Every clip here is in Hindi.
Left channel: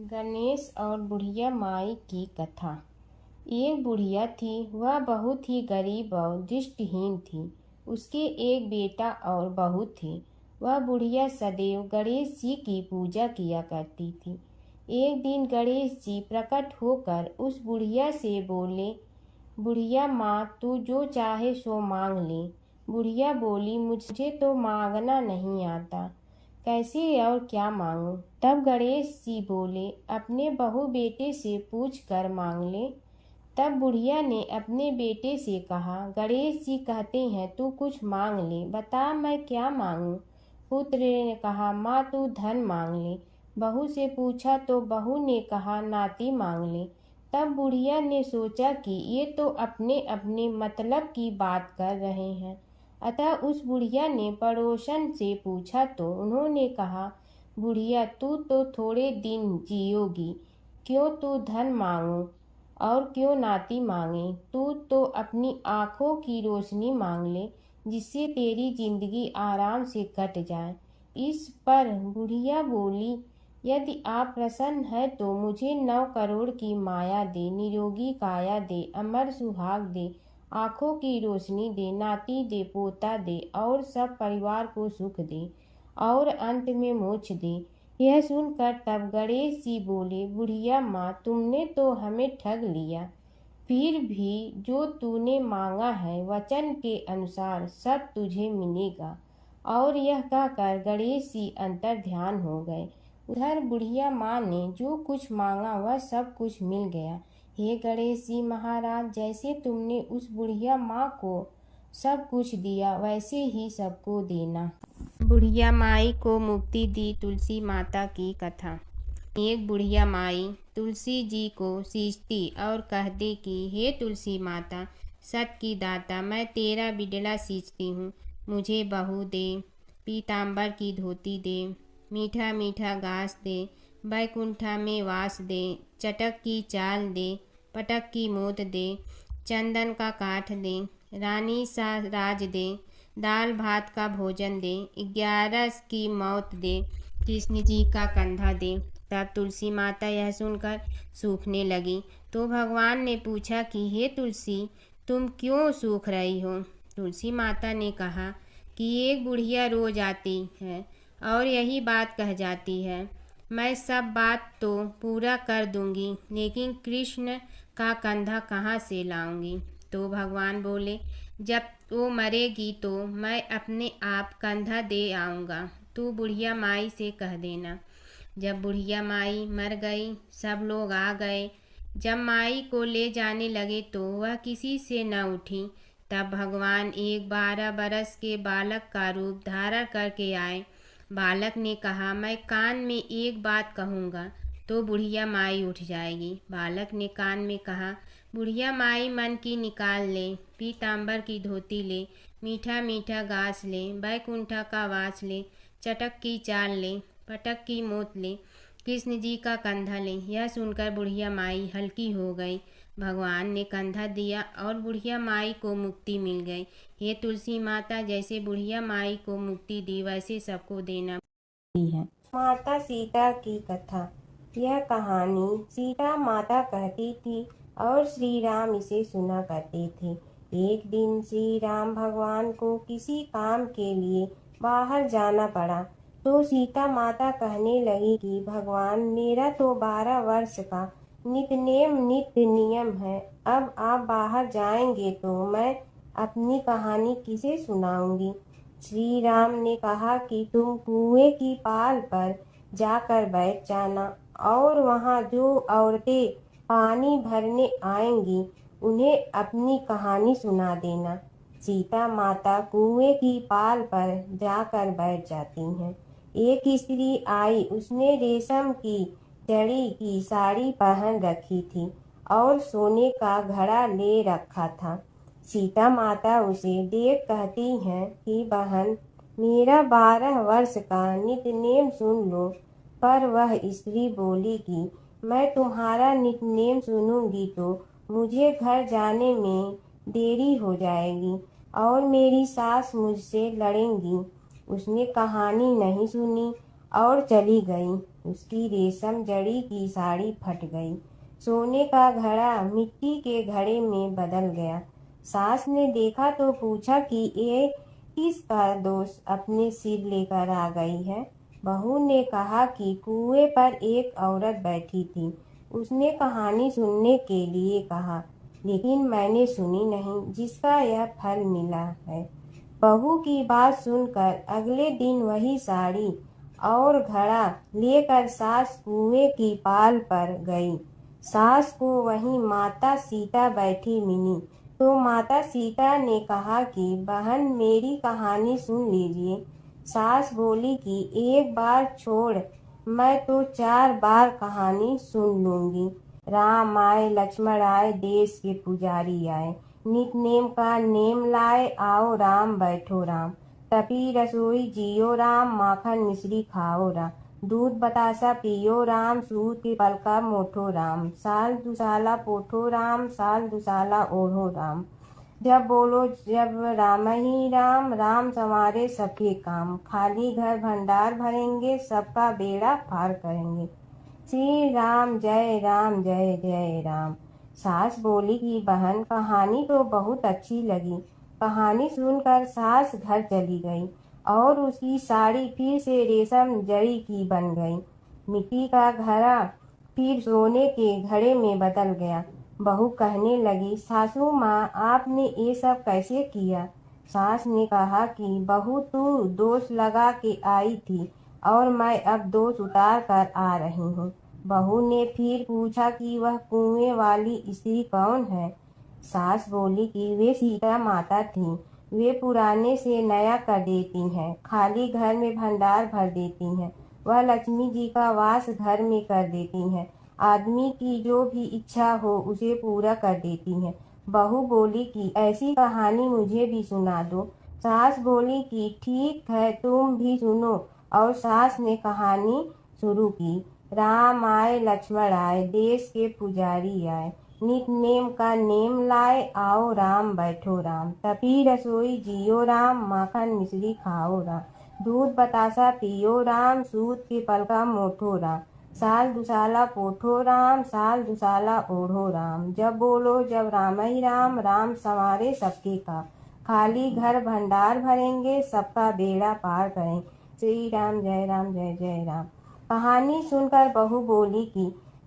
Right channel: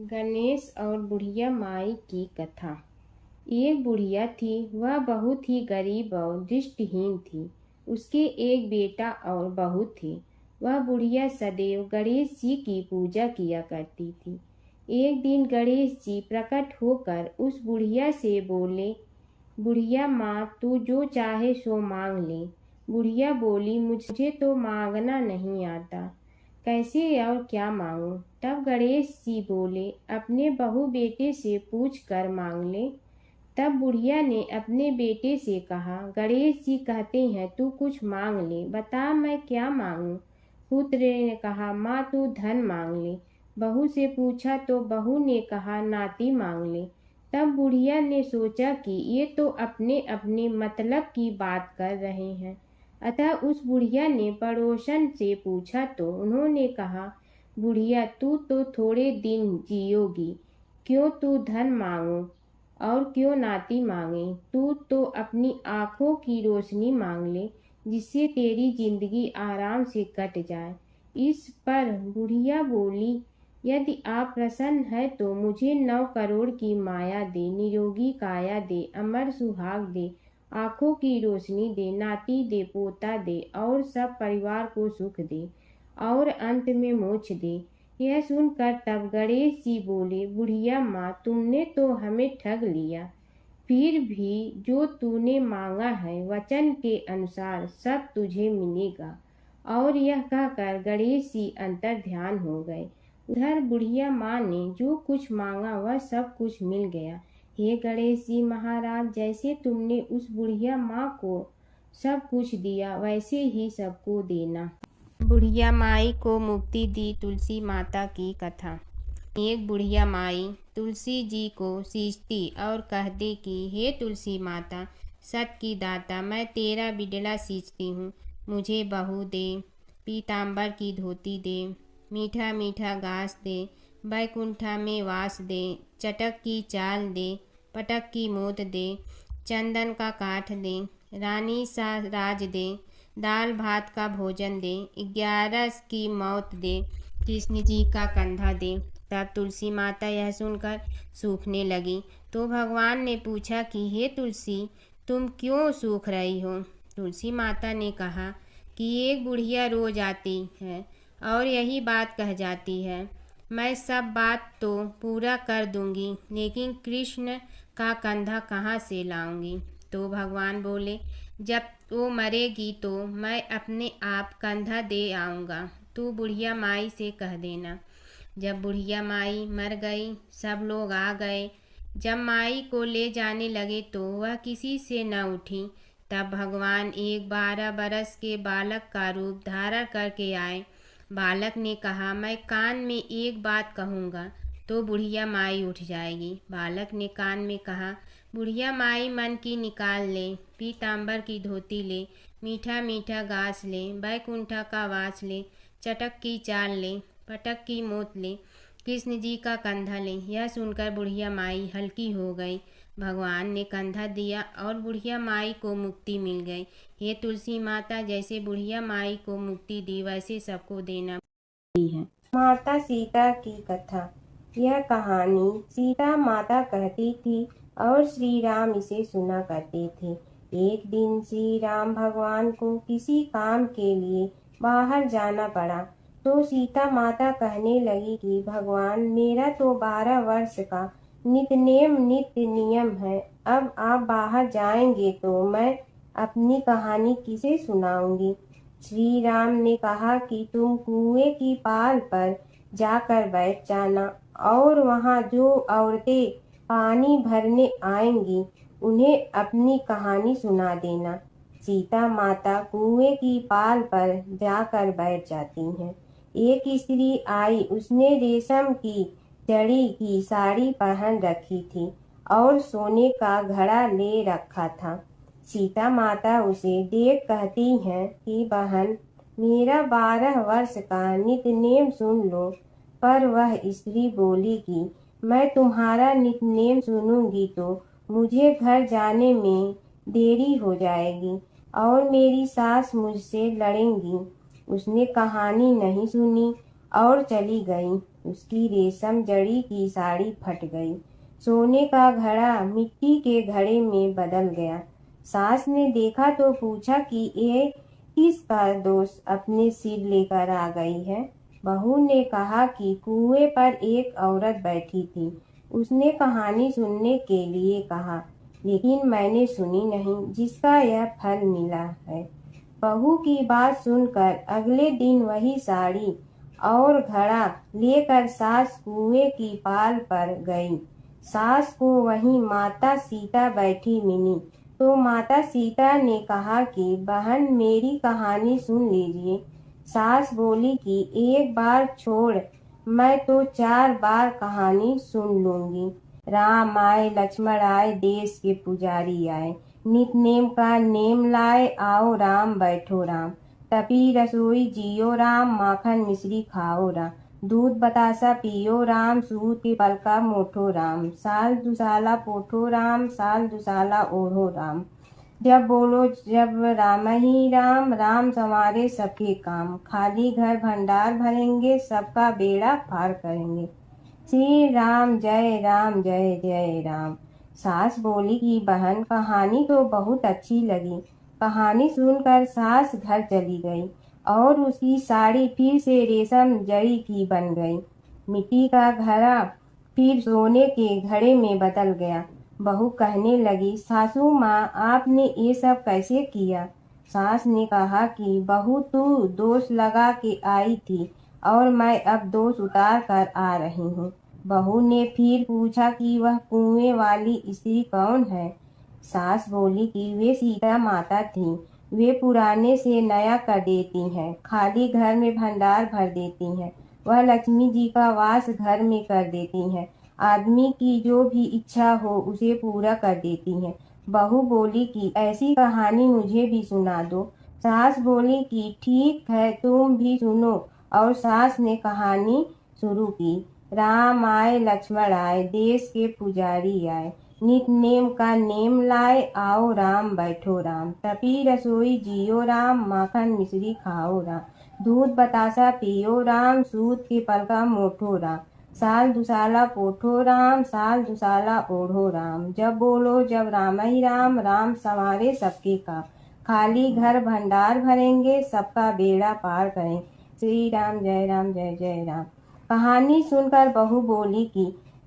गणेश और बुढ़िया माई की कथा। एक बुढ़िया थी, वह बहुत ही गरीब और दृष्टिहीन थी। उसके एक बेटा और बहू थे। वह बुढ़िया सदैव गणेश जी की पूजा किया करती थी। एक दिन गणेश जी प्रकट होकर उस बुढ़िया से बोले, बुढ़िया माँ, तू जो चाहे सो मांग ले। बुढ़िया बोली, मुझे तो मांगना नहीं आता, कैसे और क्या मांगूं? तब गणेश जी बोले, अपने बहू बेटे से पूछ कर मांग ले। तब बुढ़िया ने अपने बेटे से कहा, गणेश जी कहते हैं तू कुछ मांग ले, बता मैं क्या मांगूं? पुत्र ने कहा, माँ तू धन मांग ले। बहू से पूछा तो बहू ने कहा, नाती मांग ले। तब बुढ़िया ने सोचा कि ये तो अपने अपने मतलब की बात कर रहे हैं। अतः उस बुढ़िया ने पड़ोसन से पूछा तो उन्होंने कहा, बुढ़िया तू तो थोड़े दिन जियोगी, क्यों तू धन मांगो और क्यों नाती मांगे? तू तो अपनी आँखों की रोशनी मांग ले, जिससे तेरी जिंदगी आराम से कट जाए। इस पर बुढ़िया बोली, यदि आप प्रसन्न है तो मुझे 9 करोड़ की माया दे, निरोगी काया दे, अमर सुहाग दे, आँखों की रोशनी दे, नाती दे, पोता दे और सब परिवार को सुख दे और अंत में मोक्ष दे। यह सुनकर तब गणेश जी बोले, बुढ़िया माँ, तुमने तो हमें ठग लिया। फिर भी जो तूने मांगा है वचन के अनुसार सब तुझे मिलेगा। और यह कहकर गणेश जी अंतर ध्यान हो गए। उधर बुढ़िया माँ ने जो कुछ मांगा वह सब कुछ मिल गया। हे गणेश जी महाराज, जैसे तुमने उस बुढ़िया माँ को सब कुछ दिया वैसे ही सबको देना। बुढ़िया माई को मुक्ति दी तुलसी माता की कथा। एक बुढ़िया माई तुलसी जी को सींचती और कहती कि हे तुलसी माता, सत की दाता, मैं तेरा बिडला सींचती हूँ, मुझे बहू दे, पीताम्बर की धोती दे, मीठा मीठा घास दे, बैकुंठा में वास दे, चटक की चाल दे, पटक की मोत दे, चंदन का काठ दे, रानी सा राज दे, दाल भात का भोजन दे, 11 की मौत दे, कृष्ण जी का कंधा दे। तब तुलसी माता यह सुनकर सूखने लगी। तो भगवान ने पूछा कि हे तुलसी, तुम क्यों सूख रही हो? तुलसी माता ने कहा कि एक बुढ़िया रोज आती है और यही बात कह जाती है, मैं सब बात तो पूरा कर दूंगी, लेकिन कृष्ण का कंधा कहाँ से लाऊंगी? तो भगवान बोले, जब वो मरेगी तो मैं अपने आप कंधा दे आऊँगा, तू बुढ़िया माई से कह देना। जब बुढ़िया माई मर गई, सब लोग आ गए। जब माई को ले जाने लगे तो वह किसी से न उठी। तब भगवान एक 12 बरस के बालक का रूप धारण करके आए। बालक ने कहा, मैं कान में एक बात कहूँगा तो बुढ़िया माई उठ जाएगी। बालक ने कान में कहा, बुढ़िया माई मन की निकाल ले, पीताम्बर की धोती ले, मीठा मीठा घास ले, बैकुंठा का वास ले, चटक की चाल ले, पटक की मोत ले, कृष्ण जी का कंधा ले। यह सुनकर बुढ़िया माई हल्की हो गई। भगवान ने कंधा दिया और बुढ़िया माई को मुक्ति मिल गई। हे तुलसी माता, जैसे बुढ़िया माई को मुक्ति दी वैसे सबको देना है। माता सीता की कथा। यह कहानी सीता माता कहती थी और श्री राम इसे सुना करते थे। एक दिन श्री राम भगवान को किसी काम के लिए बाहर जाना पड़ा तो सीता माता कहने लगी कि भगवान, मेरा तो 12 वर्ष का नित्य नियम है, अब आप बाहर जाएंगे तो मैं अपनी कहानी किसे सुनाऊंगी? श्री राम ने कहा कि तुम कुएं की पाल पर जाकर बैठ जाना और वहां जो औरतें पानी भरने आएंगी उन्हें अपनी कहानी सुना देना। सीता माता कुएं की पाल पर जाकर बैठ जाती हैं। एक स्त्री आई, उसने रेशम की जड़ी की साड़ी पहन रखी थी और सोने का घड़ा ले रखा था। सीता माता उसे देख कहती हैं कि बहन, मेरा 12 वर्ष का नित्य नेम सुन लो। पर वह स्त्री बोली कि मैं तुम्हारा नित्य नेम सुनूंगी तो मुझे घर जाने में देरी हो जाएगी और मेरी सास मुझसे लड़ेंगी। उसने कहानी नहीं सुनी और चली गई। उसकी रेशम जड़ी की साड़ी फट गई। सोने का घड़ा मिट्टी के घड़े में बदल गया। सास ने देखा तो पूछा कि ये किसका दोष अपने सिर लेकर आ गई है। बहू ने कहा कि कुएं पर एक औरत बैठी थी। उसने कहानी सुनने के लिए कहा, लेकिन मैंने सुनी नहीं, जिसका यह फल मिला है। बहू की बात सुनकर अगले दिन वही साड़ी और घड़ा लेकर सास कुएं की पाल पर गई। सास को वहीं माता सीता बैठी मिली तो माता सीता ने कहा कि बहन, मेरी कहानी सुन लीजिए। सास बोली कि एक बार छोड़, मैं तो 4 बार कहानी सुन लूंगी। राम आए लक्ष्मण आए, देश के पुजारी आए, नित नेम का नेम लाए, आओ राम बैठो राम। तपी रसोई जियो राम, माखन मिश्री खाओ राम। दूध बतासा पियो राम, सूत के पल का मोठो राम। साल दुसाला पोठो राम, साल दुसाला ओढ़ो राम। जब बोलो जब राम ही राम, राम संवारे सबके काम। खाली घर भंडार भरेंगे, सबका बेड़ा पार करेंगे। श्री राम जय राम जय जय राम। सास बोली कि बहन, कहानी तो बहुत अच्छी लगी। कहानी सुनकर सास घर चली गई और उसकी साड़ी फिर से रेशम जड़ी की बन गई। मिट्टी का घड़ा फिर सोने के घड़े में बदल गया। बहू कहने लगी, सासू माँ, आपने ये सब कैसे किया? सास ने कहा कि बहू, तू दोष लगा के आई थी और मैं अब दोष उतार कर आ रही हूँ। बहू ने फिर पूछा कि वह कुएं वाली स्त्री कौन है? सास बोली कि वे सीता माता थी। वे पुराने से नया कर देती हैं, खाली घर में भंडार भर देती हैं। वह लक्ष्मी जी का वास घर में कर देती हैं। आदमी की जो भी इच्छा हो उसे पूरा कर देती हैं। बहू बोली कि ऐसी कहानी मुझे भी सुना दो। सास बोली कि ठीक है, तुम भी सुनो। और सास ने कहानी शुरू की। राम आए लक्ष्मण आए, देश के पुजारी आए, नित नेम का नेम लाए, आओ राम बैठो राम। तपी रसोई जियो राम, माखन मिश्री खाओ राम। दूध बतासा पियो राम, सूत के पल का मोठो राम। साल दुसाला पोठो राम, साल दुसाला ओढ़ो राम। जब बोलो जब राम ही राम, राम संवारे सबके काम। खाली घर भंडार भरेंगे, सबका बेड़ा पार करें। श्री राम जय जय राम। कहानी सुनकर बहू बोली कि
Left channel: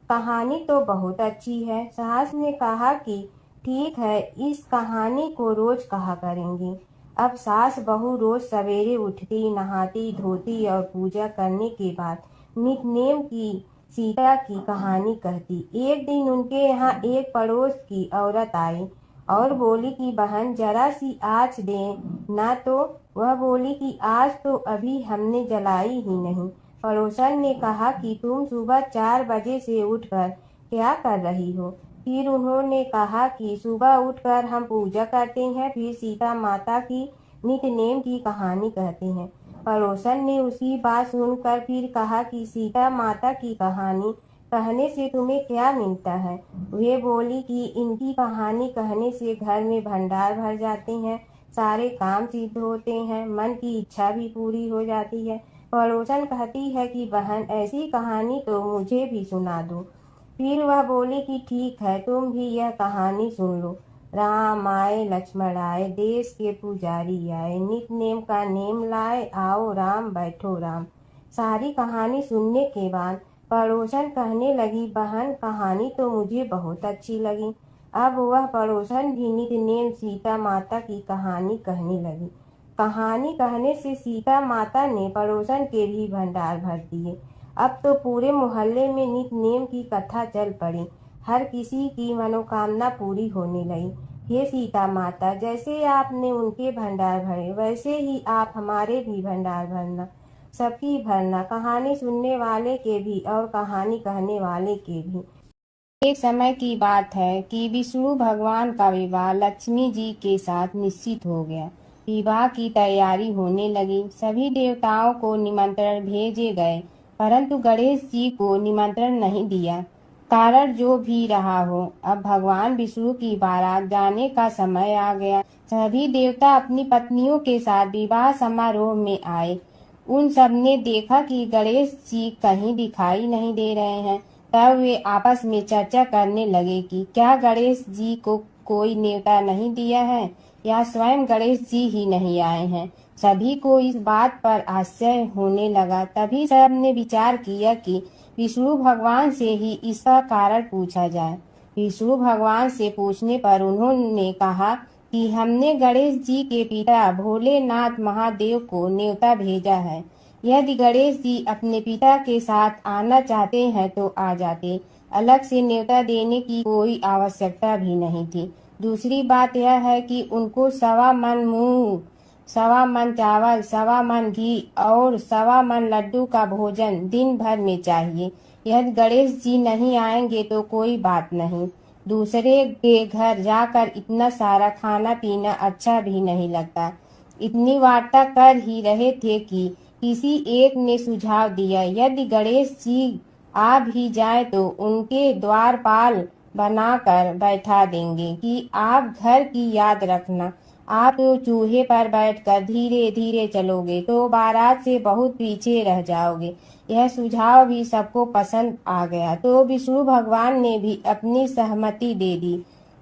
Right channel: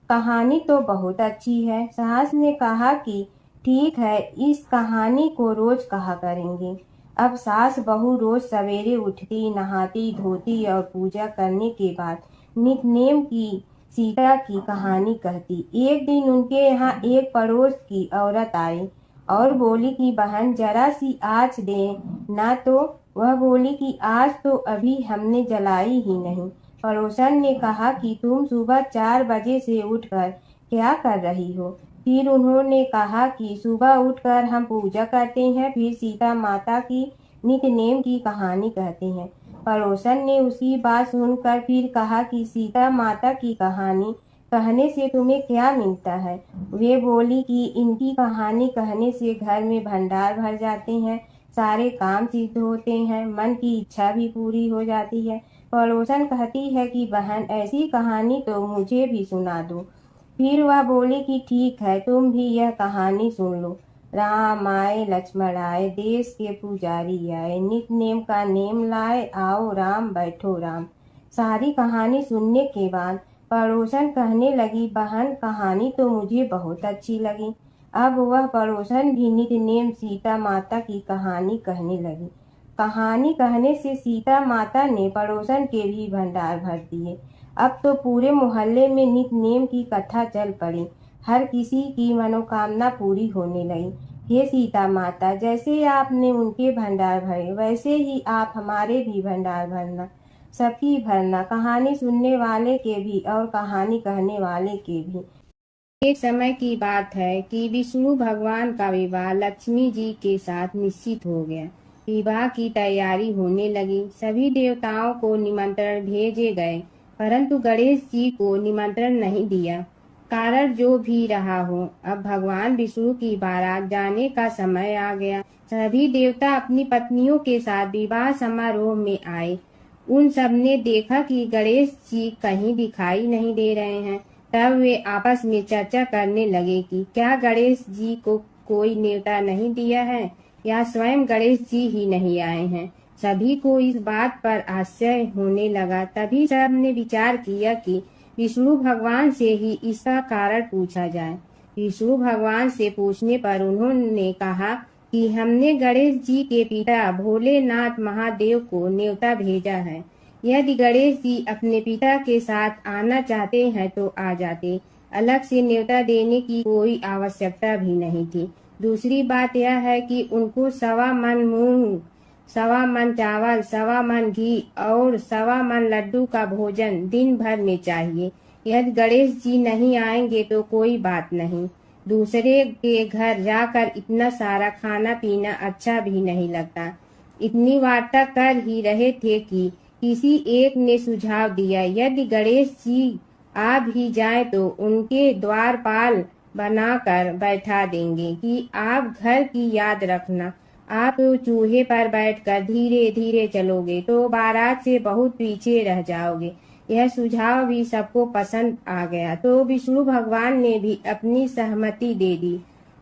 कहानी तो बहुत अच्छी है। सास ने कहा कि ठीक है, इस कहानी को रोज कहा करेंगे। अब सास बहू रोज सवेरे उठती, नहाती धोती और पूजा करने के बाद नित नेम की सीता की कहानी कहती। एक दिन उनके यहाँ एक पड़ोस की औरत आई और बोली कि बहन, जरा सी आँच दे ना। तो वह बोली कि आज तो अभी हमने जलाई ही नहीं। पड़ोसन ने कहा कि तुम सुबह 4 बजे से उठकर क्या कर रही हो? फिर उन्होंने कहा कि सुबह उठकर हम पूजा करते हैं, फिर सीता माता की नित नेम की कहानी कहते हैं। पड़ोसन ने उसकी बात सुनकर फिर कहा कि सीता माता की कहानी कहने से तुम्हें क्या मिलता है? वे बोली कि इनकी कहानी कहने से घर में भंडार भर जाते हैं, सारे काम सिद्ध होते हैं, मन की इच्छा भी पूरी हो जाती है। पड़ोसन कहती है कि बहन, ऐसी कहानी तो मुझे भी सुना दो। फिर वह बोली कि ठीक है, तुम भी यह कहानी सुन लो। राम आए लक्ष्मण आए, देश के पुजारी आए, नित नेम का नेम लाए, आओ राम बैठो राम। सारी कहानी सुनने के बाद पड़ोसन कहने लगी, बहन, कहानी तो मुझे बहुत अच्छी लगी। अब वह पड़ोसन भी नित नेम सीता माता की कहानी कहने लगी। कहानी कहने से सीता माता ने पड़ोसन के भी भंडार भर दिए। अब तो पूरे मोहल्ले में नित नेम की कथा चल पड़ी। हर किसी की मनोकामना पूरी होने लगी। हे सीता माता, जैसे आपने उनके भंडार भरे, वैसे ही आप हमारे भी भंडार भरना, सबकी भरना, कहानी सुनने वाले के भी और कहानी कहने वाले के भी। एक समय की बात है कि विष्णु भगवान का विवाह लक्ष्मी जी के साथ निश्चित हो गया। विवाह की तैयारी होने लगी। सभी देवताओं को निमंत्रण भेजे गए, परंतु गणेश जी को निमंत्रण नहीं दिया। कारण जो भी रहा हो, अब भगवान विष्णु की बारात जाने का समय आ गया। सभी देवता अपनी पत्नियों के साथ विवाह समारोह में आए। उन सब ने देखा कि गणेश जी कहीं दिखाई नहीं दे रहे हैं। तब वे आपस में चर्चा करने लगे कि क्या गणेश जी को कोई न्योता नहीं दिया है या स्वयं गणेश जी ही नहीं आए हैं। सभी को इस बात पर आश्चर्य होने लगा। तभी सब ने विचार किया कि विष्णु भगवान से ही इसका कारण पूछा जाए। विष्णु भगवान से पूछने पर उन्होंने कहा कि हमने गणेश जी के पिता भोलेनाथ महादेव को न्योता भेजा है। यदि गणेश जी अपने पिता के साथ आना चाहते हैं तो आ जाते। अलग से न्योता देने की कोई आवश्यकता भी नहीं थी। दूसरी बात यह है कि उनको 1.25 मन मूंग, 1.25 मन चावल, 1.25 मन घी और 1.25 मन लड्डू का भोजन दिन भर में चाहिए। यदि गणेश जी नहीं आएंगे तो कोई बात नहीं। दूसरे के घर जाकर इतना सारा खाना पीना अच्छा भी नहीं लगता। इतनी वार्ता कर ही रहे थे कि किसी एक ने सुझाव दिया, यदि गणेश जी आ भी जाए तो उनके द्वारपाल बनाकर बैठा देंगे कि आप घर की याद रखना। आप तो चूहे पर बैठकर धीरे धीरे चलोगे तो बारात से बहुत पीछे रह जाओगे। यह सुझाव भी सबको पसंद आ गया तो विष्णु भगवान ने भी अपनी सहमति दे दी।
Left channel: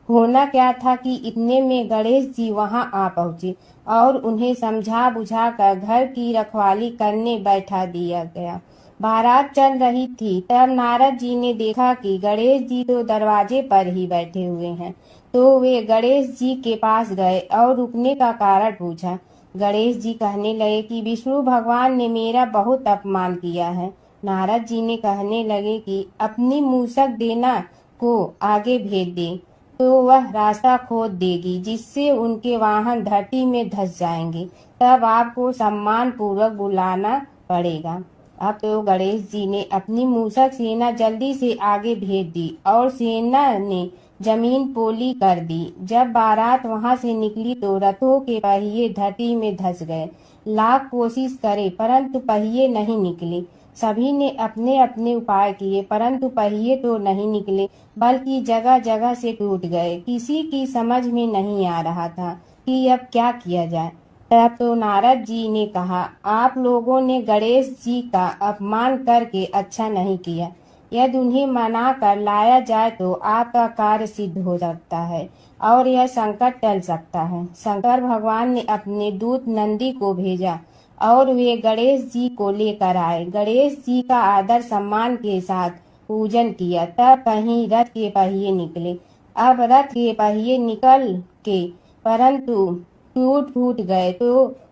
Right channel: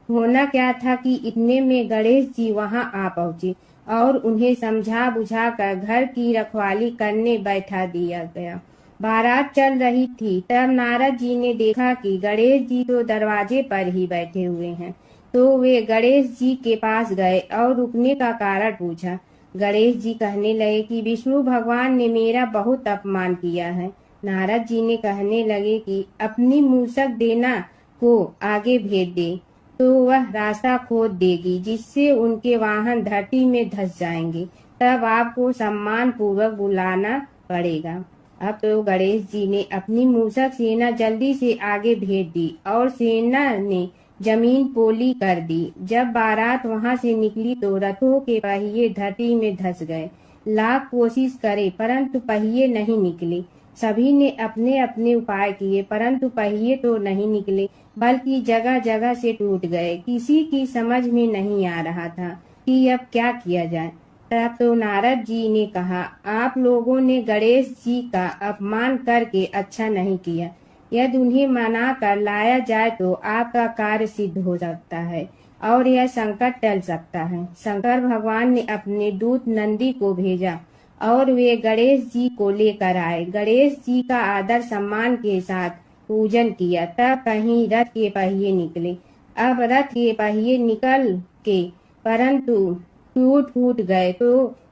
होना क्या था कि इतने में गणेश जी वहां आ पहुंचे और उन्हें समझा बुझाकर घर की रखवाली करने बैठा दिया गया। बारात चल रही थी तब नारद जी ने देखा कि गणेश जी तो दरवाजे पर ही बैठे हुए हैं। तो वे गणेश जी के पास गए और रुकने का कारण पूछा। गणेश जी कहने लगे कि विष्णु भगवान ने मेरा बहुत अपमान किया है। नारद जी ने कहने लगे कि अपनी मूसक देना को आगे भेज दे तो वह रास्ता खोद देगी जिससे उनके वाहन धरती में धंस जाएंगे। तब आपको सम्मान पूर्वक बुलाना पड़ेगा। अब तो गणेश जी ने अपनी मूसक सेना जल्दी से आगे भेज दी और सेना ने जमीन पोली कर दी। जब बारात वहां से निकली तो रथों के पहिए धरती में धंस गए। लाख कोशिश करे परंतु पहिए नहीं निकले। सभी ने अपने अपने उपाय किए परंतु पहिए तो नहीं निकले बल्कि जगह जगह से टूट गए। किसी की समझ में नहीं आ रहा था कि अब क्या किया जाए। तब तो नारद जी ने कहा, आप लोगों ने गणेश जी का अपमान करके अच्छा नहीं किया। यदि उन्हें मना कर लाया जाए तो आपका कार्य सिद्ध हो सकता है और यह संकट टल सकता है। शंकर भगवान ने अपने दूत नंदी को भेजा और वे गणेश जी को लेकर आए। गणेश जी का आदर सम्मान के साथ पूजन किया। तब कहीं रथ के पहिए निकले। अब रथ के पहिए निकल के परंतु टूट फूट गए तो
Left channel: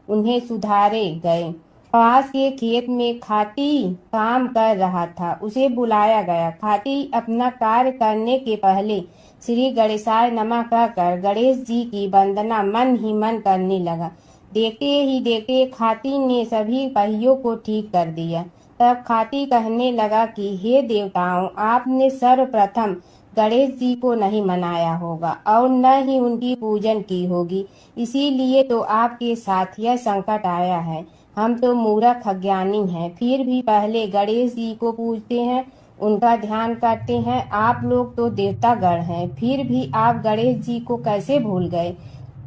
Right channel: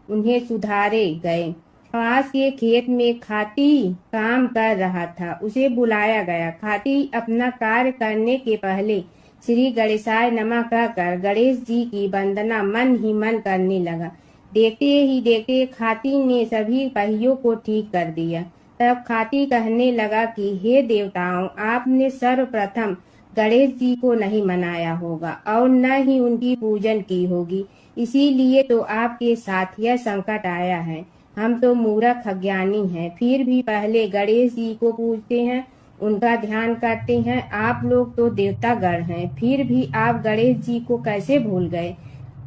उन्हें सुधारे गए। पास के खेत में खाती काम कर रहा था, उसे बुलाया गया। खाती अपना कार्य करने के पहले श्री गणेशाय नमः कहकर गणेश जी की वंदना मन ही मन करने लगा। देखते ही देखते खाती ने सभी पहियों को ठीक कर दिया। तब खाती कहने लगा कि हे देवताओं, आपने सर्वप्रथम गणेश जी को नहीं मनाया होगा और न ही उनकी पूजन की होगी, इसीलिए तो आपके साथ यह संकट आया है। हम तो मूर्ख अज्ञानी हैं, फिर भी पहले गणेश जी को पूजते हैं, उनका ध्यान करते हैं। आप लोग तो देवतागण हैं, फिर भी आप गणेश जी को कैसे भूल गए।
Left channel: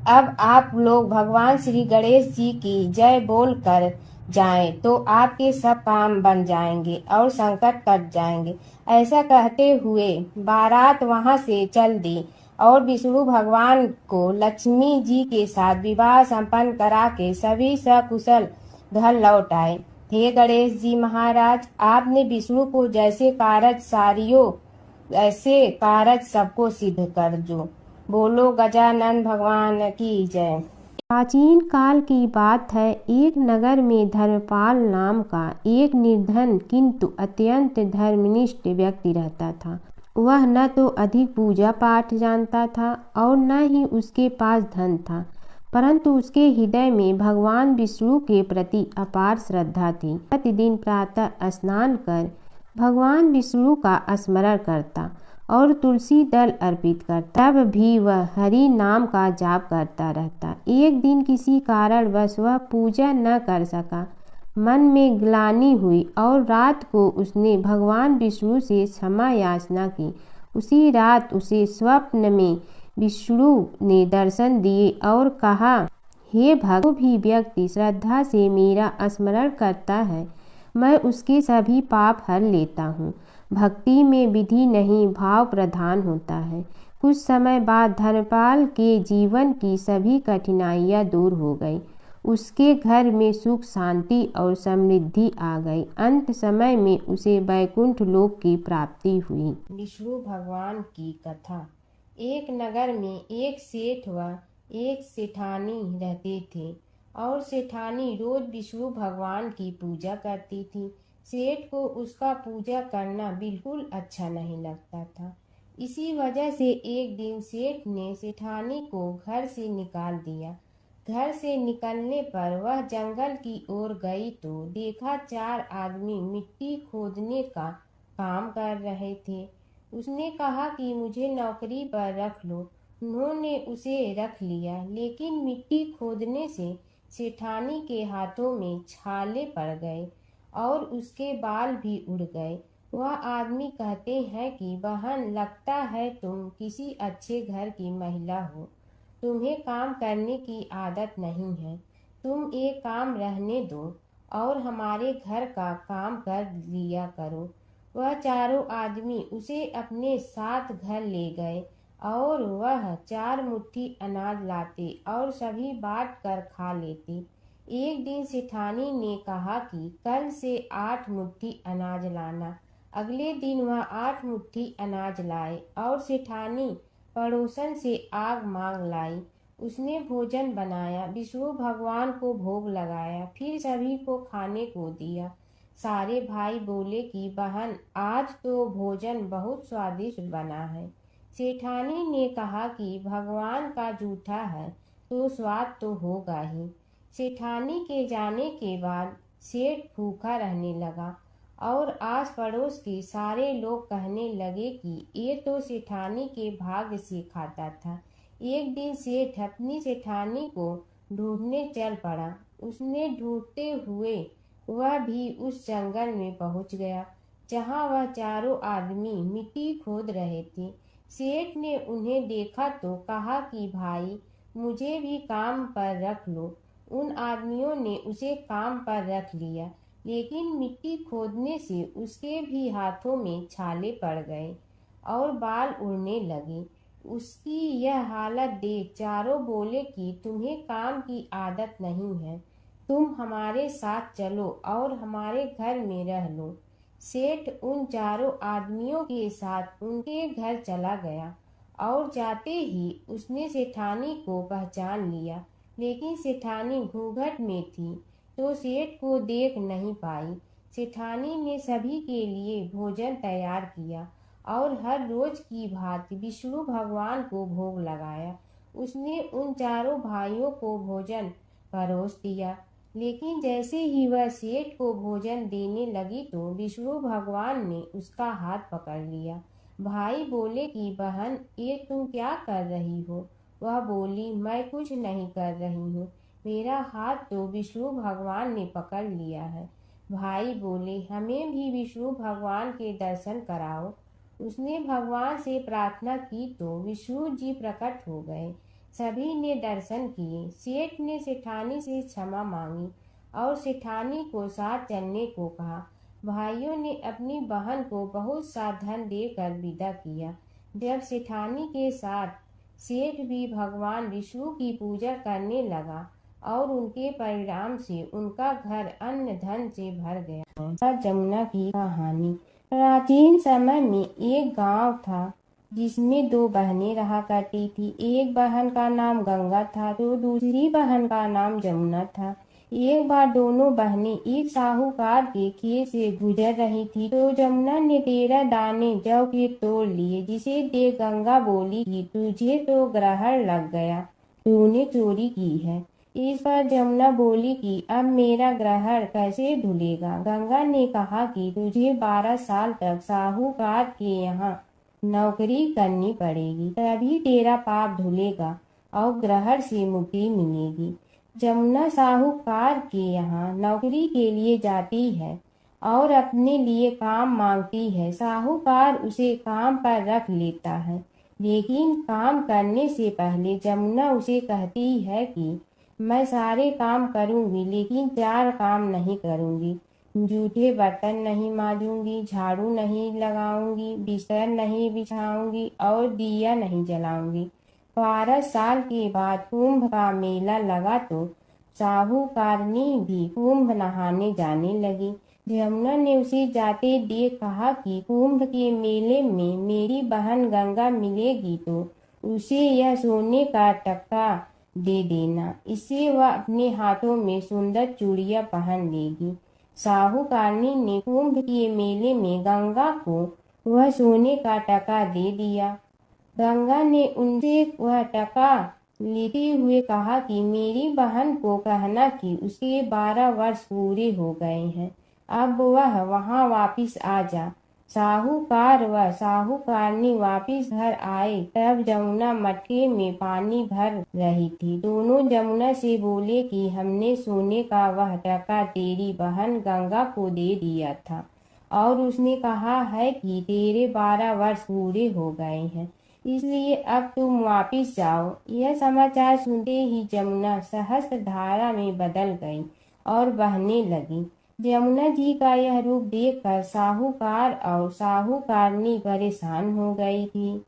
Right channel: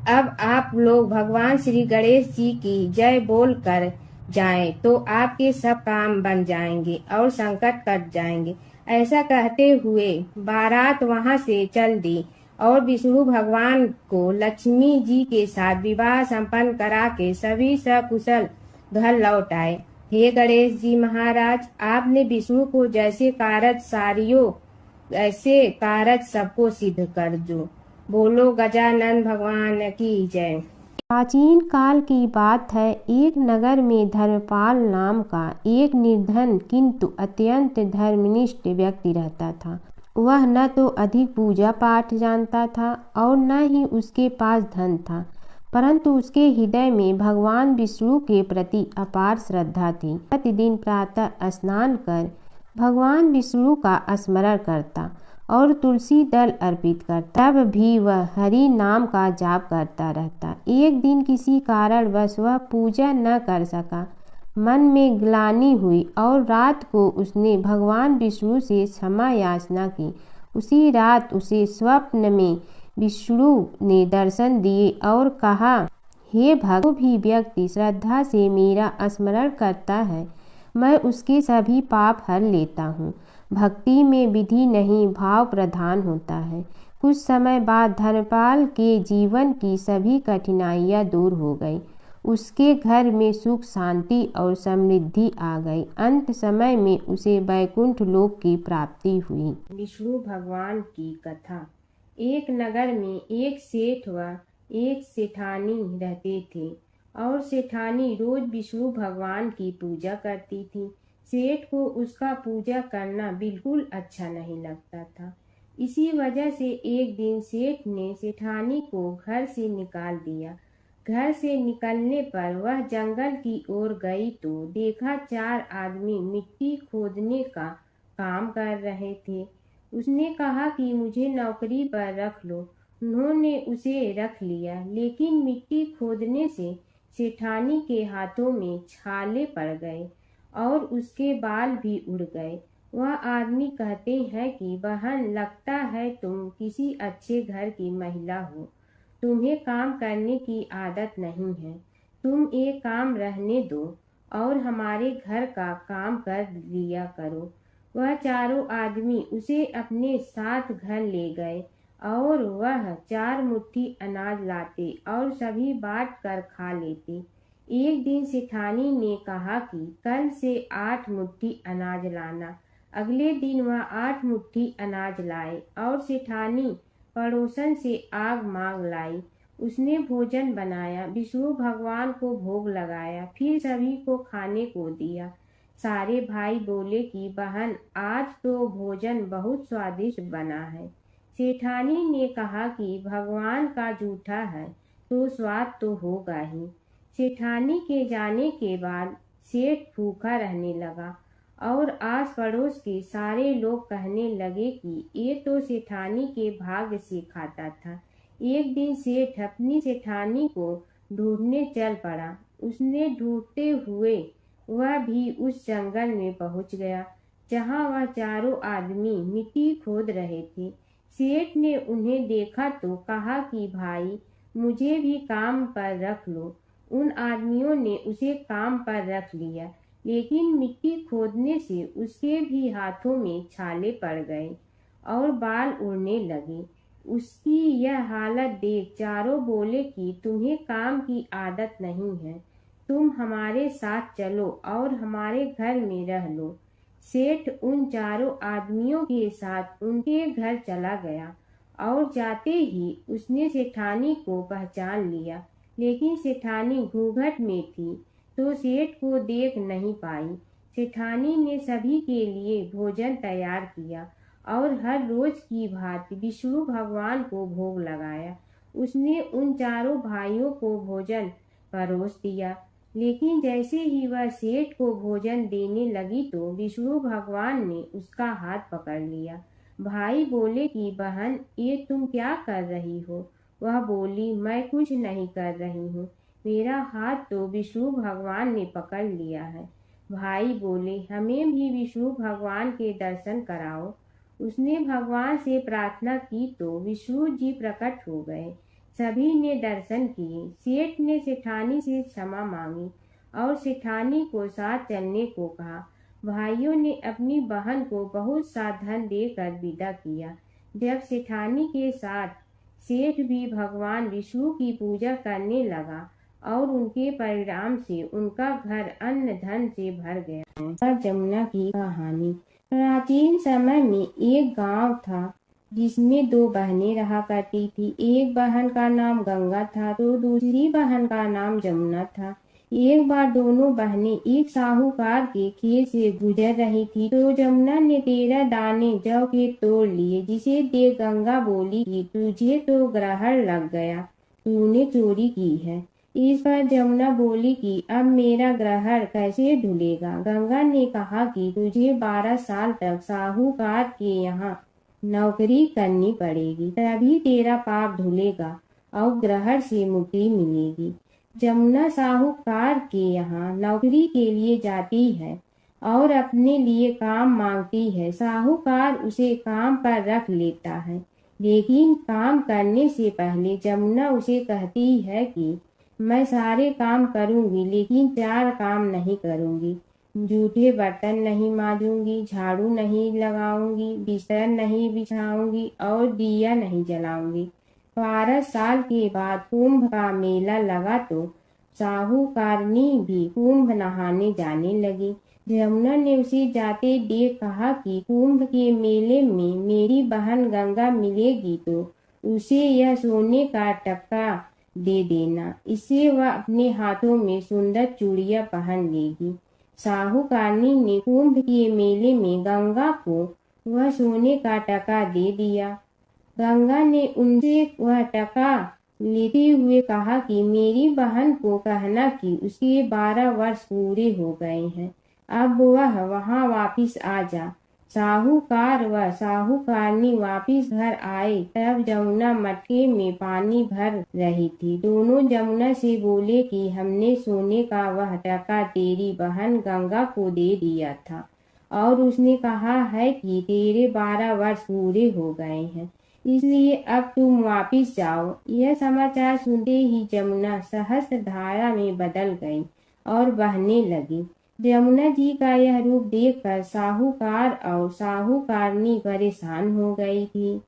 अब आप लोग भगवान श्री गणेश जी की जय बोल कर जाएं तो आपके सब काम बन जाएंगे और संकट कट जाएंगे। ऐसा कहते हुए बारात वहां से चल दी और विष्णु भगवान को लक्ष्मी जी के साथ विवाह संपन्न करा के सभी सकुशल घर लौट आए। हे गणेश जी महाराज, आपने विष्णु को जैसे कारज सारियो ऐसे कारज सबको सिद्ध कर दो। बोलो गजानन भगवान की जय। प्राचीन काल की बात है। एक नगर में धर्मपाल नाम का एक निर्धन किंतु अत्यंत धर्मनिष्ठ व्यक्ति रहता था। वह न तो अधिक पूजा पाठ जानता था और न ही उसके पास धन था, परंतु उसके हृदय में भगवान विष्णु के प्रति अपार श्रद्धा थी। प्रतिदिन प्रातः स्नान कर भगवान विष्णु का स्मरण करता और तुलसी दल अर्पित करता। तब भी वह हरि नाम का जाप करता रहता। एक दिन किसी कारणवश वह पूजा न कर सका। मन में ग्लानि हुई और रात को उसने भगवान विष्णु से क्षमा याचना की। उसी रात उसे स्वप्न में विष्णु ने दर्शन दिए और कहा, हे भक्त, जो भी व्यक्ति श्रद्धा से मेरा स्मरण करता है मैं उसके सभी पाप हर लेता हूँ। भक्ति में विधि नहीं भाव प्रधान होता है। कुछ समय बाद धर्मपाल के जीवन की सभी कठिनाइयाँ दूर हो गई। उसके घर में सुख शांति और समृद्धि आ गई। अंत समय में उसे वैकुंठ लोक की प्राप्ति हुई। विष्णु भगवान की कथा। एक नगर में एक सेठ व एक सेठानी रहते थे और सेठानी रोज विष्णु भगवान की पूजा करती थी। सेठ को उसका पूजा करना बिल्कुल अच्छा नहीं लगता था। इसी वजह से एक दिन सेठ ने सेठानी को घर से निकाल दिया। घर से निकलने पर वह जंगल की ओर गई तो देखा 4 आदमी मिट्टी खोदने का काम कर रहे थे। उसने कहा कि मुझे नौकरी पर रख लो। उन्होंने उसे रख लिया, लेकिन मिट्टी खोदने से सेठानी के हाथों में छाले पड़ गए और उसके बाल भी उड़ गए। वह आदमी कहते हैं कि बहन, लगता है तुम किसी अच्छे घर की महिला हो। तुम्हें काम करने की आदत नहीं है। तुम एक काम रहने दो और हमारे घर का काम कर लिया करो। वह चारों आदमी उसे अपने साथ घर ले गए और वह 4 मुट्ठी अनाज लाते और सभी बांट कर खा लेते। एक दिन सेठानी ने कहा कि कल से 8 मुट्ठी अनाज लाना। अगले दिन वह 8 मुट्ठी अनाज लाए और सेठानी पड़ोसन से आग मांग लाई। उसने भोजन बनाया, विष्णु भगवान को भोग लगाया, फिर सभी को खाने को दिया। सारे भाई बोले कि बहन, आज तो भोजन बहुत स्वादिष्ट बना है। सेठानी ने कहा कि भगवान का जूठा है तो स्वाद तो होगा ही। सेठानी के जाने के बाद सेठ भूखा रहने लगा और आस पड़ोस के सारे लोग कहने लगे कि ये तो सेठानी के भाग्य से खाता था। एक दिन सेठ अपनी सेठानी को ढूंढने चल पड़ा। उसने ढूंढते हुए वह भी उस जंगल में पहुंच गया जहां वह चारों आदमी मिट्टी खोद रहे थे। सेठ ने उन्हें देखा तो कहा कि भाई, मुझे भी काम पर रख लो। उन आदमियों ने उसे काम पर रख लिया, लेकिन मिट्टी खोदने से उसके भी हाथों में छाले पड़ गए और बाल उड़ने लगे। उसकी यह हालत देख चारों बोले कि तुम्हें काम की आदत नहीं है, तुम हमारे साथ चलो और हमारे घर में रह लो। सेठ उन चारों आदमियों के साथ उनके घर चला गया और जाते ही उसने सेठानी को पहचान लिया, लेकिन सेठानी घूंघट में थी तो सेठ को देख नहीं पाई। सेठानी ने सभी के लिए भोजन तैयार किया और हर रोज की भांति विष्णु भगवान को भोग लगाया। उसने उन चारों भाइयों को भोजन परोस दिया, लेकिन जैसे ही वह सेठ को भोजन देने लगी तो विष्णु भगवान ने उसका हाथ पकड़ लिया। भाई बोले कि बहन, ये तुम क्या कर रही हो? वह बोली, मैं कुछ नहीं कर रही हूँ, मेरा हाथ तो विष्णु भगवान ने पकड़ लिया है। भाई बोले, हमें भी विष्णु भगवान के दर्शन कराओ। उसने भगवान से प्रार्थना की तो विष्णु जी प्रकट हो गए। सभी ने दर्शन किए। सेठ ने सेठानी से क्षमा मांगी और सेठानी को साथ चलने को कहा। भाइयों ने अपनी बहन को बहुत सा धन देकर विदा किया। जब सेठानी के साथ सेठ भी भगवान विष्णु की पूजा करने लगा और उनके परिणाम से उनका घर अन्न धन से भर गया। जमुना की कहानी। प्राचीन समय में एक गांव था जिसमें 2 बहनें रहा करती थी। एक बहन का नाम गंगा था तो दूसरी बहन का नाम जमुना था। एक बार दोनों बहनें एक साहूकार के खेत से गुजर रही थी तो जमुना ने 13 दाने जौ के तोड़ लिए, जिसे देख गंगा बोली कि तुझे तो ग्रहण लग गया, तूने चोरी की है। इस पर जमुना बोली कि अब मेरा ग्रहण कैसे धुलेगा। गंगा ने कहा कि तुझे 12 साल तक साहूकार के यहाँ नौकरी करनी पड़ेगी, तभी तेरा पाप धुलेगा और ग्रहण से मुक्ति मिलेगी। जमुना साहूकार के यहाँ नौकरी के लिए जाती है और अपने लिए काम मांगती है। साहूकार उसे काम पर रख लेता है, लेकिन काम करने से पहले जमुना उसे कहती है कि मैं सारे काम करूंगी लेकिन 4 काम नहीं करूंगी। जूठे बर्तन नहीं मांजूंगी, झाड़ू नहीं लगाऊंगी, बिस्तर नहीं बिछाऊंगी और दिया नहीं जलाऊंगी। 12 साल के बाद कुंभ का मेला लगा तो साहूकारनी भी कुंभ नहाने जाने लगी। यमुना ने उसे जाते देख कहा कि कुंभ के मेले में मेरी बहन गंगा मिलेगी तो उसे यह सोने का टक्का दे देना, इससे वह अपने हाथों में सुंदर चूड़ियां पहन लेगी। साहूकारनी ने कुंभ के मेले में गंगा को वह सोने का टका दे दिया। गंगा ने उनसे वह टका लेते हुए कहा कि मेरी बहन को कहना कि उसके 12 वर्ष पूरे हो गए हैं, अब वह वहां वापिस आ जा। साहूकार व साहूकारनी वापिस घर आए तब जमुना मटके में पानी भर रही थी। दोनों जमुना से बोले कि हमने सोने का वह टका तेरी बहन गंगा को दे दिया था और उसने कहा है कि तेरे 12 वर्ष पूरे हो गए हैं, इसलिए अब तुम वापिस जाओ। यह समाचार सुनते ही जमुना सहस्त्र धारा में बदल गई और बहने लगी। यमुना जी का यह रूप देखकर साहूकार और साहूकारनी परेशान हो गई थी।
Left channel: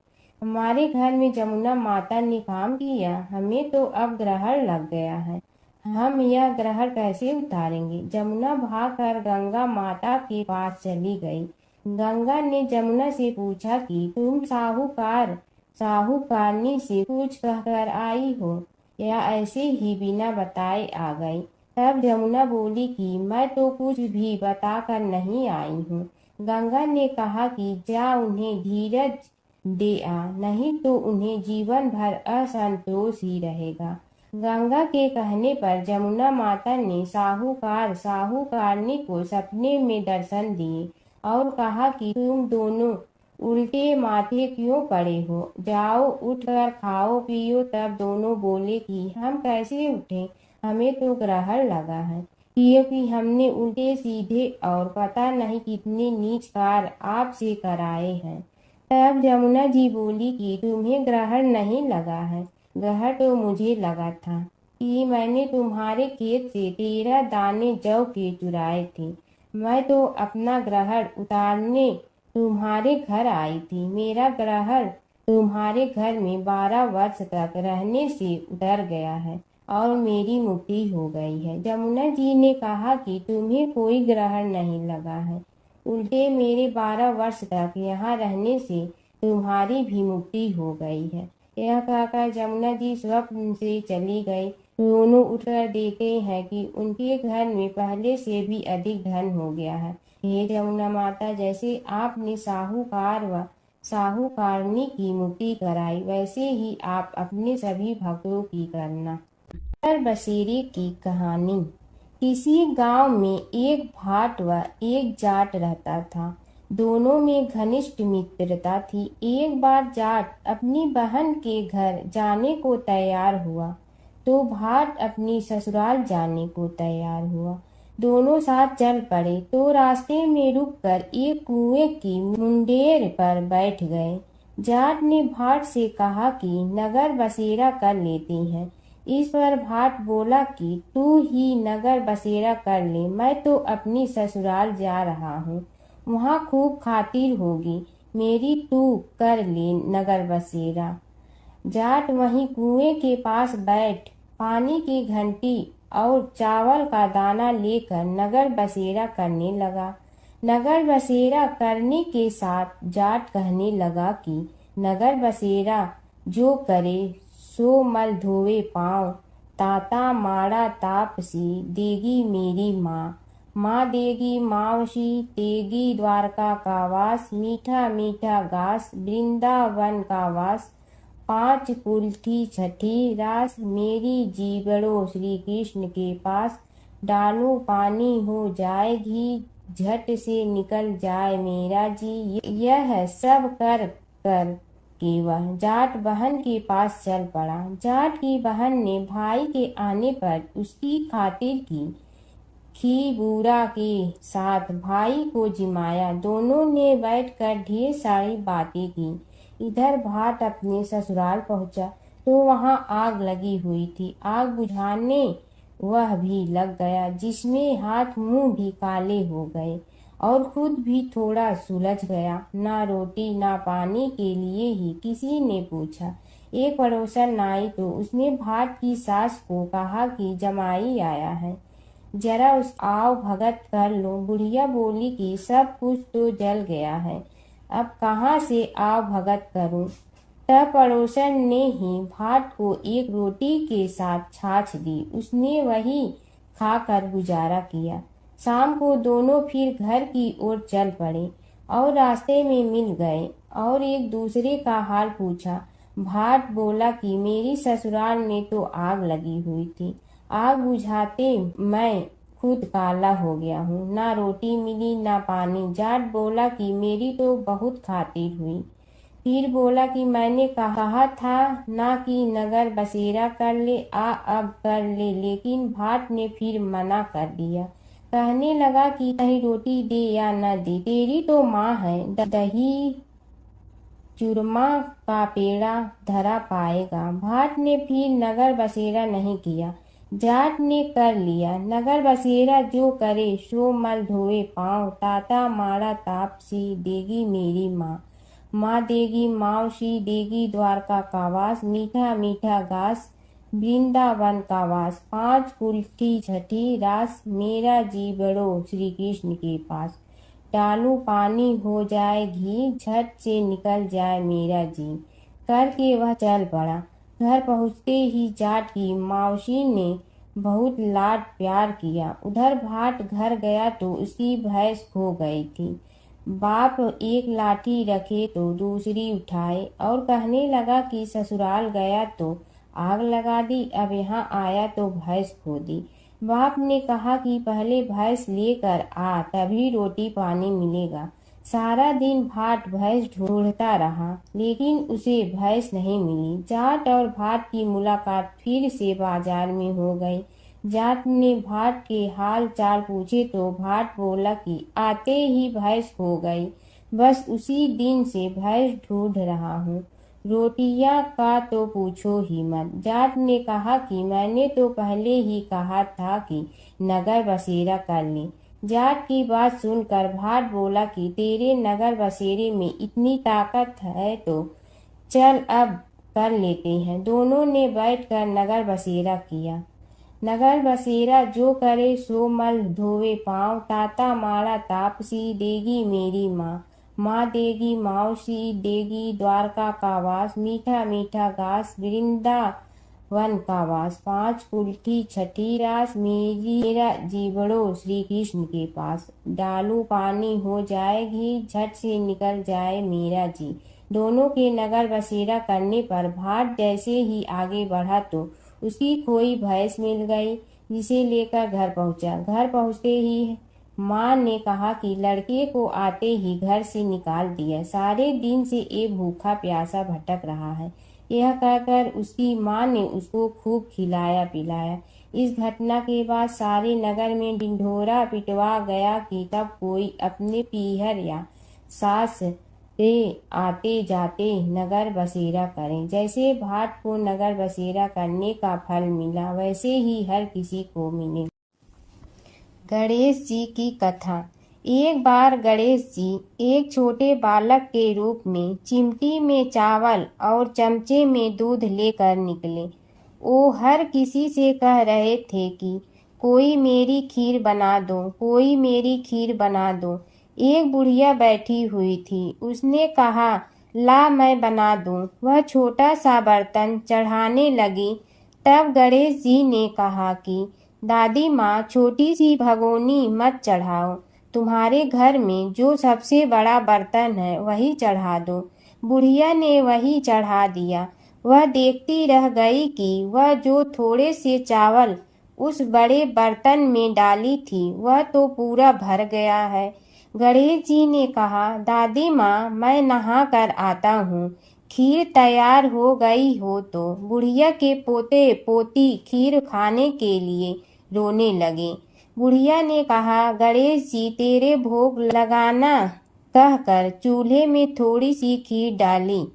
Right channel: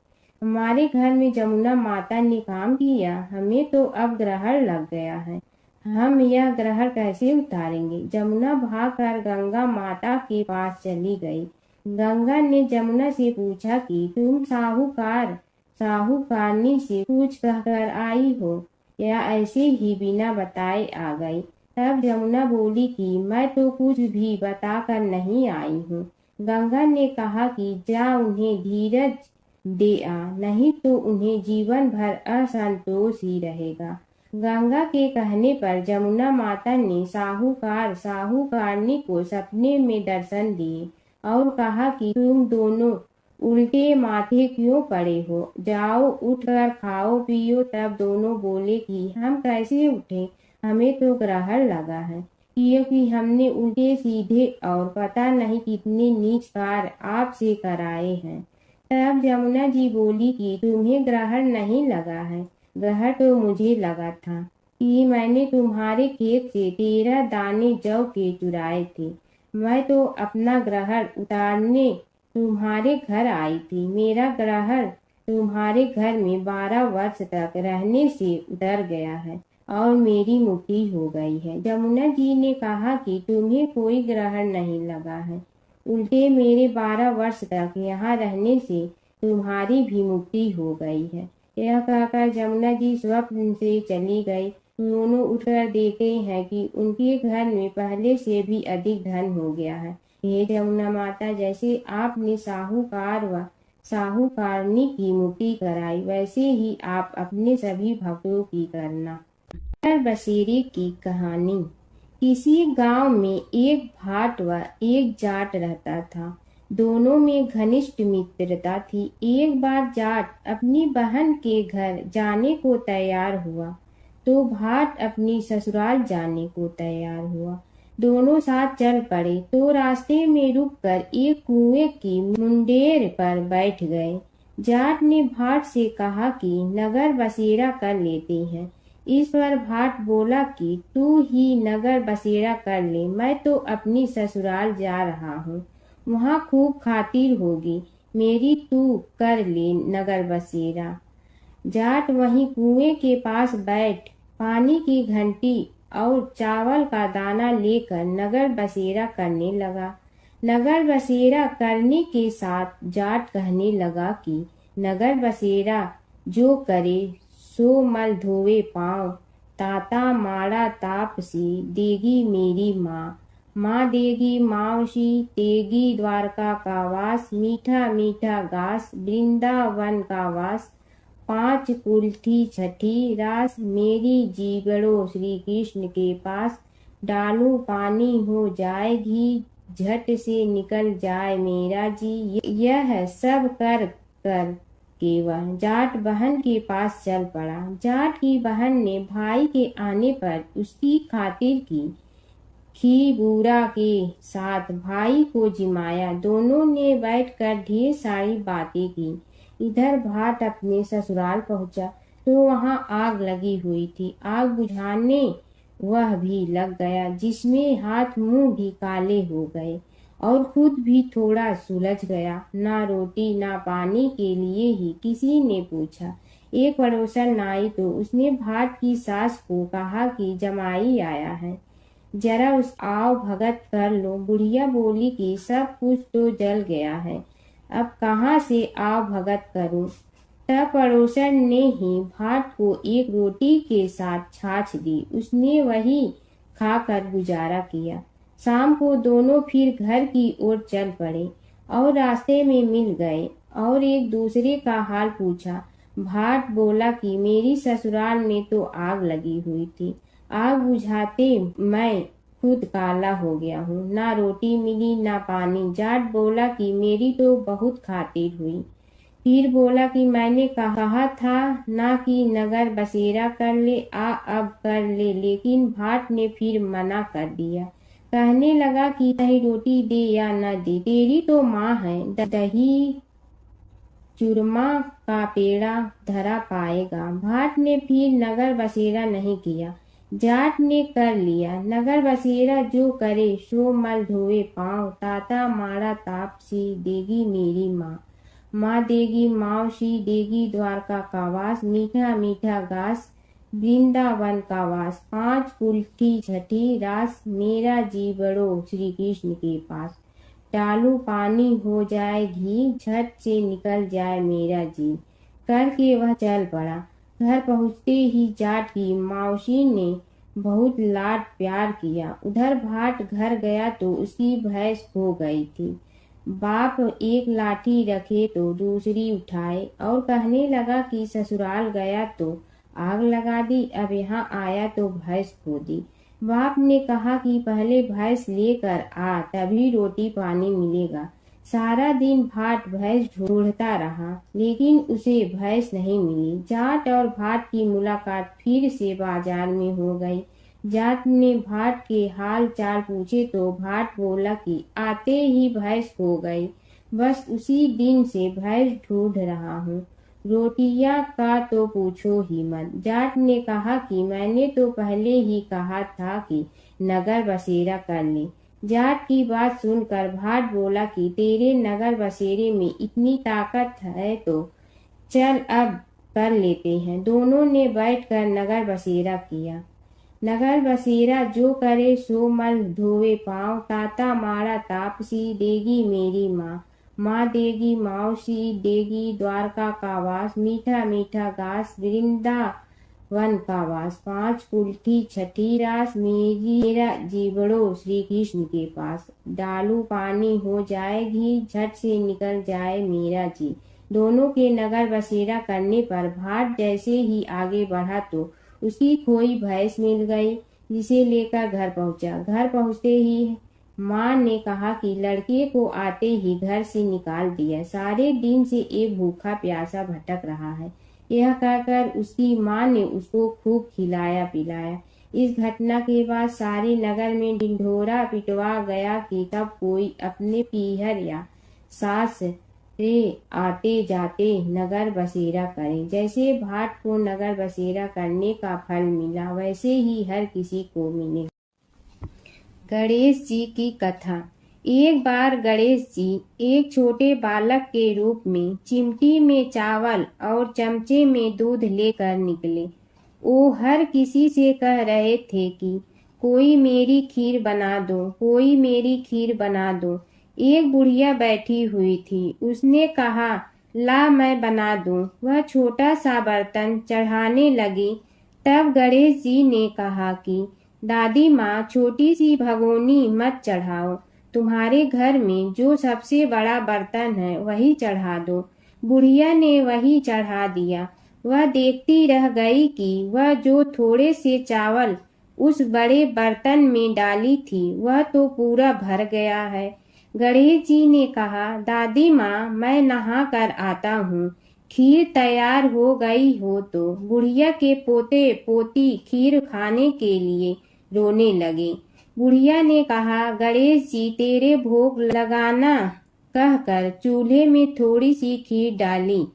हमारे घर में जमुना माता ने काम किया, हमें तो अब ग्रहण लग गया है, हम यह ग्रहण कैसे उतारेंगे। जमुना भागकर गंगा माता के पास चली गई। गंगा ने जमुना से पूछा कि तुम साहूकारनी से कुछ कहकर आई हो या ऐसे ही बिना बताए आ गई। तब जमुना बोली कि मैं तो कुछ भी बताकर नहीं आई हूँ। गंगा ने कहा कि जा उन्हें धीरज दे आ, नहीं तो उन्हें जीवन भर असंतोष ही रहेगा। गंगा के कहने पर जमुना माता ने साहूकारनी को सपने में दर्शन दिए और कहा कि तुम दोनों उल्टे माथे क्यों पड़े हो, जाओ उठकर खाओ पियो। तब दोनों बोले कि हम कैसे उठे, हमें तो ग्रहण लगा है, क्योंकि हमने उल्टे सीधे और पता नहीं कितने नीच कार्य आपसे कराए हैं। तब यमुना जी बोली कि तुम्हें ग्रहण नहीं लगा है, ग्रहण तो मुझे लगा था कि मैंने तुम्हारे खेत से 13 दाने जौ के चुराए थे। मैं तो अपना ग्रहण उतारने तुम्हारे घर आई थी। मेरा ग्रहण तुम्हारे घर में 12 वर्ष तक रहने से उतर गया है और मेरी मुक्ति हो गई है। यमुना जी ने कहा कि तुम्हें कोई ग्रहण नहीं लगा है, उल्टे मेरे 12 वर्ष तक यहाँ रहने से तुम्हारी भी मुक्ति हो गई है। यह कहकर यमुना जी स्वप्न से चली गई। दोनों उठकर देखते हैं कि उनके घर में पहले से भी अधिक धन हो गया है। हे यमुना माता, जैसे आपने साहूकार व साहूकारनी की मुक्ति कराई, वैसे ही आप अपने सभी भक्तों की करना। नगर बसेरे की कहानी। किसी गांव में एक भाट व एक जाट रहता था। दोनों में घनिष्ठ मित्रता थी। एक बार जाट अपनी बहन के घर जाने को तैयार हुआ तो भाट अपनी ससुराल जाने को तैयार हुआ। दोनों साथ चल पड़े तो रास्ते में रुककर एक कुएं की मुंडेर पर बैठ गए। जाट ने भाट से कहा कि नगर बसेरा कर लेते हैं। इस पर भाट बोला कि तू ही नगर बसेरा कर ले, मैं तो अपनी ससुराल जा रहा हूँ, वहाँ खूब खातिर होगी मेरी, तू कर ले नगर बसेरा। जाट वहीं कुएं के पास बैठ पानी की घंटी और चावल का दाना लेकर नगर बसेरा करने लगा। नगर बसेरा करने के साथ जाट कहने लगा कि नगर बसेरा जो करे सो मल धोवे पाँव, ताता माड़ा तापसी देगी मेरी माँ, माँ देगी मावशी तेगी द्वारका का वास, मीठा मीठा घास वृंदावन का वास, 5 कुल्थी छठी रास, मेरी जीवड़ो श्री कृष्ण के पास, डालू पानी हो जाए घी, झट से निकल जाए मेरा जी। यह सब कर के वह जाट बहन के पास चल पड़ा। जाट की बहन ने भाई के आने पर उसकी खातिर की खी बूरा के साथ भाई को जिमाया। दोनों ने बैठकर ढेर सारी बातें की। इधर भाट अपने ससुराल पहुंचा तो वहाँ आग लगी हुई थी। आग बुझाने वह भी लग गया, जिसमें हाथ मुंह भी काले हो गए और खुद भी थोड़ा सुलझ गया। ना रोटी ना पानी के लिए ही किसी ने पूछा। एक पड़ोसन आई तो उसने भाट की सास को कहा कि जमाई आया है, जरा उस आओ भगत कर लो। बुढ़िया बोली कि सब कुछ तो जल गया है, अब कहाँ से आओ भगत करूं। तब पड़ोसन ने ही भाट को एक रोटी के साथ छाछ दी। उसने वही खाकर गुजारा किया। शाम को दोनों फिर घर की ओर चल पड़े और रास्ते में मिल गए और एक दूसरे का हाल पूछा। भाट बोला कि मेरी ससुराल में तो आग लगी हुई थी, आग बुझाते मैं खुद काला हो गया हूँ, ना रोटी मिली ना पानी। जाट बोला कि मेरी तो बहुत खातिर हुई। फिर बोला कि मैंने कहा था ना कि नगर बसेरा कर ले, अब कर ले, लेकिन भाट ने फिर मना कर दिया। कहने लगा कि चाहे रोटी दे या न दे, तेरी तो माँ है, दही चूरमा का पेड़ा धरा पाएगा। भाट ने फिर नगर बसेरा नहीं किया, जाट ने कर लिया। नगर बसेरा जो करे सो मल धोए पाँव, ताता मारा तापसी देगी मेरी माँ। माँ देगी मावशी देगी द्वारका का वास, मीठा मीठा घास वृंदावन का वास। 5 कुल्ठी छठी रास, मेरा जी बड़ो श्री कृष्ण के पास। डालू पानी हो जाए घी, झट से निकल जाए मेरा जी। करके वह चल पड़ा। घर पहुँचते ही जाट की मावशी ने बहुत लाड प्यार किया। उधर भाट घर गया तो उसकी भैंस खो गई थी। बाप एक लाठी रखे तो दूसरी उठाए और कहने लगा कि ससुराल गया तो आग लगा दी, अब यहाँ आया तो भैंस खो दी। बाप ने कहा कि पहले भैंस लेकर आ, तभी रोटी पानी मिलेगा। सारा दिन भाट भैंस ढूंढता रहा, लेकिन उसे भैंस नहीं मिली। जाट और भाट की मुलाकात फिर से बाजार में हो गई। जाट ने भाट के हाल चाल पूछे तो भाट बोला कि आते ही भैंस खो गई, बस उसी दिन से भैंस ढूंढ रहा हूँ। रोटियां का तो पूछो ही मत। जाट ने कहा कि मैंने तो पहले ही कहा था कि नगर बसेरा कर ले। जाट की बात सुनकर भाट बोला कि तेरे नगर बसेरे में इतनी ताकत है तो चल अब कर लेते हैं। दोनों ने बैठकर नगर बसेरा किया। नगर बसेरा जो करे सो मल धोवे पाँव, ताता मारा तापसी देगी मेरी माँ। माँ देगी मावशी देगी द्वारका का वास, मीठा मीठा घास वृंदावन का वास। 5 कुल्ठी छठी रास, मेरा जीवड़ो श्री कृष्ण के पास। डालू पानी हो जाए घी, झट से निकल जाए मेरा जी। दोनों के नगर बसेरा करने पर भाट जैसे ही आगे बढ़ा तो उसकी खोई भैंस मिल गई, जिसे लेकर घर पहुंचा। घर पहुंचते ही माँ ने कहा कि लड़के को आते ही घर से निकाल दिया, सारे दिन से ये भूखा प्यासा भटक रहा है। यह कहकर उसकी माँ ने उसको खूब खिलाया पिलाया। इस घटना के बाद सारे नगर में ढिंढोरा पिटवा गया कि तब कोई अपने पीहर या सास से आते जाते नगर बसेरा करें। जैसे भाट को नगर बसेरा करने का फल मिला, वैसे ही हर किसी को मिले। गणेश जी की कथा। एक बार गणेश जी एक छोटे बालक के रूप में चिमटी में चावल और चमचे में दूध लेकर निकले। वो हर किसी से कह रहे थे कि कोई मेरी खीर बना दो, कोई मेरी खीर बना दो। एक बुढ़िया बैठी हुई थी, उसने कहा ला मैं बना दूं। वह छोटा सा बर्तन चढ़ाने लगी। तब गणेश जी ने कहा कि दादी माँ छोटी सी भगोनी मत चढ़ाओ, तुम्हारे घर में जो सबसे बड़ा बर्तन है वही चढ़ा दो। बुढ़िया ने वही चढ़ा दिया। वह देखती रह गई कि वह जो थोड़े से चावल उस बड़े बर्तन में डाली थी वह तो पूरा भर गया है। गणेश जी ने कहा दादी माँ मैं नहा कर आता हूँ, खीर तैयार हो गई हो तो। बुढ़िया के पोते पोती खीर खाने के लिए रोने लगे। बुढ़िया ने कहा गणेश जी तेरे भोग लगाना कहकर चूल्हे में थोड़ी सी खीर डाली।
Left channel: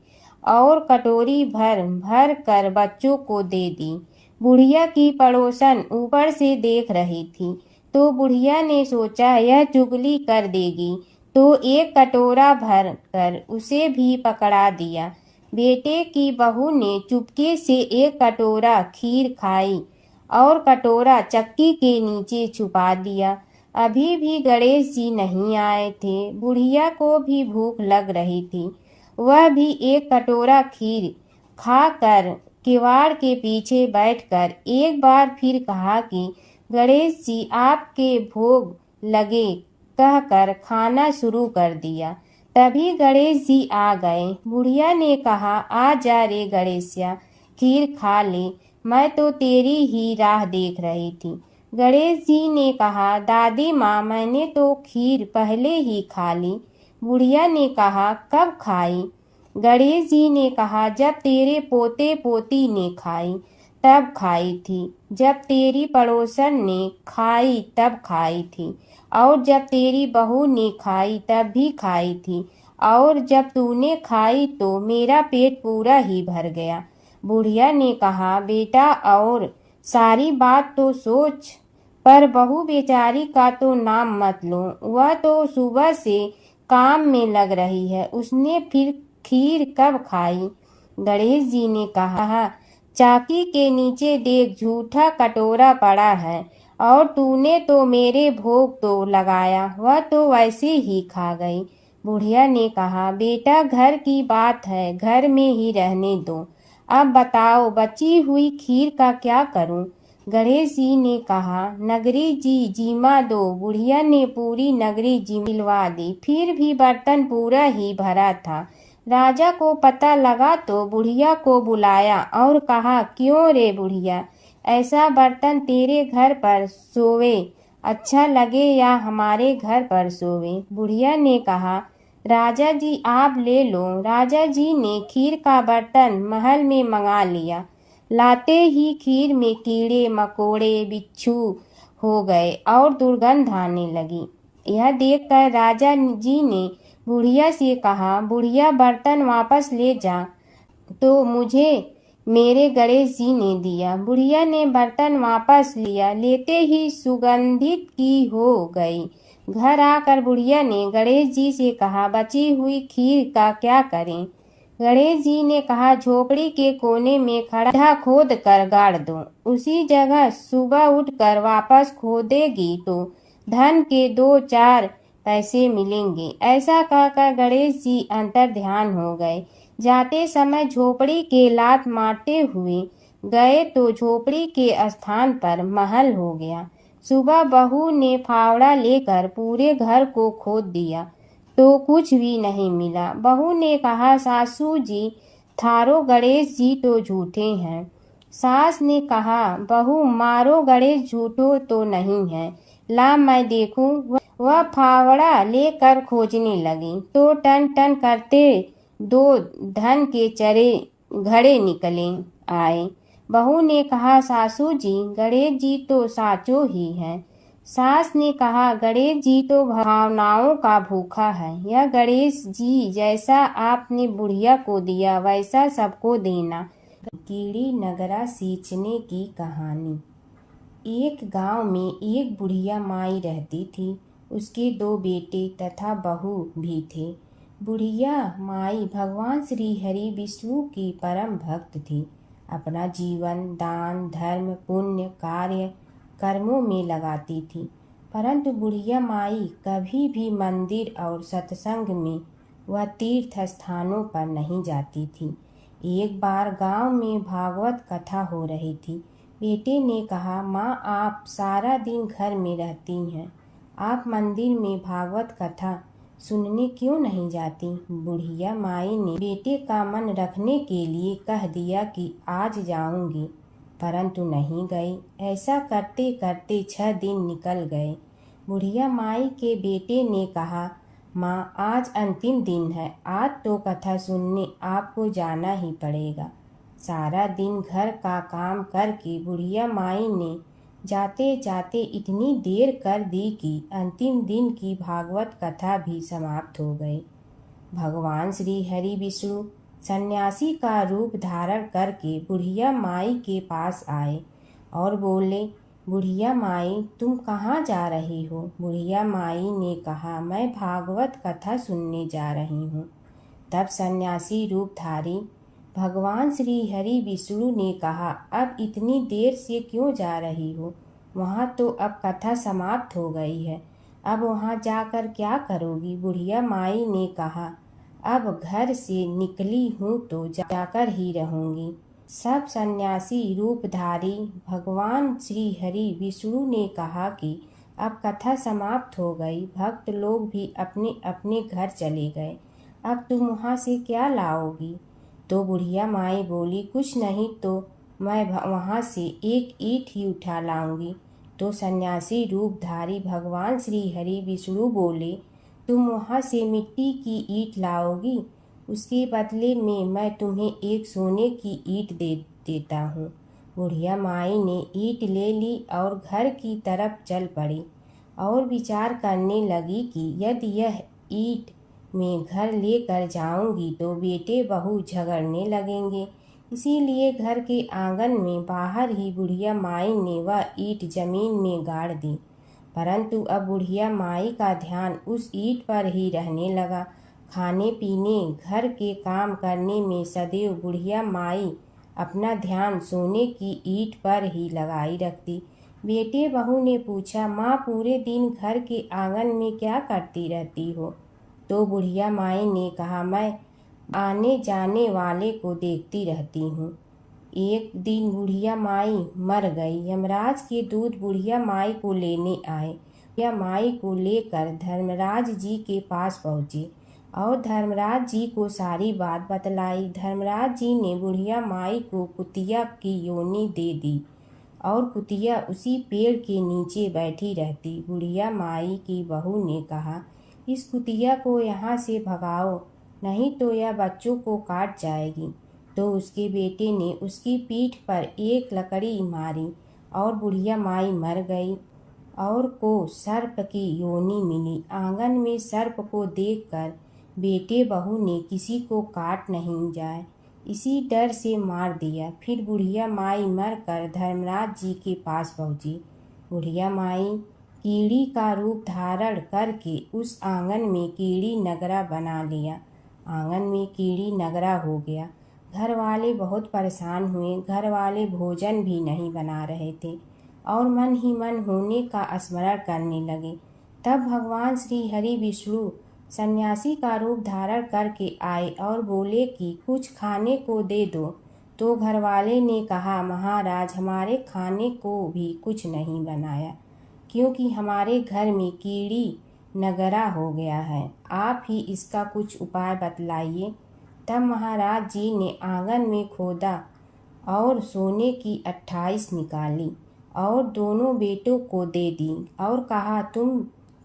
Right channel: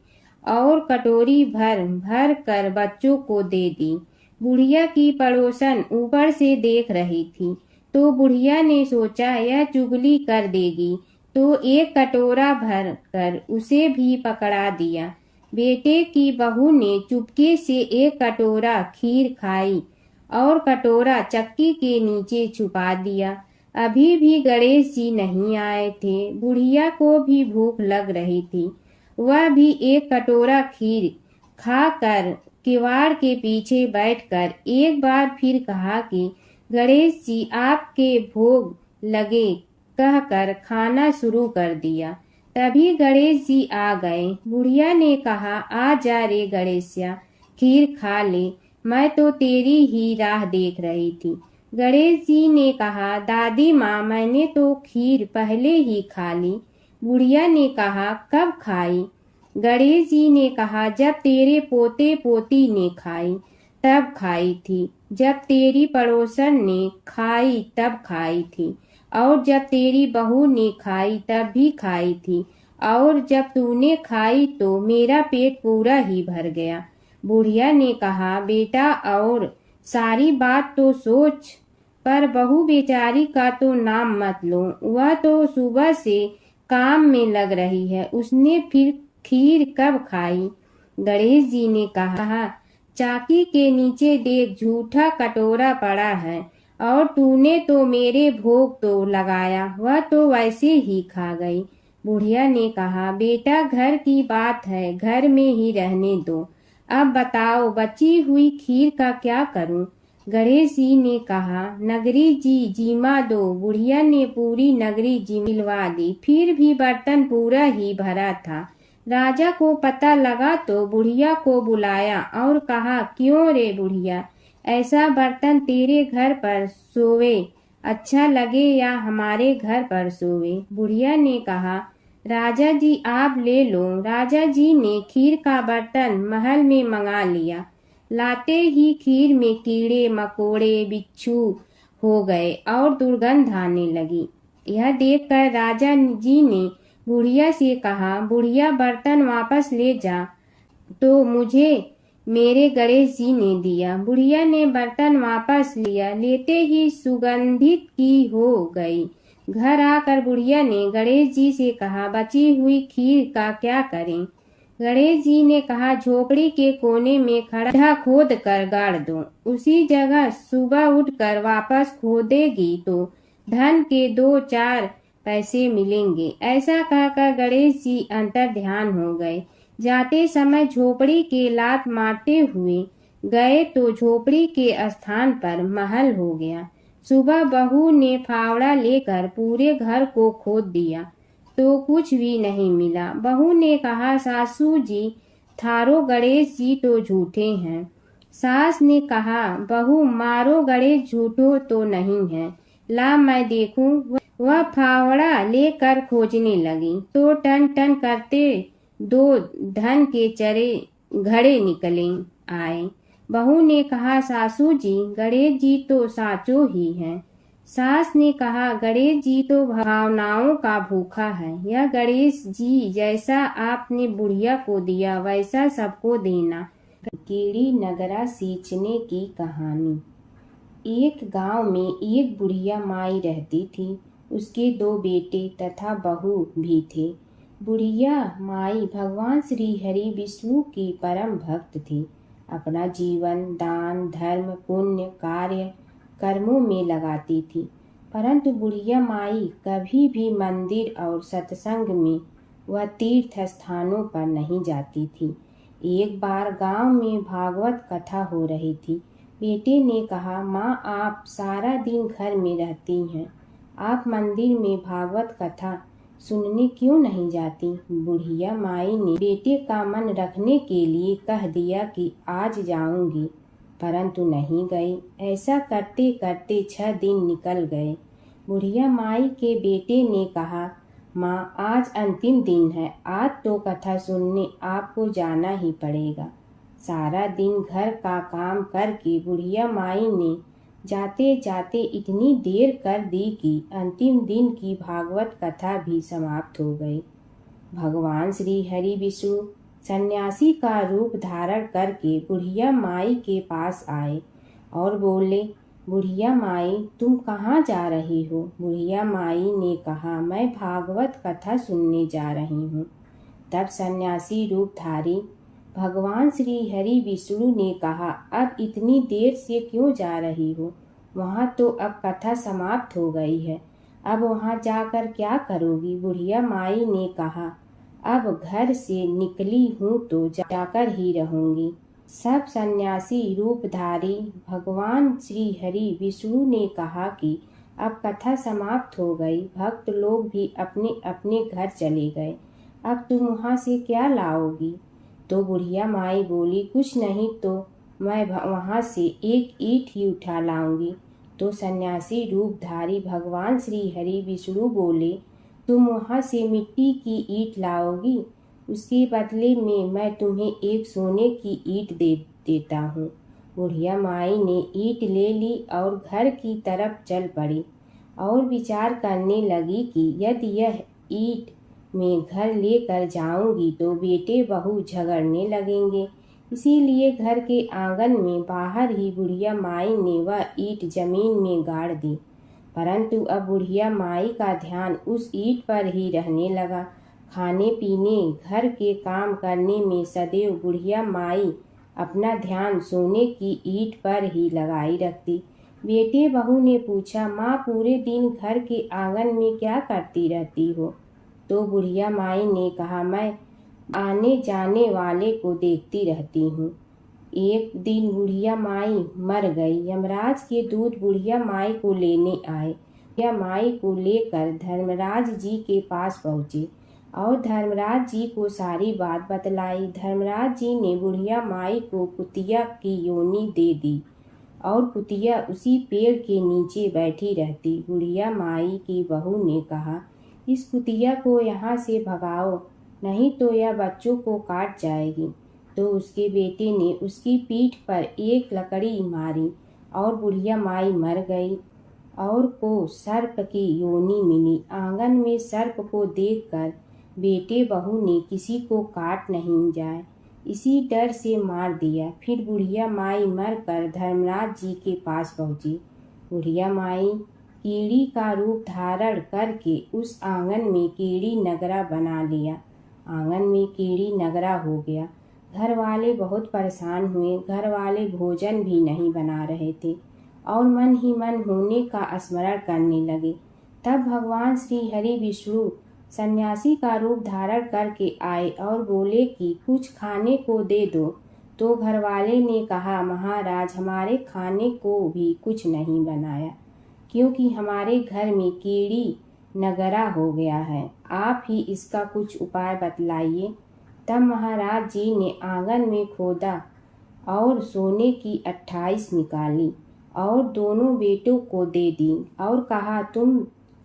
और कटोरी भर भर कर बच्चों को दे दी। बुढ़िया की पड़ोसन ऊपर से देख रही थी, तो बुढ़िया ने सोचा यह चुगली कर देगी, तो एक कटोरा भर कर उसे भी पकड़ा दिया। बेटे की बहू ने चुपके से एक कटोरा खीर खाई और कटोरा चक्की के नीचे छुपा दिया। अभी भी गणेश जी नहीं आए थे। बुढ़िया को भी भूख लग रही थी। वह भी एक कटोरा खीर खाकर किवाड़ के पीछे बैठकर एक बार फिर कहा कि गणेश जी आपके भोग लगे कहकर खाना शुरू कर दिया। तभी गणेश जी आ गए। बुढ़िया ने कहा, आ जा रे गणेशिया, खीर खा ले, मैं तो तेरी ही राह देख रही थी। गणेश जी ने कहा, दादी माँ मैंने तो खीर पहले ही खा ली। बुढ़िया ने कहा, कब खाई? गणेश जी ने कहा, जब तेरे पोते पोती ने खाई तब खाई थी, जब तेरी पड़ोसन ने खाई तब खाई थी, और जब तेरी बहू ने खाई तब भी खाई थी, और जब तूने खाई तो मेरा पेट पूरा ही भर गया। बुढ़िया ने कहा, बेटा और सारी बात तो सोच, पर बहू बेचारी का तो नाम मत लो। वह तो सुबह से काम में लग रही है, उसने फिर खीर कब खाई? गणेश जी ने कहा, चाकी के नीचे देख झूठा कटोरा पड़ा है, और तूने तो मेरे भोग तो लगाया, वह तो वैसे ही खा गई। बुढ़िया ने कहा, बेटा घर की बात है, घर में ही रहने दो। अब बताओ बची हुई खीर का क्या करूं? गणेश जी ने कहा, नगरी जी जीमा दो। बुढ़िया ने पूरी नगरी जिलवा दी, फिर भी बर्तन पूरा ही भरा था। राजा को पता लगा तो बुढ़िया को बुलाया और कहा, क्यों रे बुढ़िया, ऐसा बर्तन तेरे घर पर सोवे अच्छा लगे या हमारे घर पर सोवे? बुढ़िया ने कहा, राजा जी आप ले लो। राजा जी ने खीर का बर्तन महल में मंगा लिया। लाते ही खीर में कीड़े मकोड़े बिच्छू हो गए और दुर्गंध आने लगी। यह देखकर राजा जी ने बुढ़िया से कहा, बुढ़िया बर्तन वापस ले जा, तो मुझे मेरे गणेश जी ने दिया। बुढ़िया ने बर्तन वापस लिया, लेते ही सुगंधित की हो गई। घर आकर बुढ़िया ने गणेश जी से कहा, बची हुई खीर का क्या करें? गणेश जी ने कहा, झोपड़ी के कोने में खड्डा खोद कर गाड़ दो, उसी जगह सुबह उठकर वापस खोदेगी तो धन के 2-4 पैसे मिलेंगे। ऐसा कहकर गणेश जी अंतर ध्यान हो गए। जाते समय झोपड़ी के लात मारते हुए गए तो झोपड़ी के स्थान पर महल हो गया। सुबह बहू ने फावड़ा लेकर पूरे घर को खोद दिया तो कुछ भी नहीं मिला। बहू ने कहा, सासू जी थारो गणेश जी तो झूठे हैं। सास ने कहा, बहू मारो गणेश झूठो तो नहीं है, ला मैं देखूं। वह फावड़ा लेकर खोजने लगी तो टन टन करते 2 धन के चरे घड़े निकले आए। बहू ने कहा, सासू जी गणेश जी तो साचो ही हैं। सास ने कहा, गणेश जी तो भावनाओं का भूखा है। यह गणेश जी जैसा आपने बुढ़िया को दिया वैसा सबको देना। कीड़ी नगरा सींचने की कहानी। एक गांव में एक बुढ़िया माई रहती थी। उसके 2 बेटे तथा बहू भी थे। बुढ़िया माई भगवान श्री हरि विष्णु की परम भक्त थी। अपना जीवन दान धर्म पुण्य कार्य कर्मों में लगाती थी, परंतु बुढ़िया माई कभी भी मंदिर और सत्संग में व तीर्थ स्थानों पर नहीं जाती थी। एक बार गांव में भागवत कथा हो रही थी। बेटे ने कहा, माँ आप सारा दिन घर में रहती हैं, आप मंदिर में भागवत कथा सुनने क्यों नहीं जाती? बुढ़िया माई ने बेटे का मन रखने के लिए कह दिया कि आज जाऊंगी, परंतु नहीं गई। ऐसा करते करते 6 दिन निकल गए। बुढ़िया माई के बेटे ने कहा, माँ आज अंतिम दिन है, आज तो कथा सुनने आपको जाना ही पड़ेगा। सारा दिन घर का काम करके बुढ़िया माई ने जाते जाते इतनी देर कर दी कि अंतिम दिन की भागवत कथा भी समाप्त हो गई। भगवान श्री हरि विष्णु सन्यासी का रूप धारण करके बुढ़िया माई के पास आए और बोले, बुढ़िया माई, तुम कहाँ जा रही हो? बुढ़िया माई ने कहा, मैं भागवत कथा सुनने जा रही हूँ। तब सन्यासी रूपधारी भगवान श्री हरि विष्णु ने कहा, अब इतनी देर से क्यों जा रही हो? वहाँ तो अब कथा समाप्त हो गई है, अब वहाँ जाकर क्या करोगी? बुढ़िया माई ने कहा, अब घर से निकली हूँ तो जाकर ही रहूंगी। सब सन्यासी रूपधारी भगवान श्री हरि विष्णु ने कहा कि अब कथा समाप्त हो गई, भक्त लोग भी अपने अपने घर चले गए, अब तुम वहाँ से क्या लाओगी? तो बुढ़िया माई बोली, कुछ नहीं तो मैं वहाँ से एक ईंट ही उठा लाऊंगी। तो सन्यासी रूपधारी भगवान श्री हरि विष्णु बोले, तुम वहाँ से मिट्टी की ईंट लाओगी, उसके बदले में मैं तुम्हें एक सोने की ईंट देता हूँ। बुढ़िया माई ने ईंट ले ली और घर की तरफ चल पड़ी और विचार करने लगी कि यदि यह ईंट मैं घर लेकर जाऊंगी तो बेटे बहू झगड़ने लगेंगे, इसीलिए घर के आंगन में बाहर ही बुढ़िया माई ने वह ईंट जमीन में गाड़ दी। परंतु अब बुढ़िया माई का ध्यान उस ईंट पर ही रहने लगा। खाने पीने घर के काम करने में सदैव बुढ़िया माई अपना ध्यान सोने की ईंट पर ही लगाई रखती। बेटे बहू ने पूछा, माँ पूरे दिन घर के आंगन में क्या करती रहती हो? तो बुढ़िया माई ने कहा, मैं आने जाने वाले को देखती रहती हूँ। एक दिन बुढ़िया माई मर गई। यमराज के दूत बुढ़िया माई को लेने आए। बुढ़िया माई को लेकर धर्मराज जी के पास पहुँचे और धर्मराज जी को सारी बात बतलाई। धर्मराज जी ने बुढ़िया माई को कुतिया की योनि दे दी और कुतिया उसी पेड़ के नीचे बैठी रहती। बुढ़िया माई की बहू ने कहा, इस कुतिया को यहाँ से भगाओ, नहीं तो यह बच्चों को काट जाएगी। तो उसके बेटे ने उसकी पीठ पर एक लकड़ी मारी और बुढ़िया माई मर गई और को सर्प की योनि मिली। आंगन में सर्प को देखकर बेटे बहू ने किसी को काट नहीं जाए इसी डर से मार दिया। फिर बुढ़िया माई मरकर धर्मराज जी के पास पहुंची। बुढ़िया माई कीड़ी का रूप धारण करके उस आंगन में कीड़ी नगरा बना लिया। आंगन में कीड़ी नगरा हो गया। घर वाले बहुत परेशान हुए। घर वाले भोजन भी नहीं बना रहे थे और मन ही मन होने का स्मरण करने लगे। तब भगवान श्री हरि विष्णु सन्यासी का रूप धारण करके आए और बोले कि कुछ खाने को दे दो। तो घरवाले ने कहा, महाराज, हमारे खाने को भी कुछ नहीं बनाया, क्योंकि हमारे घर में कीड़ी नगरा हो गया है। आप ही इसका कुछ उपाय बतलाइए। तब महाराज जी ने आंगन में खोदा और सोने की 28 निकाली और दोनों बेटों को दे दी और कहा,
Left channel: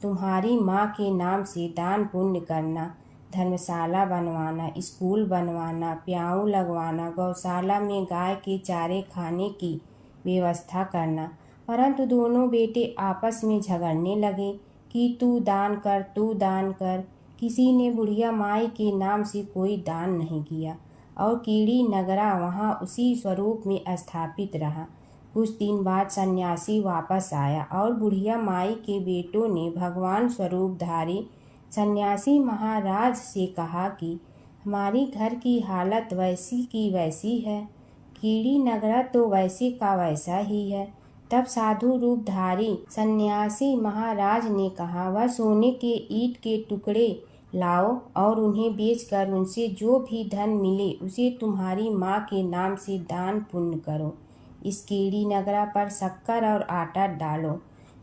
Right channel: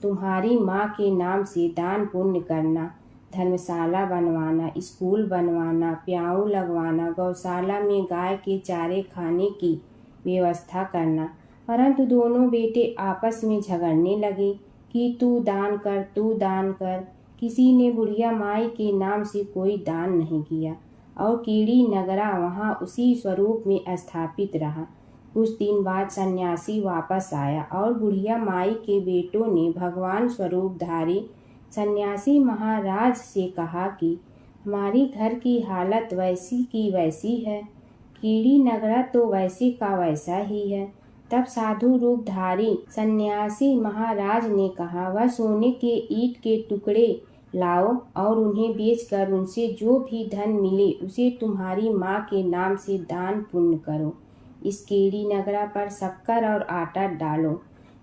तुम्हारी माँ के नाम से दान पुण्य करना, धर्मशाला बनवाना, स्कूल बनवाना, प्याऊ लगवाना, गौशाला में गाय के चारे खाने की व्यवस्था करना। परंतु दोनों बेटे आपस में झगड़ने लगे कि तू दान कर, तू दान कर। किसी ने बुढ़िया माई के नाम से कोई दान नहीं किया और कीड़ी नगरा वहाँ उसी स्वरूप में स्थापित रहा। कुछ दिन बाद सन्यासी वापस आया और बुढ़िया माई के बेटों ने भगवान स्वरूपधारी सन्यासी महाराज से कहा कि हमारी घर की हालत वैसी की वैसी है, कीड़ी नगरा तो वैसे का वैसा ही है। तब साधु रूपधारी सन्यासी महाराज ने कहा, वह सोने के ईंट के टुकड़े लाओ और उन्हें बेचकर उनसे जो भी धन मिले उसे तुम्हारी माँ के नाम से दान पुण्य करो। इस कीड़ी नगरा पर शक्कर और आटा डालो।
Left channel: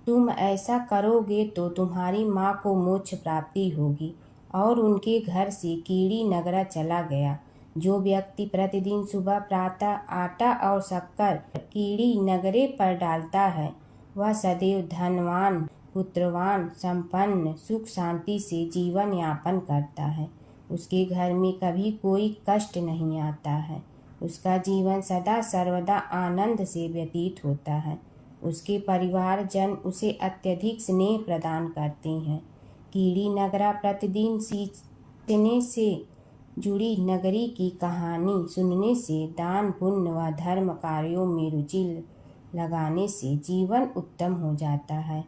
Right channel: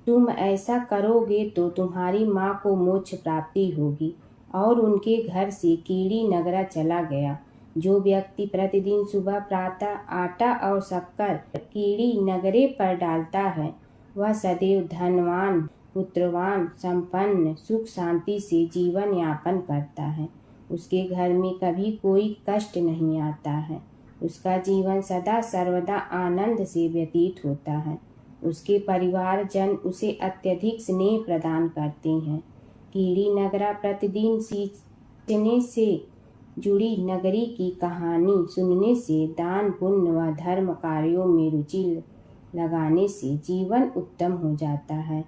तुम ऐसा करोगे तो तुम्हारी माँ को मोक्ष प्राप्ति होगी। और उनके घर से कीड़ी नगरा चला गया। जो व्यक्ति प्रतिदिन सुबह प्रातः आटा और शक्कर कीड़ी नगरे पर डालता है, वह सदैव धनवान, पुत्रवान, संपन्न, सुख शांति से जीवन यापन करता है। उसके घर में कभी कोई कष्ट नहीं आता है। उसका जीवन सदा सर्वदा आनंद से व्यतीत होता है। उसके परिवार जन उसे अत्यधिक स्नेह प्रदान करते हैं। कीड़ी नगरा प्रतिदिन सींचने से जुड़ी नगरी की कहानी सुनने से, दान पुण्य व धर्म कार्यों में रुचि लगाने से जीवन उत्तम हो जाता है।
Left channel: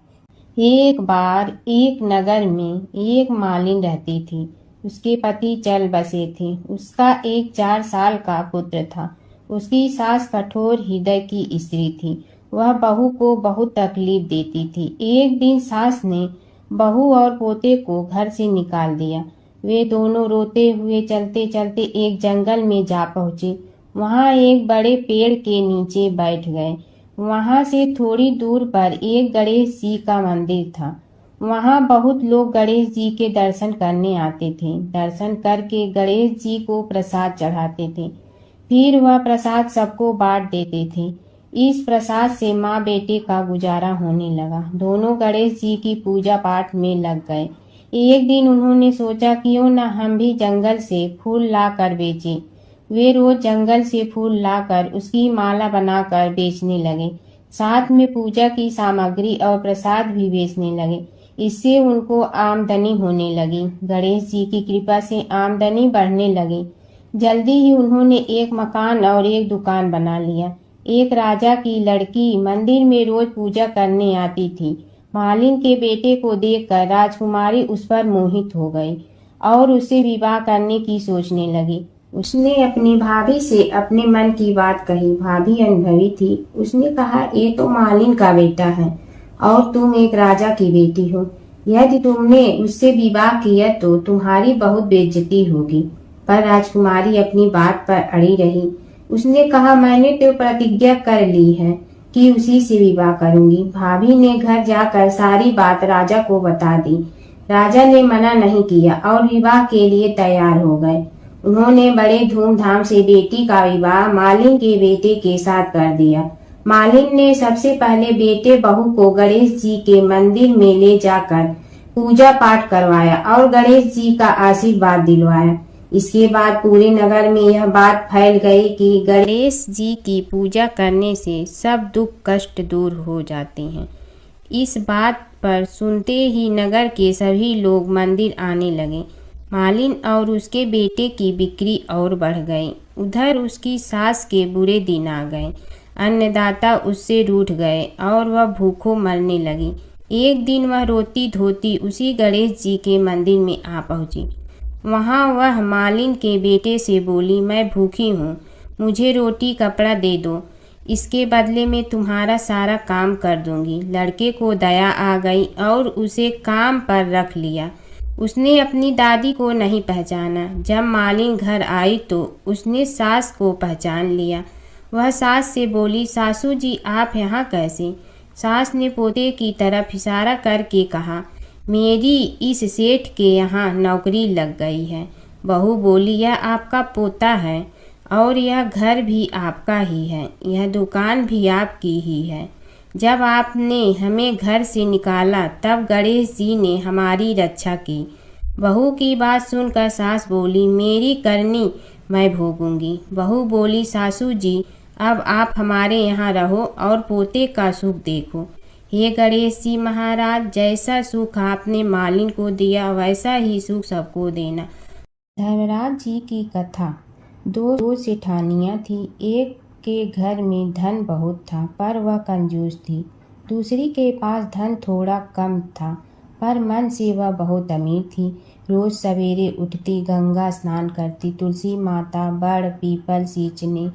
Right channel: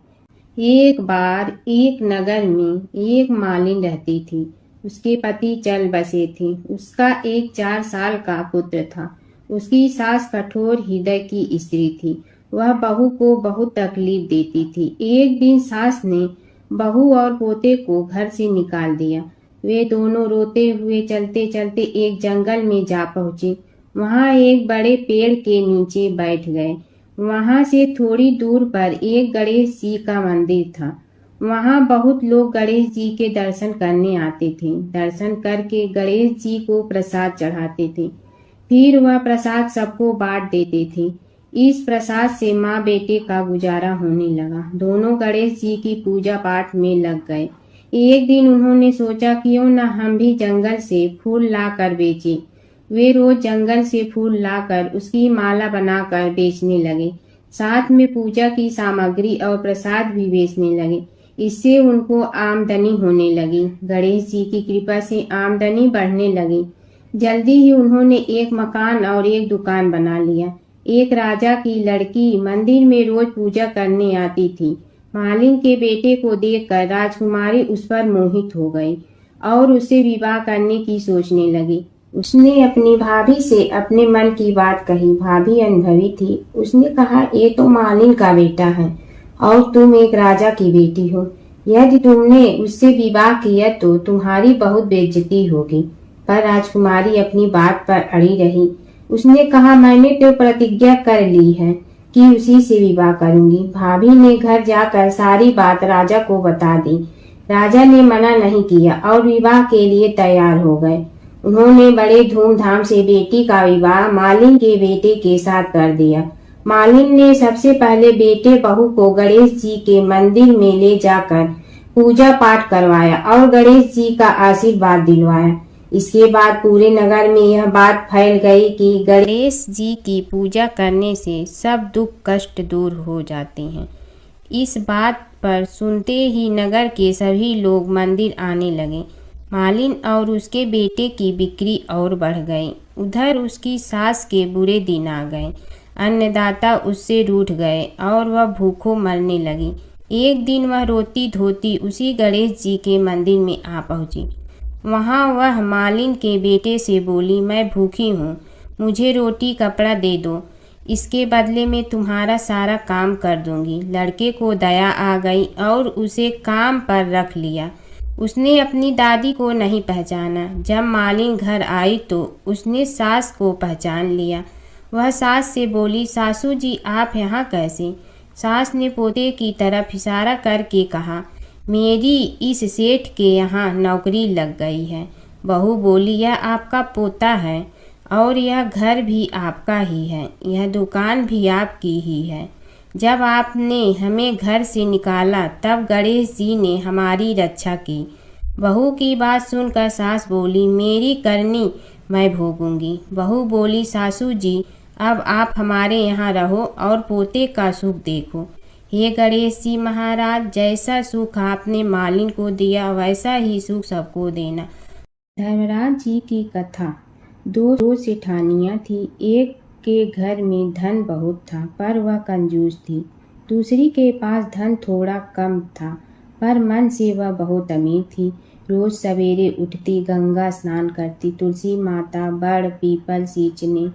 एक बार एक नगर में एक मालिन रहती थी। उसके पति चल बसे थे। उसका एक 4 साल का पुत्र था। उसकी सास कठोर हृदय की स्त्री थी। वह बहू को बहुत तकलीफ देती थी। एक दिन सास ने बहू और पोते को घर से निकाल दिया। वे दोनों रोते हुए चलते चलते एक जंगल में जा पहुंचे। वहां एक बड़े पेड़ के नीचे बैठ गए। वहां से थोड़ी दूर पर एक गणेश जी का मंदिर था। वहां बहुत लोग गणेश जी के दर्शन करने आते थे। दर्शन करके गणेश जी को प्रसाद चढ़ाते थे। फिर वह प्रसाद सबको बांट देते थे। इस प्रसाद से माँ बेटे का गुजारा होने लगा। दोनों गणेश जी की पूजा पाठ में लग गए। एक दिन उन्होंने सोचा क्यों न हम भी जंगल से फूल लाकर बेचें। वे रोज जंगल से फूल लाकर उसकी माला बनाकर बेचने लगे। साथ में पूजा की सामग्री और प्रसाद भी बेचने लगे। इससे उनको आमदनी होने लगी। गणेश जी की कृपा से आमदनी बढ़ने लगी। जल्दी ही उन्होंने एक मकान और एक दुकान बना लिया। एक राजा की लड़की मंदिर में रोज पूजा करने आती थी। मालिन के बेटे को देखकर राजकुमारी उस पर मोहित हो गई और उससे विवाह करने की सोचने लगी। उसने अपनी भाभी से अपने मन की बात कही। भाभी अनुभवी थी। उसने कहा, ये तो मालिन का बेटा है और तुम एक राजा की बेटी हो। यदि तुमने उससे विवाह किया तो तुम्हारी बहुत बेइज्जती होगी। पर राजकुमारी अपनी बात पर अड़ी रही। उसने कहा, मैंने तो प्रतिज्ञा कर ली है कि उसी से विवाह करूंगी। भाभी ने घर जाकर सारी बात राजा को बता दी। राजा ने मना नहीं किया और विवाह के लिए तैयार हो गए। उन्होंने बड़े धूमधाम से बेटी का विवाह मालिन के बेटे के साथ कर दिया। मालिन ने सबसे पहले बेटे बहू को गणेश जी के मंदिर में ले जाकर पूजा पाठ करवाया और गणेश जी का आशीर्वाद दिलवाया। इसके बाद पूरे नगर में यह बात फैल गई कि गणेश जी की पूजा करने से सब दुख कष्ट दूर हो जाते हैं। इस बात पर सुनते ही नगर के सभी लोग मंदिर आने लगे। मालिन और उसके बेटे की बिक्री और बढ़ गई। उधर उसकी सास के बुरे दिन आ गए। अन्नदाता उससे रूठ गए और वह भूखों मरने लगी। एक दिन वह रोती धोती उसी गणेश जी के मंदिर में आ पहुंची। वहां वह मालिन के बेटे से बोली, मैं भूखी हूँ, मुझे रोटी कपड़ा दे दो, इसके बदले में तुम्हारा सारा काम कर दूंगी। लड़के को दया आ गई और उसे काम पर रख लिया। उसने अपनी दादी को नहीं पहचाना। जब मालिन घर आई तो उसने सास को पहचान लिया। वह सास से बोली, सासू जी आप यहाँ कैसे? सास ने पोते की तरफ इशारा करके कहा, मेरी इस सेठ के यहाँ नौकरी लग गई है। बहू बोली, यह आपका पोता है और यह घर भी आपका ही है, यह दुकान भी आपकी ही है। जब आपने हमें घर से निकाला तब गणेश जी ने हमारी रक्षा की। बहू की बात सुनकर सास बोली, मेरी करनी मैं भोगूंगी। बहू बोली, सासू जी अब आप हमारे यहाँ रहो और पोते का सुख देखो। हे गणेश जी महाराज, जैसा सुख आपने मालिन को दिया वैसा ही सुख सबको देना। धर्मराज जी की कथा। दो सेठानियाँ थी। एक के घर में धन बहुत था पर वह कंजूस थी। दूसरी के पास धन थोड़ा कम था पर मन से वह बहुत अमीर थी। रोज सवेरे उठती, गंगा स्नान करती, तुलसी माता, बड़ पीपल सींचने,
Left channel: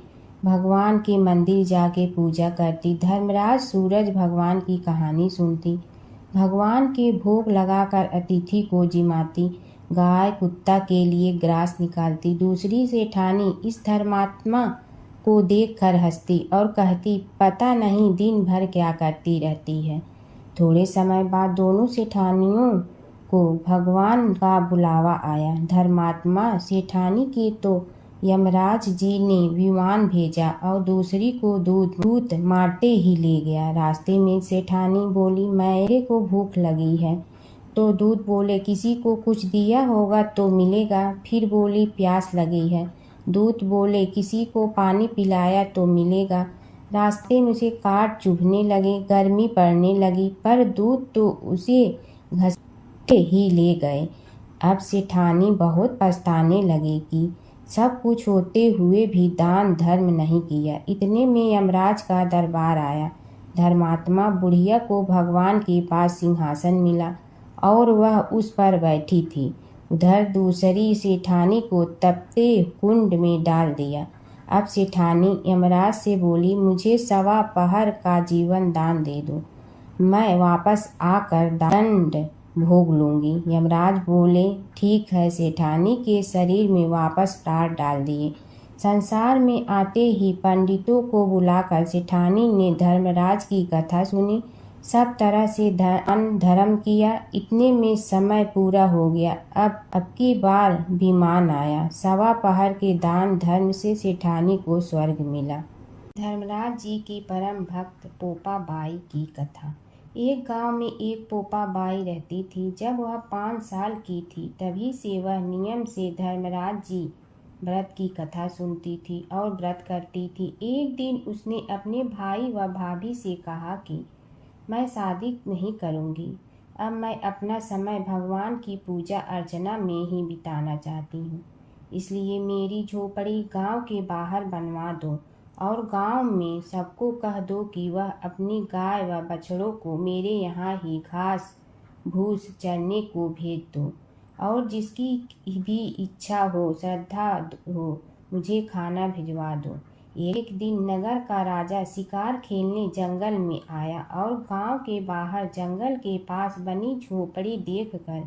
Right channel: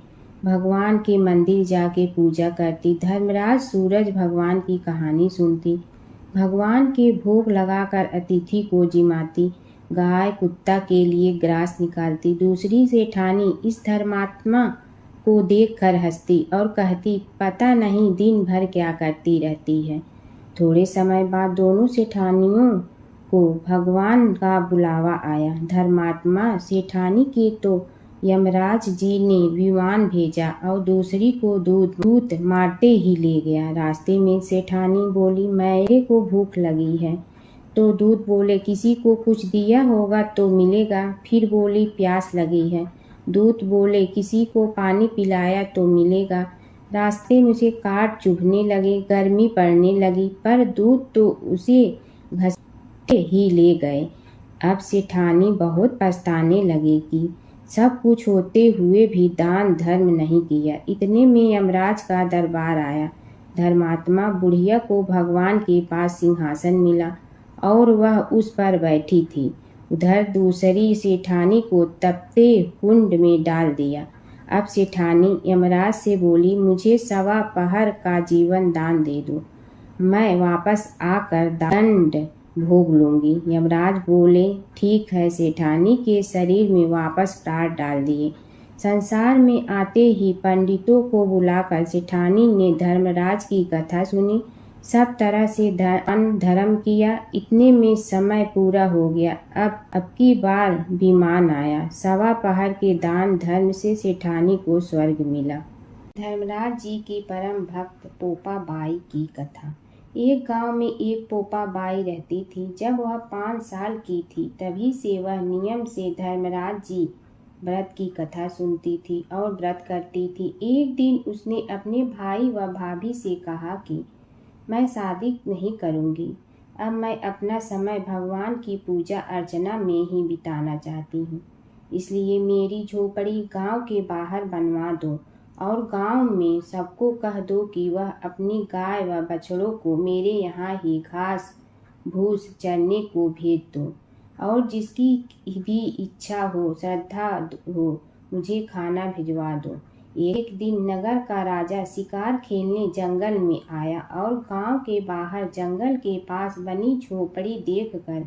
भगवान के मंदिर जाके पूजा करती। धर्मराज सूरज भगवान की कहानी सुनती, भगवान के भोग लगाकर अतिथि को जिमाती, गाय कुत्ता के लिए ग्रास निकालती। दूसरी सेठानी इस धर्मात्मा को देखकर हंसती और कहती, पता नहीं दिन भर क्या करती रहती है। थोड़े समय बाद दोनों सेठानियों को भगवान का बुलावा आया। धर्मात्मा सेठानी के तो यमराज जी ने विमान भेजा और दूसरी को दूत मारते ही ले गया। रास्ते में सेठानी बोली, मेरे को भूख लगी है। तो दूत बोले, किसी को कुछ दिया होगा तो मिलेगा। फिर बोली, प्यास लगी है। दूत बोले, किसी को पानी पिलाया तो मिलेगा। रास्ते में उसे काट चुभने लगे, गर्मी पड़ने लगी पर दूत तो उसे घसीटे ही ले गए। अब सेठानी बहुत पछताने लगेगी। सब कुछ होते हुए भी दान धर्म नहीं किया। इतने में यमराज का दरबार आया। धर्मात्मा बुढ़िया को भगवान के पास सिंहासन मिला और वह उस पर बैठी थी। उधर दूसरी सेठानी को तपते कुंड में डाल दिया। अब सेठानी यमराज से बोली, मुझे 1.25 पहर का जीवन दान दे दो, मैं वापस आकर दंड भोग लूंगी। यमराज बोले, ठीक है। सेठानी के शरीर में वापस प्राण डाल दिए। संसार में आते ही पंडितों को बुलाकर सेठानी ने धर्मराज की कथा सुनी। सब तरह से दान धर्म किया। इतने में समय पूरा हो गया। अब की बार विमान आया। 1.25 पहर के दान धर्म से सेठानी को स्वर्ग मिला। धर्मराज जी की परम भक्त पोपा बाई की कथा। एक गांव में एक पोपा बाई रहती थी। जब वह 5 साल की थी तभी से वह नियम से धर्मराज जी व्रत की कथा सुनती थी और व्रत करती थी। एक दिन उसने अपने भाई व भाभी से कहा कि मैं शादी नहीं करूंगी। अब मैं अपना समय भगवान की पूजा अर्चना में ही बिताना चाहती हूँ। इसलिए मेरी झोपड़ी गांव के बाहर बनवा दो और गांव में सबको कह दो कि वह अपनी गाय व बछड़ों को मेरे यहाँ ही घास भूस चरने को भेज दो और जिसकी भी इच्छा हो, श्रद्धा हो, मुझे खाना भिजवा दो। एक दिन नगर का राजा शिकार खेलने जंगल में आया और गांव के बाहर जंगल के पास बनी झोपड़ी देखकर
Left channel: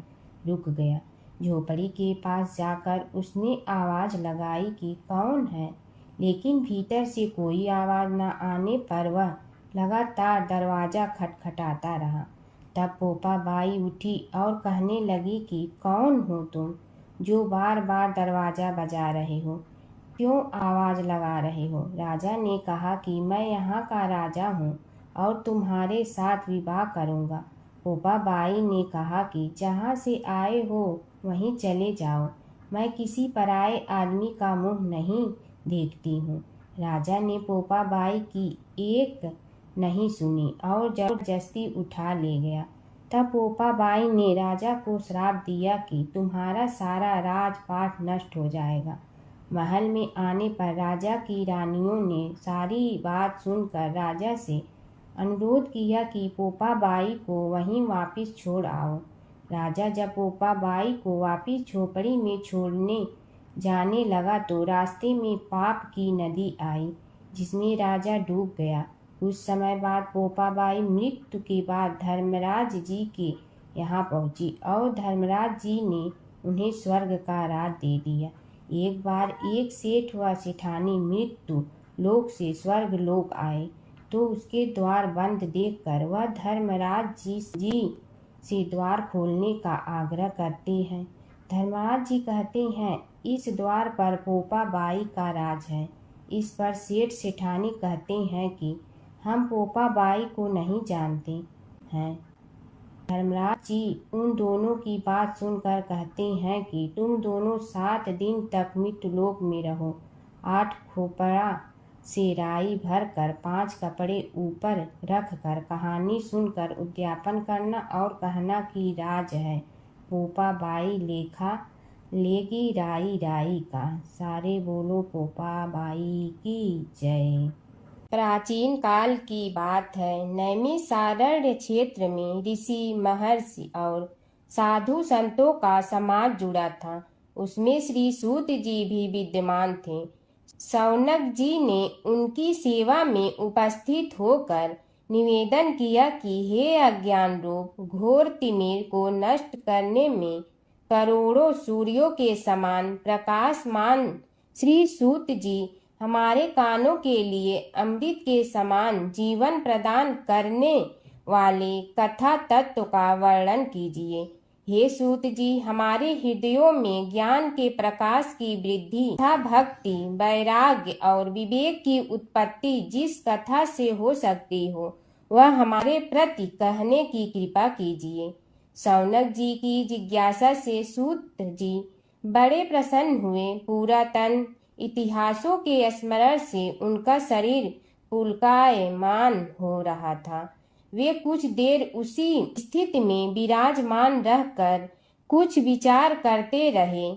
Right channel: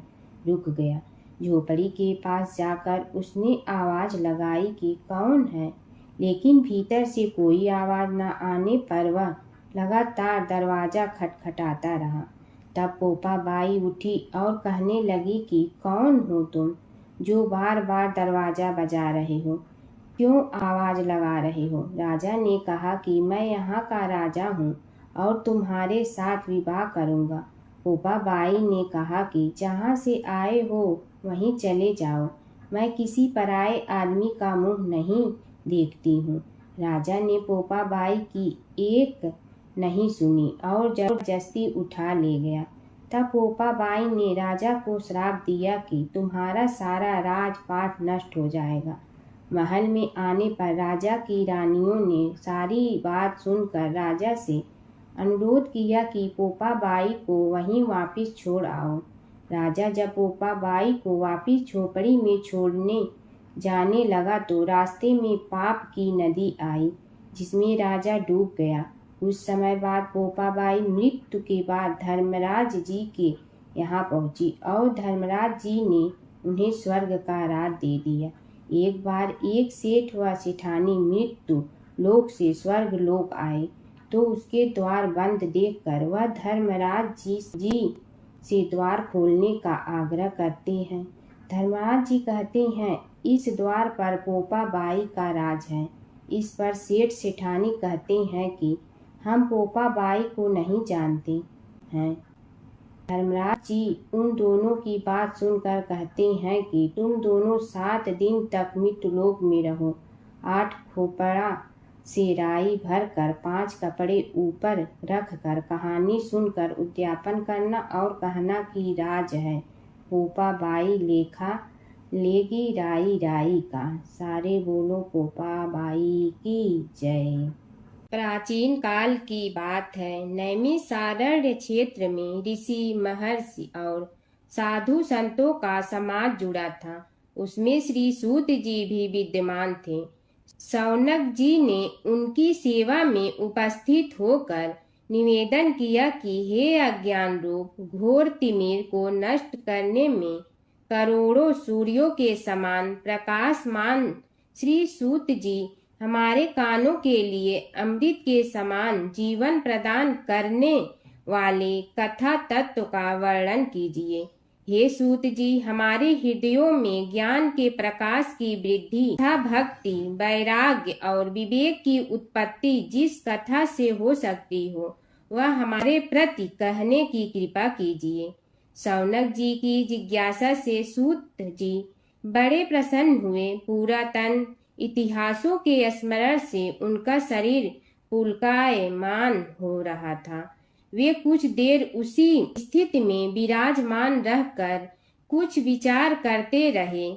रुक गया। झोपड़ी के पास जाकर उसने आवाज लगाई कि कौन है, लेकिन भीतर से कोई आवाज न आने पर वह लगातार दरवाजा खटखटाता रहा। तब पोपा बाई उठी और कहने लगी कि कौन हो तुम जो बार बार दरवाजा बजा रहे हो, क्यों आवाज लगा रहे हो? राजा ने कहा कि मैं यहाँ का राजा हूँ और तुम्हारे साथ विवाह करूँगा। पोपा बाई ने कहा कि जहाँ से आए हो वहीं चले जाओ, मैं किसी पराये आदमी का मुँह नहीं देखती हूँ। राजा ने पोपा बाई की एक नहीं सुनी और जबरदस्ती उठा ले गया। तब पोपा बाई ने राजा को श्राप दिया कि तुम्हारा सारा राजपाट नष्ट हो जाएगा। महल में आने पर राजा की रानियों ने सारी बात सुनकर राजा से अनुरोध किया कि पोपा बाई को वहीं वापस छोड़ आओ। राजा जब पोपा बाई को वापस झोपड़ी में छोड़ने जाने लगा तो रास्ते में पाप की नदी आई जिसमें राजा डूब गया। कुछ समय बाद पोपा बाई मृत्यु के बाद धर्मराज जी के यहाँ पहुँची और धर्मराज जी ने उन्हें स्वर्ग का राज दे दिया। एक बार एक सेठ व सेठानी मृत्यु लोक से स्वर्ग लोक आए तो उसके द्वार बंद देखकर वह धर्मराज जी से द्वार खोलने का आग्रह करते हैं। धर्मराज जी कहते हैं, इस द्वार पर पोपा बाई का राज है। इस पर सेठ सेठानी कहते हैं कि हम पोपा बाई को नहीं जानते हैं। धर्मराज जी उन दोनों की बात सुनकर कहते हैं कि तुम दोनों 7 दिन तक मृत्युलोक में रहो। 8 खोपड़ा से राई भरकर 5 कपड़े ऊपर रखकर कहानी सुनकर उद्यापन करना और कहना कि राज है। पोपा बाई लेखा लेगी राई राई का। सारे बोलो पोपा बाई की जय। प्राचीन काल की बात है। नैमिषारण्य क्षेत्र में ऋषि महर्षि और साधु संतों का समाज जुड़ा था। उसमें श्री सूत जी भी विद्यमान थे। शौनक जी ने उनकी सेवा में उपस्थित होकर निवेदन किया कि हे अज्ञान रूप घोर तिमिर को नष्ट करने में करोड़ों सूर्यों के समान प्रकाशमान श्री सूत जी हमारे कानों के लिए अमृत के समान जीवन प्रदान करने वाले कथा तत्व का वर्णन कीजिए। हे सूत जी, हमारे हृदयों में ज्ञान के प्रकाश की वृद्धि तथा भक्ति, वैराग्य और विवेक की उत्पत्ति जिस कथा से हो सकती हो वह हमारे प्रति कहने की कृपा कीजिए। शौनक जी की जिज्ञासा से सूत जी बड़े प्रसन्न हुए। पुरातन इतिहासों के स्मरण से उनका शरीर पुलकायमान हो रहा था। वे कुछ देर उसी स्थिति में विराजमान रहकर कुछ विचार करते रहे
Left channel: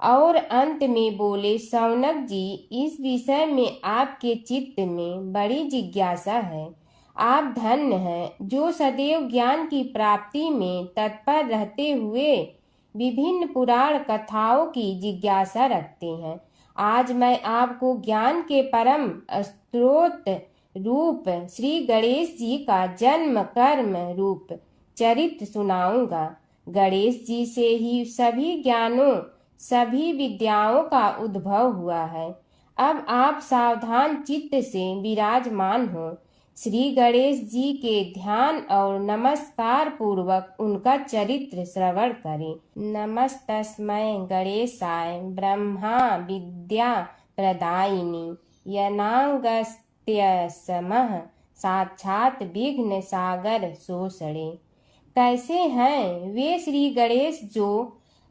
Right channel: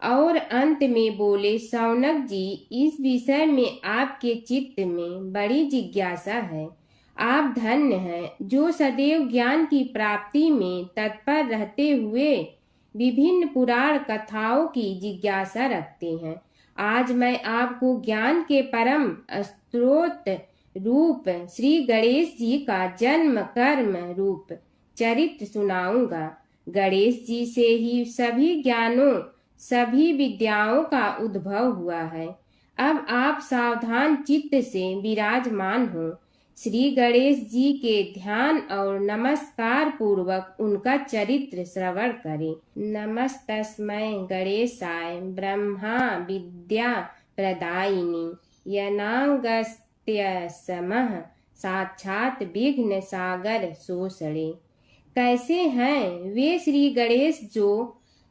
और अंत में बोले, शौनक जी, इस विषय में आपके चित्त में बड़ी जिज्ञासा है। आप धन्य हैं जो सदैव ज्ञान की प्राप्ति में तत्पर रहते हुए विभिन्न पुराण कथाओं की जिज्ञासा रखते हैं। आज मैं आपको ज्ञान के परम स्रोत रूप श्री गणेश जी का जन्म कर्म रूप चरित्र सुनाऊंगा। गणेश जी से ही सभी ज्ञानों सभी विद्याओं का उद्भव हुआ है। अब आप सावधान चित्त से विराजमान हो। श्री गणेश जी के ध्यान और नमस्कार पूर्वक उनका चरित्र श्रवण करें। नमस्तस्मै गणेशाय ब्रह्मा विद्या प्रदायिनी यनागस्त्यसमः साक्षात विघ्न सागर सोषणे। कैसे हैं वे श्री गणेश जो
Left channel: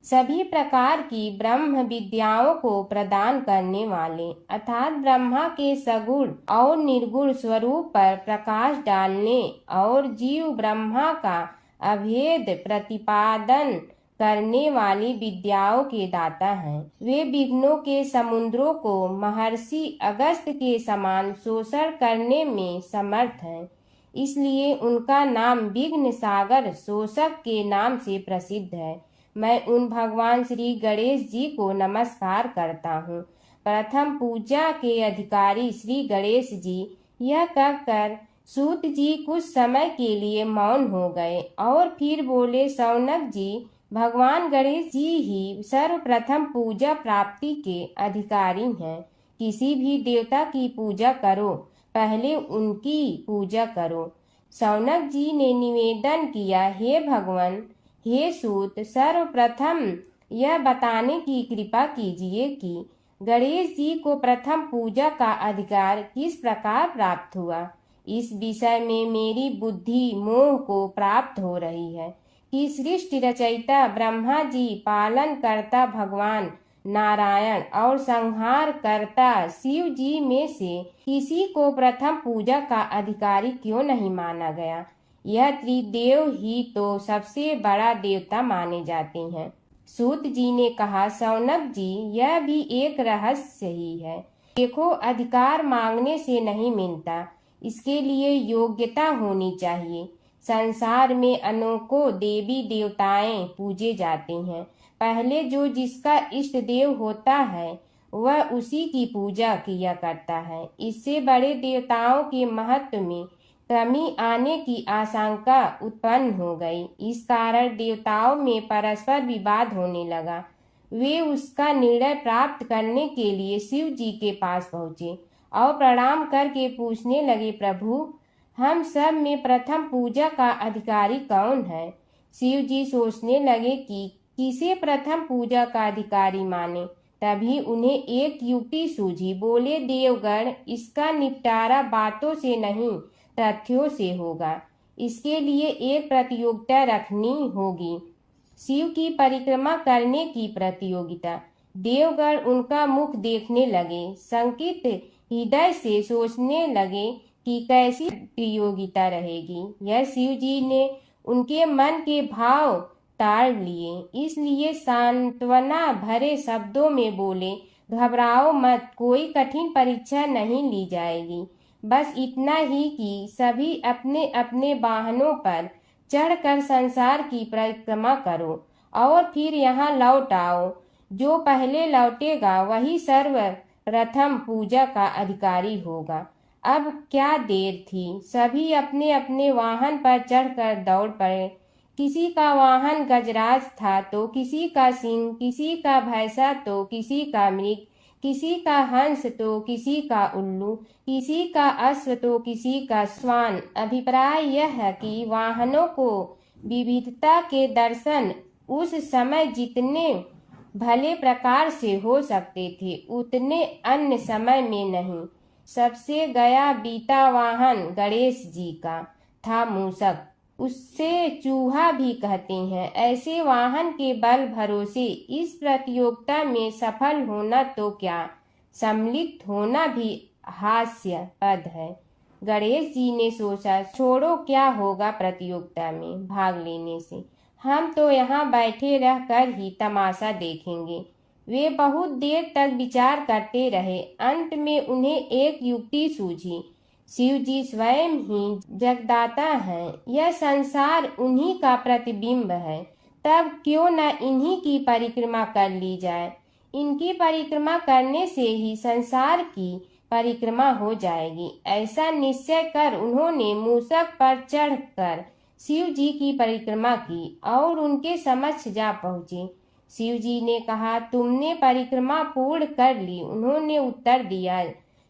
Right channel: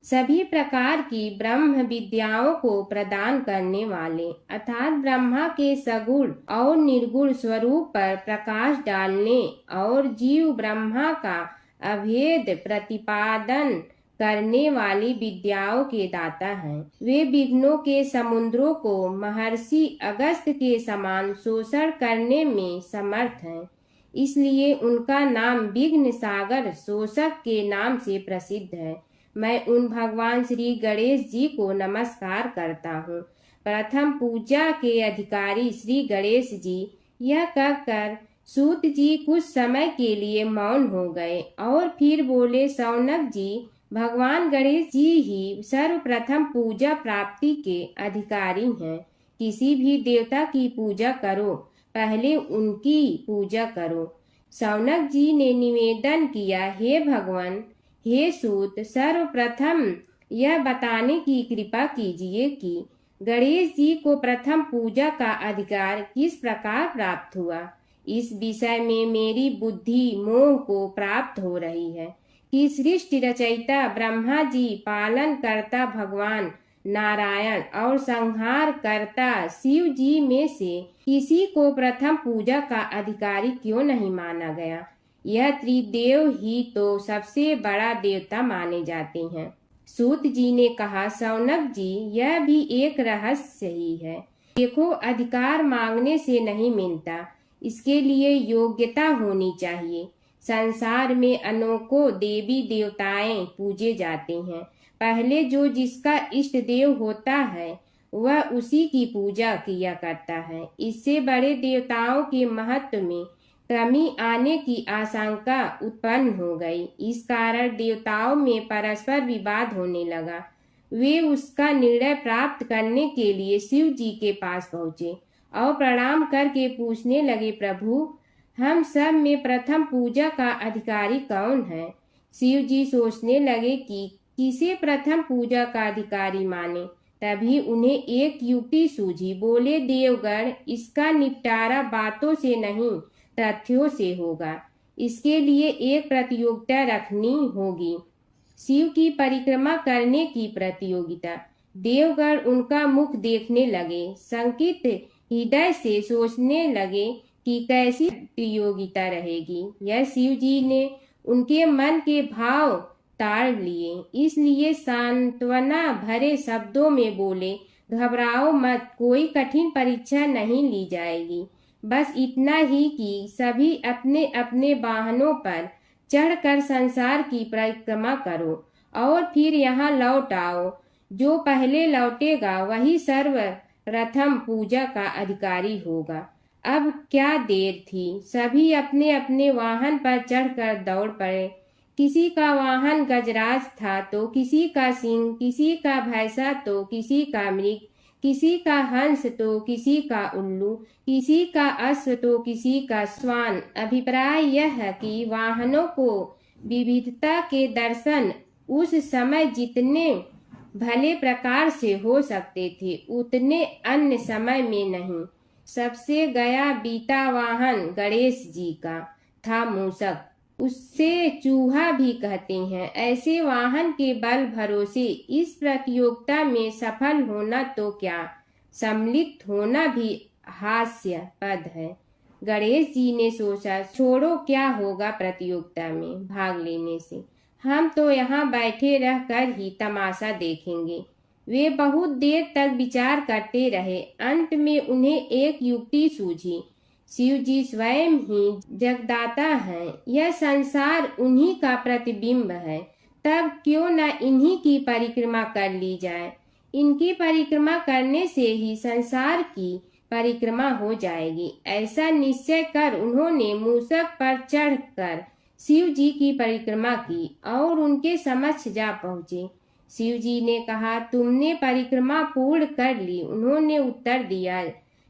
सभी प्रकार की ब्रह्म विद्याओं को प्रदान करने वाले अर्थात ब्रह्मा के सगुण और निर्गुण स्वरूप पर प्रकाश डालने और जीव ब्रह्मा का अभेद प्रतिपादन करने वाली विद्याओं के दाता हैं। वे विघ्नों के समुद्रों को महर्षि अगस्त्य के समान शोषण करने में समर्थ हैं। इसलिए उनका नाम विघ्न सागर शोषक के नाम से प्रसिद्ध है। मैं उन भगवान श्री गणेश जी को नमस्कार करता हूँ। प्रथम पूजा के अधिकारी श्री गणेश जी, यह कहकर सूत जी कुछ समय के लिए मौन हो गए और फिर बोले, शौनक जी, भगवान गणेश जी ही सर्वप्रथम पूजा प्राप्ति के अधिकारी हैं। किसी भी देवता की पूजा करो, पहले उनकी पूजा करो। शौनक जी ने निवेदन किया, हे भगवान, हे सूत, सर्वप्रथम यह बताने की कृपा कीजिए कि गणेश जी को प्रथम पूजा का अधिकार किस प्रकार प्राप्त हुआ। इस विषय में मेरी बुद्धि मोह को प्राप्त हो रही है कि सृष्टि रचयिता ब्रह्मा जी, पालन करता भगवान नारायण और संहार करता शिव जी में से किसी को प्रथम पूजा का अधिकारी क्यों नहीं माना गया। यह त्रिदेव ही तो सबसे बड़ा देवता माने जाते हैं। सूत जी ने कहा, शौनक जी, यह भी एक रहस्य ही है। देखो, अधिकार मांगने से नहीं मिलता, इसके लिए योग्यता होनी चाहिए। संसार में अनेकों देवी देवताएं पूजे जाते हैं। पहले जो जिसका इष्ट देव होता है वह उसी की पूजा किया करता है। इससे बड़े देवताओं के महत्व में कमी आने की आशंका उत्पन्न हो गई। इस कारण देवताओं में परस्पर विवाद होने लगा। वे उसका निर्णय प्राप्त करने के लिए शिव जी के पास पहुँचे और प्रणाम करके पूछने लगे, प्रभु, हम सब में प्रथम पूजा का अधिकारी कौन है। शिव जी सोचने लगे कि किसे प्रथम पूजा का अधिकारी माने। तभी उन्हें एक युक्ति सूझी। बोले, देवगण, इसका निपटारा बातों से नहीं तथ्यों से होगा। इसके लिए एक प्रतियोगिता रखनी होगी, शिव की परिक्रमा करने की प्रतियोगिता। देवगण उनका मुख देखने लगे, शंकित हृदय से सोचने लगे कि कैसी प्रतियोगिता रहेगी। यह शिव जी ने उनके मन के भाव ताड़ लिए, इसलिए सांत्वना भरे शब्दों में बोले, घबराओ मत, कोई कठिन परीक्षा नहीं ली जाएगी। बस इतना ही कि सभी अपने अपने वाहनों पर चढ़कर संसार की परिक्रमा करो और फिर यहाँ लौट आओ। जो पहले लौटेगा वही सर्वप्रथम पूजा का अधिकारी होगा। अब क्या देर थी, सभी अपने अपने वाहन पर चढ़कर दौड़ पड़े। किसी का वाहन गजराज था तो किसी का सिंह, किसी का भैंसा तो किसी का मृग, किसी का हंस तो किसी का उल्लू, किसी का अश्व तो किसी का श्वान। अभिप्राय यह है कि वाहनों को विविधता के दर्शन उस समय जितने भले प्रकार से हो सकते थे उतने अन्य समय में नहीं। सबसे गया बीता वाहन गणेश जी का था मूषक, उससे चूहा भी कहते हैं। ऐसे वाहन के बल भरोसे इस प्रतियोगिता में सफल होना तो क्या, सम्मिलित होना भी हास्यास्पद है। गणेश जी ने सोचा, छोड़ो, क्या होगा प्रतियोगिता में भाग लेने से, हम तो यहाँ बैठे रह कर ही तमाशा देखेंगे। वे बहुत देर तक विचार करते रहे। अंत में उन्हें एक युक्ति सूझी। शिव जी स्वयं ही जगदाता हैं, यह संसार उन्हीं का प्रतिबिंब है, तब क्यों न इन्हीं की परिक्रमा कर ली जाए। इनकी परिक्रमा करने से ही संसार की परिक्रमा हो जाएगी। ऐसा निश्चय कर उन्होंने मूषक पर चढ़कर शिव जी की परिक्रमा की और उनके समक्ष जा पहुँचे। शिव जी ने कहा, तुमने परिक्रमा पूर्ण कर ली? उन्होंने उत्तर दिया,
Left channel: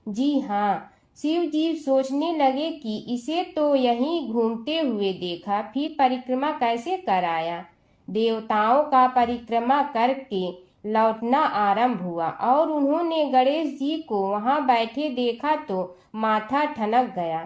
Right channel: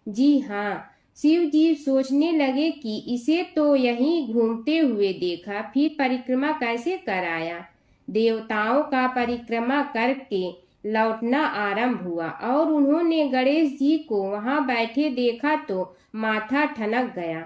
जी हाँ। शिव जी सोचने लगे कि इसे तो यहीं घूमते हुए देखा, फिर परिक्रमा कैसे कराया। देवताओं का परिक्रमा करके लौटना आरंभ हुआ और उन्होंने गणेश जी को वहां बैठे देखा तो माथा ठनक गया।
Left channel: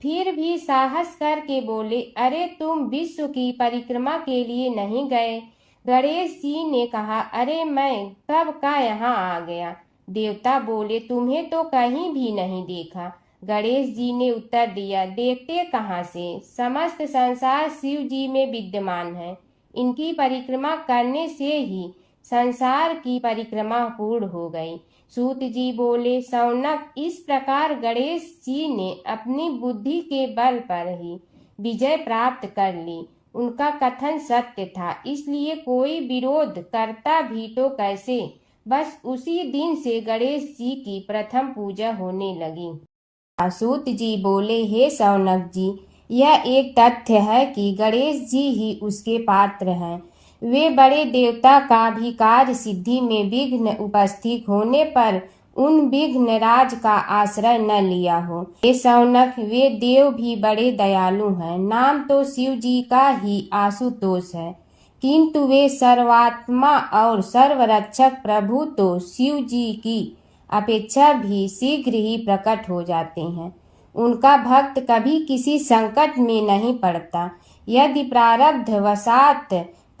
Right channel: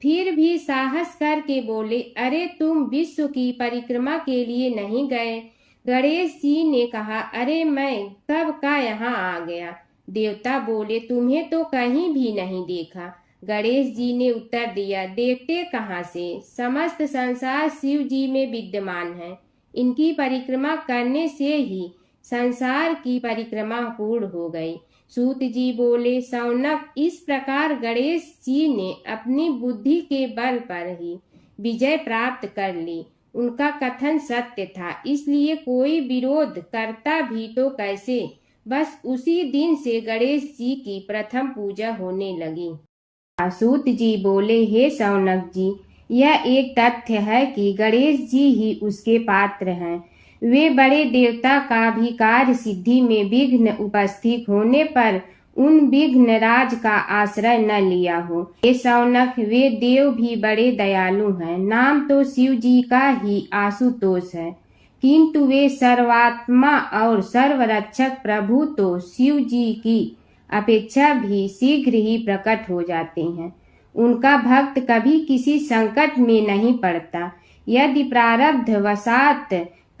फिर भी साहस करके बोले, अरे तुम विश्व की परिक्रमा के लिए नहीं गए? गणेश जी ने कहा, अरे मैं कब का यहाँ आ गया। देवता बोले, तुम्हें तो कहीं भी नहीं देखा। गणेश जी ने उत्तर दिया, देखते कहाँ से, समस्त संसार शिव जी में विद्यमान है। इनकी परिक्रमा करने से ही संसार की परिक्रमा पूर्ण हो गई। सूत जी बोले, शौनक, इस प्रकार गणेश जी ने अपनी बुद्धि के बल पर ही विजय प्राप्त कर ली। उनका कथन सत्य था, इसलिए कोई विरोध करता भी तो कैसे। बस उसी दिन से गणेश जी की प्रथम पूजा होने लगी। सूत जी बोले, हे शौनक जी, यह एक तथ्य है कि गणेश जी ही उसके पात्र हैं। वे बड़े देवता का भी कार्य सिद्धि में विघ्न उपस्थित होने पर उन विघ्न राज का आश्रय न लिया हो। हे शौनक, वे देव भी बड़े दयालु हैं। नाम तो शिव जी का ही आशुतोष है, किंतु वे सर्वात्मा और सर्वरक्षक प्रभु तो शिव जी की अपेक्षा भी शीघ्र ही प्रकट हो जाते हैं। उनका भक्त कभी किसी संकट में नहीं पड़ता। यदि प्रारब्ध वशात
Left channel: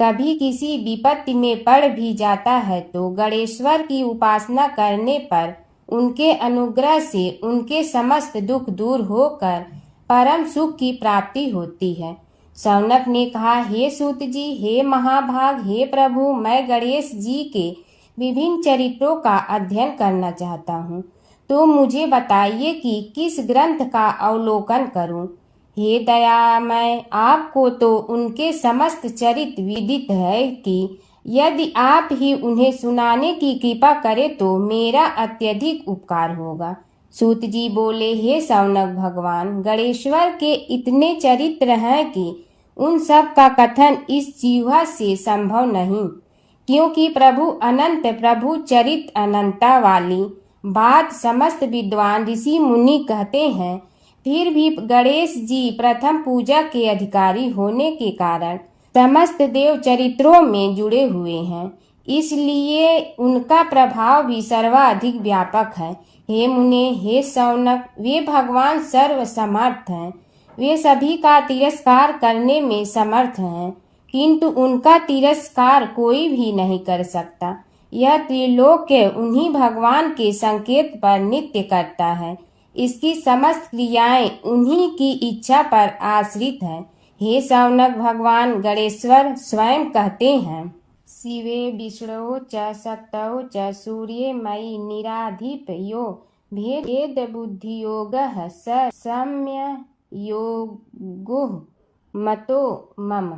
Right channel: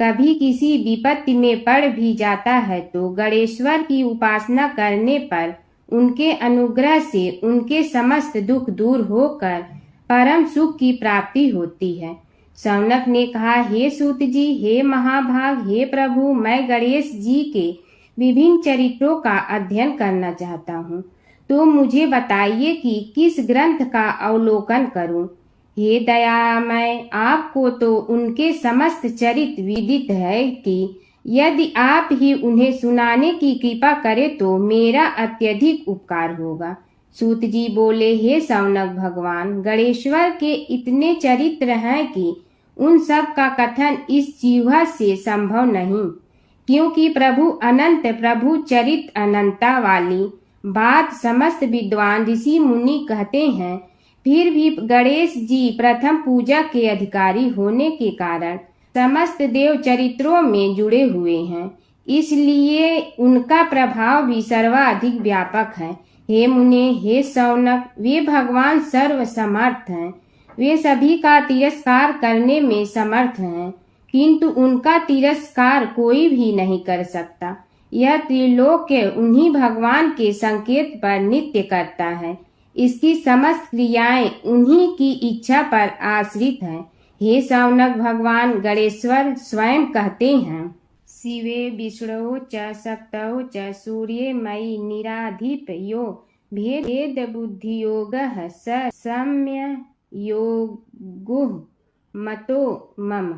कभी किसी विपत्ति में पड़ भी जाता है तो गणेश्वर की उपासना करने पर उनके अनुग्रह से उनके समस्त दुख दूर होकर परम सुख की प्राप्ति होती है। शौनक ने कहा, हे सूत जी, हे महाभाग, हे प्रभु, मैं गणेश जी के विभिन्न चरित्रों का अध्ययन करना चाहता हूँ, तो मुझे बताइए कि किस ग्रंथ का अवलोकन करूँ। हे दयामय, आपको तो उनके समस्त चरित्र विदित है कि यदि आप ही उन्हें सुनाने की कृपा करें तो मेरा अत्यधिक उपकार होगा। सूत जी बोले, हे शौनक भगवान, गणेश्वर के इतने चरित्र हैं कि उन सब का कथन इस जीवा से संभव नहीं, क्योंकि प्रभु अनंत, प्रभु चरित्र अनंता वाली बात समस्त विद्वान ऋषि मुनि कहते हैं। फिर भी गणेश जी प्रथम पूजा के अधिकारी होने के कारण समस्त देव चरित्रों में जुड़े हुए हैं, इसलिए उनका प्रभाव भी सर्वाधिक व्यापक है। हे मुने, हे शौनक, वे भगवान सर्व समर्थ हैं। वे सभी का तिरस्कार करने में समर्थ हैं, किंतु उनका तिरस्कार कोई भी नहीं कर सकता। यह त्रिलोक्य उन्हीं भगवान के संकेत पर नित्य करता है। इसकी समस्त क्रियाएं उन्हीं की इच्छा पर आश्रित हैं। हे शौनक भगवान गणेश्वर स्वयं कहते हैं, शिवे विष्णु च शक्तौ च सूर्ये मयि निराधिपयो भेद बुद्धि योगः स सम्य योगुः मतो मम।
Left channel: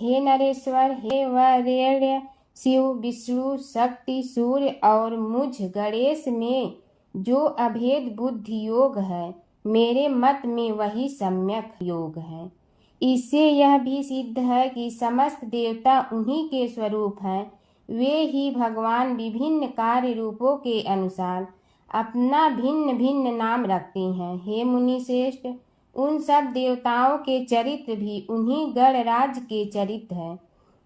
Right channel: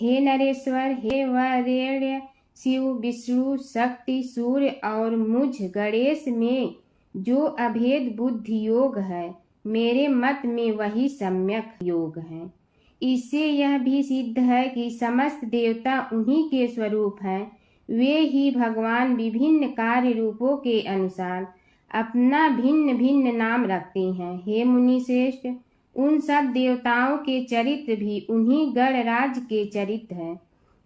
हे नरेश्वर, हे वरेण्य, शिव, विष्णु, शक्ति, सूर्य और मुझ गणेश में जो अभेद बुद्धि योग है, मेरे मत में वही सम्यक योग है। इससे यह भी सिद्ध है कि समस्त देवता उन्हीं के स्वरूप हैं। वे ही भगवान विभिन्न कार्य रूपों के अनुसार अपना भिन्न भिन्न नाम रखते हैं। हे मुनि श्रेष्ठ, उन सब देवताओं के चरित्र भी उन्हीं गणराज के चरित्र हैं।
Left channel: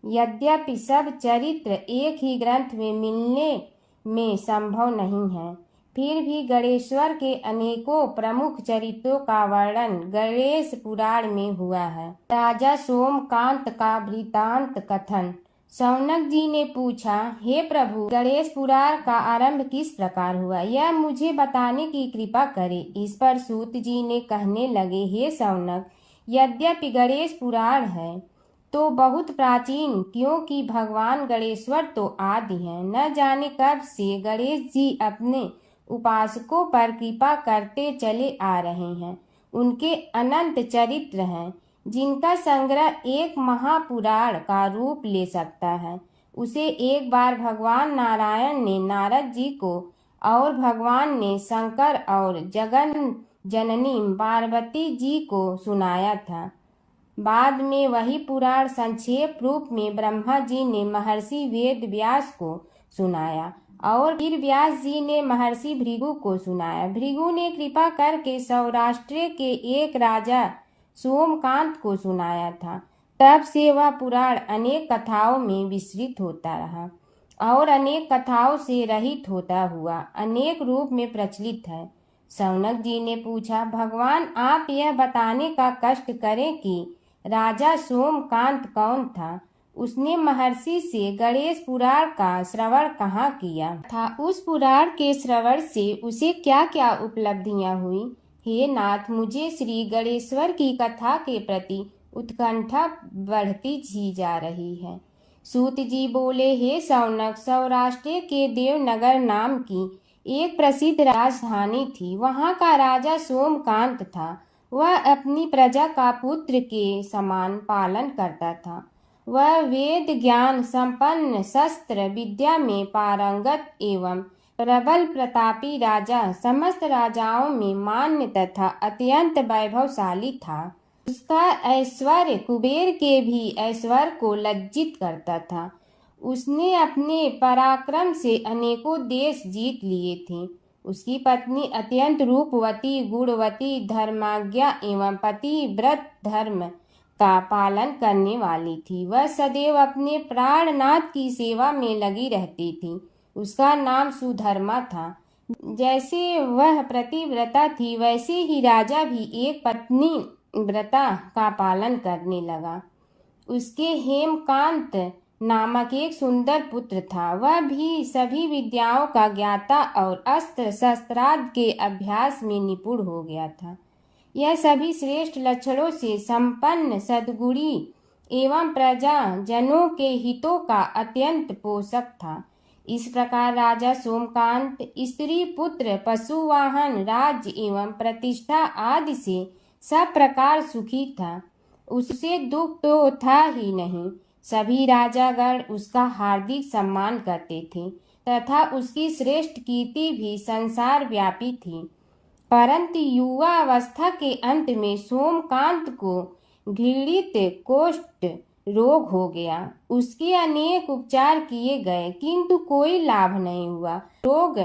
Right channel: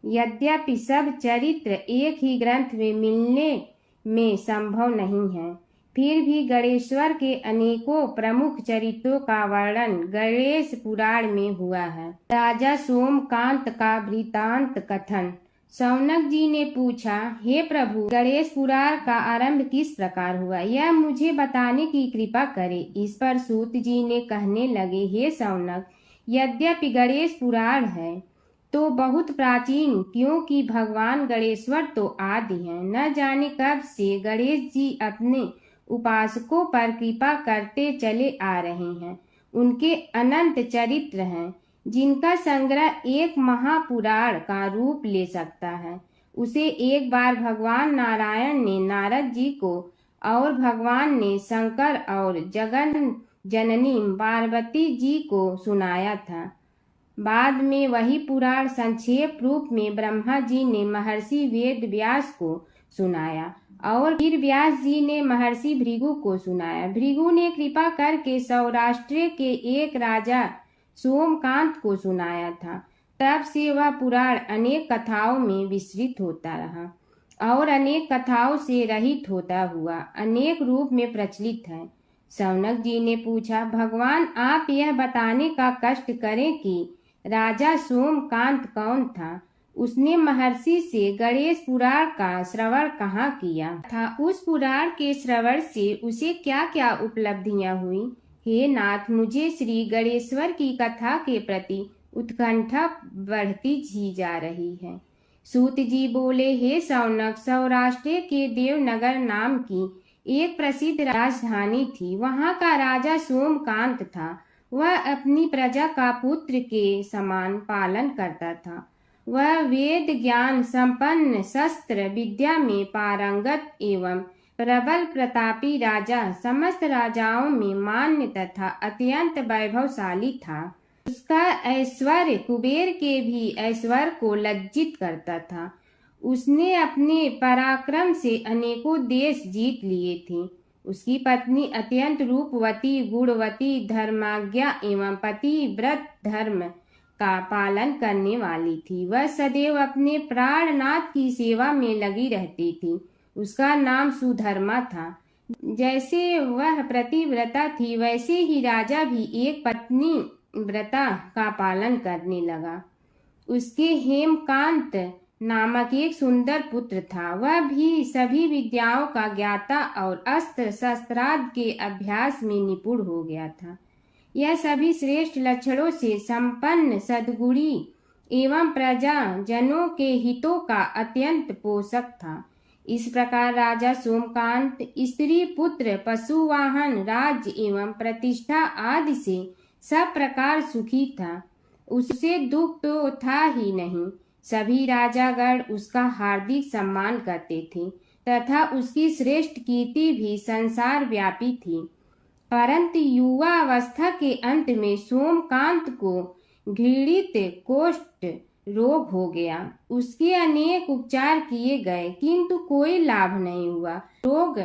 यद्यपि सब चरित्र एक ही ग्रंथ में मिलने में संभव नहीं है, फिर भी गणेश्वर के अनेकों प्रमुख चरित्रों का वर्णन गणेश पुराण में हुआ है। राजा सोमकांत का वृतांत कथन। शौनक जी ने पूछा, हे प्रभु, गणेश पुराण का आरंभ किस प्रकार हुआ, यह मुझे बताने की कृपा करे। इस पर सूत जी ने कहने लगे, हे शौनक, यद्यपि गणेश पुराण है, तो बहुत प्राचीन, क्योंकि भगवान गणेश्वर तो आदि हैं। न जाने कब से गणेश जी अपने उपासकों पर कृपा करते चले आ रहे हैं। उनके अनंत चरित्र हैं, जिनका संग्रह एक महापुराण का रूप ले सकता है। उसे एक बार भगवान नारायण ने नारद जी को और भगवान ने शंकर और जगन जननी पार्वती जी को सुनाया था। बाद में वही पुराण संक्षेप रूप में ब्रह्मा जी ने महर्षि वेद व्यास को सुनाया और फिर व्यास जी ने महर्षि भृगु को सुनाया। भृगु ने कृपा करके सौराष्ट्र के एक राजा सोमकांत को सुनाया था। तब से वह पुराण अनेक कथाओं में विस्तृत होता रहा और अनेक कथाओं से रहित होता हुआ अनेक रूप में प्रचलित है। शौनक जी ने पूछा, भगवान आप यह बताने का कष्ट करें कि राजा सोमकांत कौन था? उसने महर्षि से गणेश पुराण का श्रवण कहाँ किया था? उस पुराण के श्रवण से उसे क्या क्या उपलब्धियां हुई? हे नाथ, मुझे श्री गणेश्वर की कथा के प्रति उत्कंठा बढ़ती ही जा रही है। सूत जी बोले, हे शौनक, सौराष्ट्र के देवनगर नाम की एक प्रसिद्ध राजधानी थी। वहाँ का राजा सोमकांत था। वह अपनी प्रजा का पुत्र के समान पालन करता था। वह वेद ज्ञान संपन्न, शस्त्र विद्या में पारंगत एवं प्रबल प्रतापी राजा, समस्त राजाओं में मान्य तथा अत्यंत वैभवशाली था। उसका ऐश्वर्य कुबेर के भी ऐश्वर्य को लज्जित करता था। उसने अपने पराक्रम से अनेकों देश जीत लिए थे। उसकी पत्नी अत्यंत रूपवती, गुणवती, धर्माज्ञा एवं पतिव्रत धर्म का पालन करने वाली थी। वह सदैव अपने प्राणनाथ की सेवा में लगी रहती थी। उसका नाम सुधर्मा था। जैसे वह प्रतिव्रता थी, वैसे ही राजा भी एक पत्नी व्रता का पालन करने लगा। उसके हेमकांत नामक एक सुंदर पुत्र था। वह भी सभी विद्याओं का ज्ञाता और अस्त्र शस्त्रादि के अभ्यास में निपुण हो गया था। यह सभी श्रेष्ठ लक्षणों से संपन्न, सद्गुणी एवं प्रजा जनों के हितों का अत्यंत पोषक था। इस प्रकार राजा सोमकांत स्त्री पुत्र, पशु वाहन, राज्य एवं प्रतिष्ठा आदि से सब प्रकार सुखी था। उससे दुख तो था ही नहीं। सभी राजागण उसका हार्दिक सम्मान करते थे तथा उसकी श्रेष्ठ कीर्ति भी संसार व्यापी थी। परंतु युवा अवस्था के अंत में सोमकांत को घृणित कोष्ठ रोग हो गया। उसके अनेक उपचार किए गए, किंतु कोई लाभ नहीं हुआ। रोग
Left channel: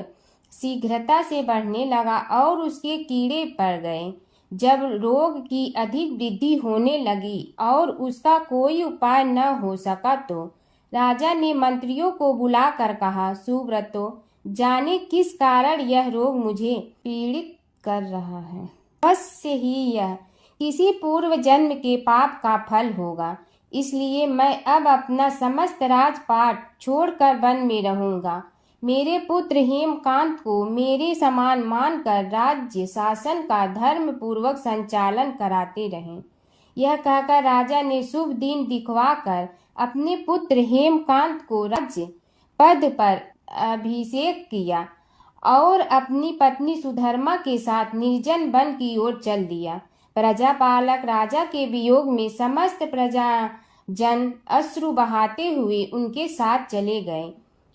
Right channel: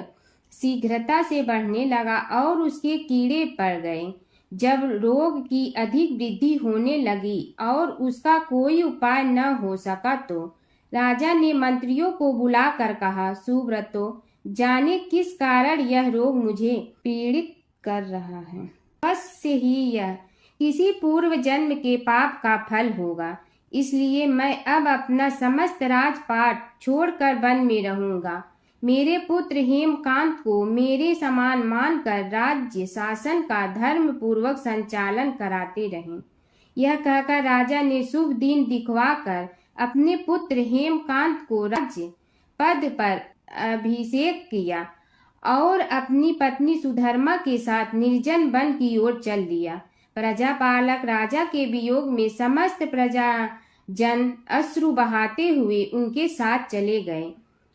शीघ्रता से बढ़ने लगा और उसके कीड़े पड़ गए। जब रोग की अधिक वृद्धि होने लगी और उसका कोई उपाय न हो सका, तो राजा ने मंत्रियों को बुलाकर कहा, सुव्रतो, जाने किस कारण यह रोग मुझे पीड़ित कर रहा है। अवश्य ही यह किसी पूर्व जन्म के पाप का फल होगा। इसलिए मैं अब अपना समस्त राजपाट छोड़कर वन में रहूंगा। मेरे पुत्र हेमकांत को मेरे समान मानकर राज्य शासन का धर्म पूर्वक संचालन कराते रहें। यह कहकर राजा ने शुभ दिन दिखवाकर अपने पुत्र हेमकांत को राज्य पद पर अभिषेक किया और अपनी पत्नी सुधर्मा के साथ निर्जन वन की ओर चल दिया। प्रजापालक राजा के वियोग में समस्त प्रजा जन अश्रु बहाते हुए उनके साथ चले गए।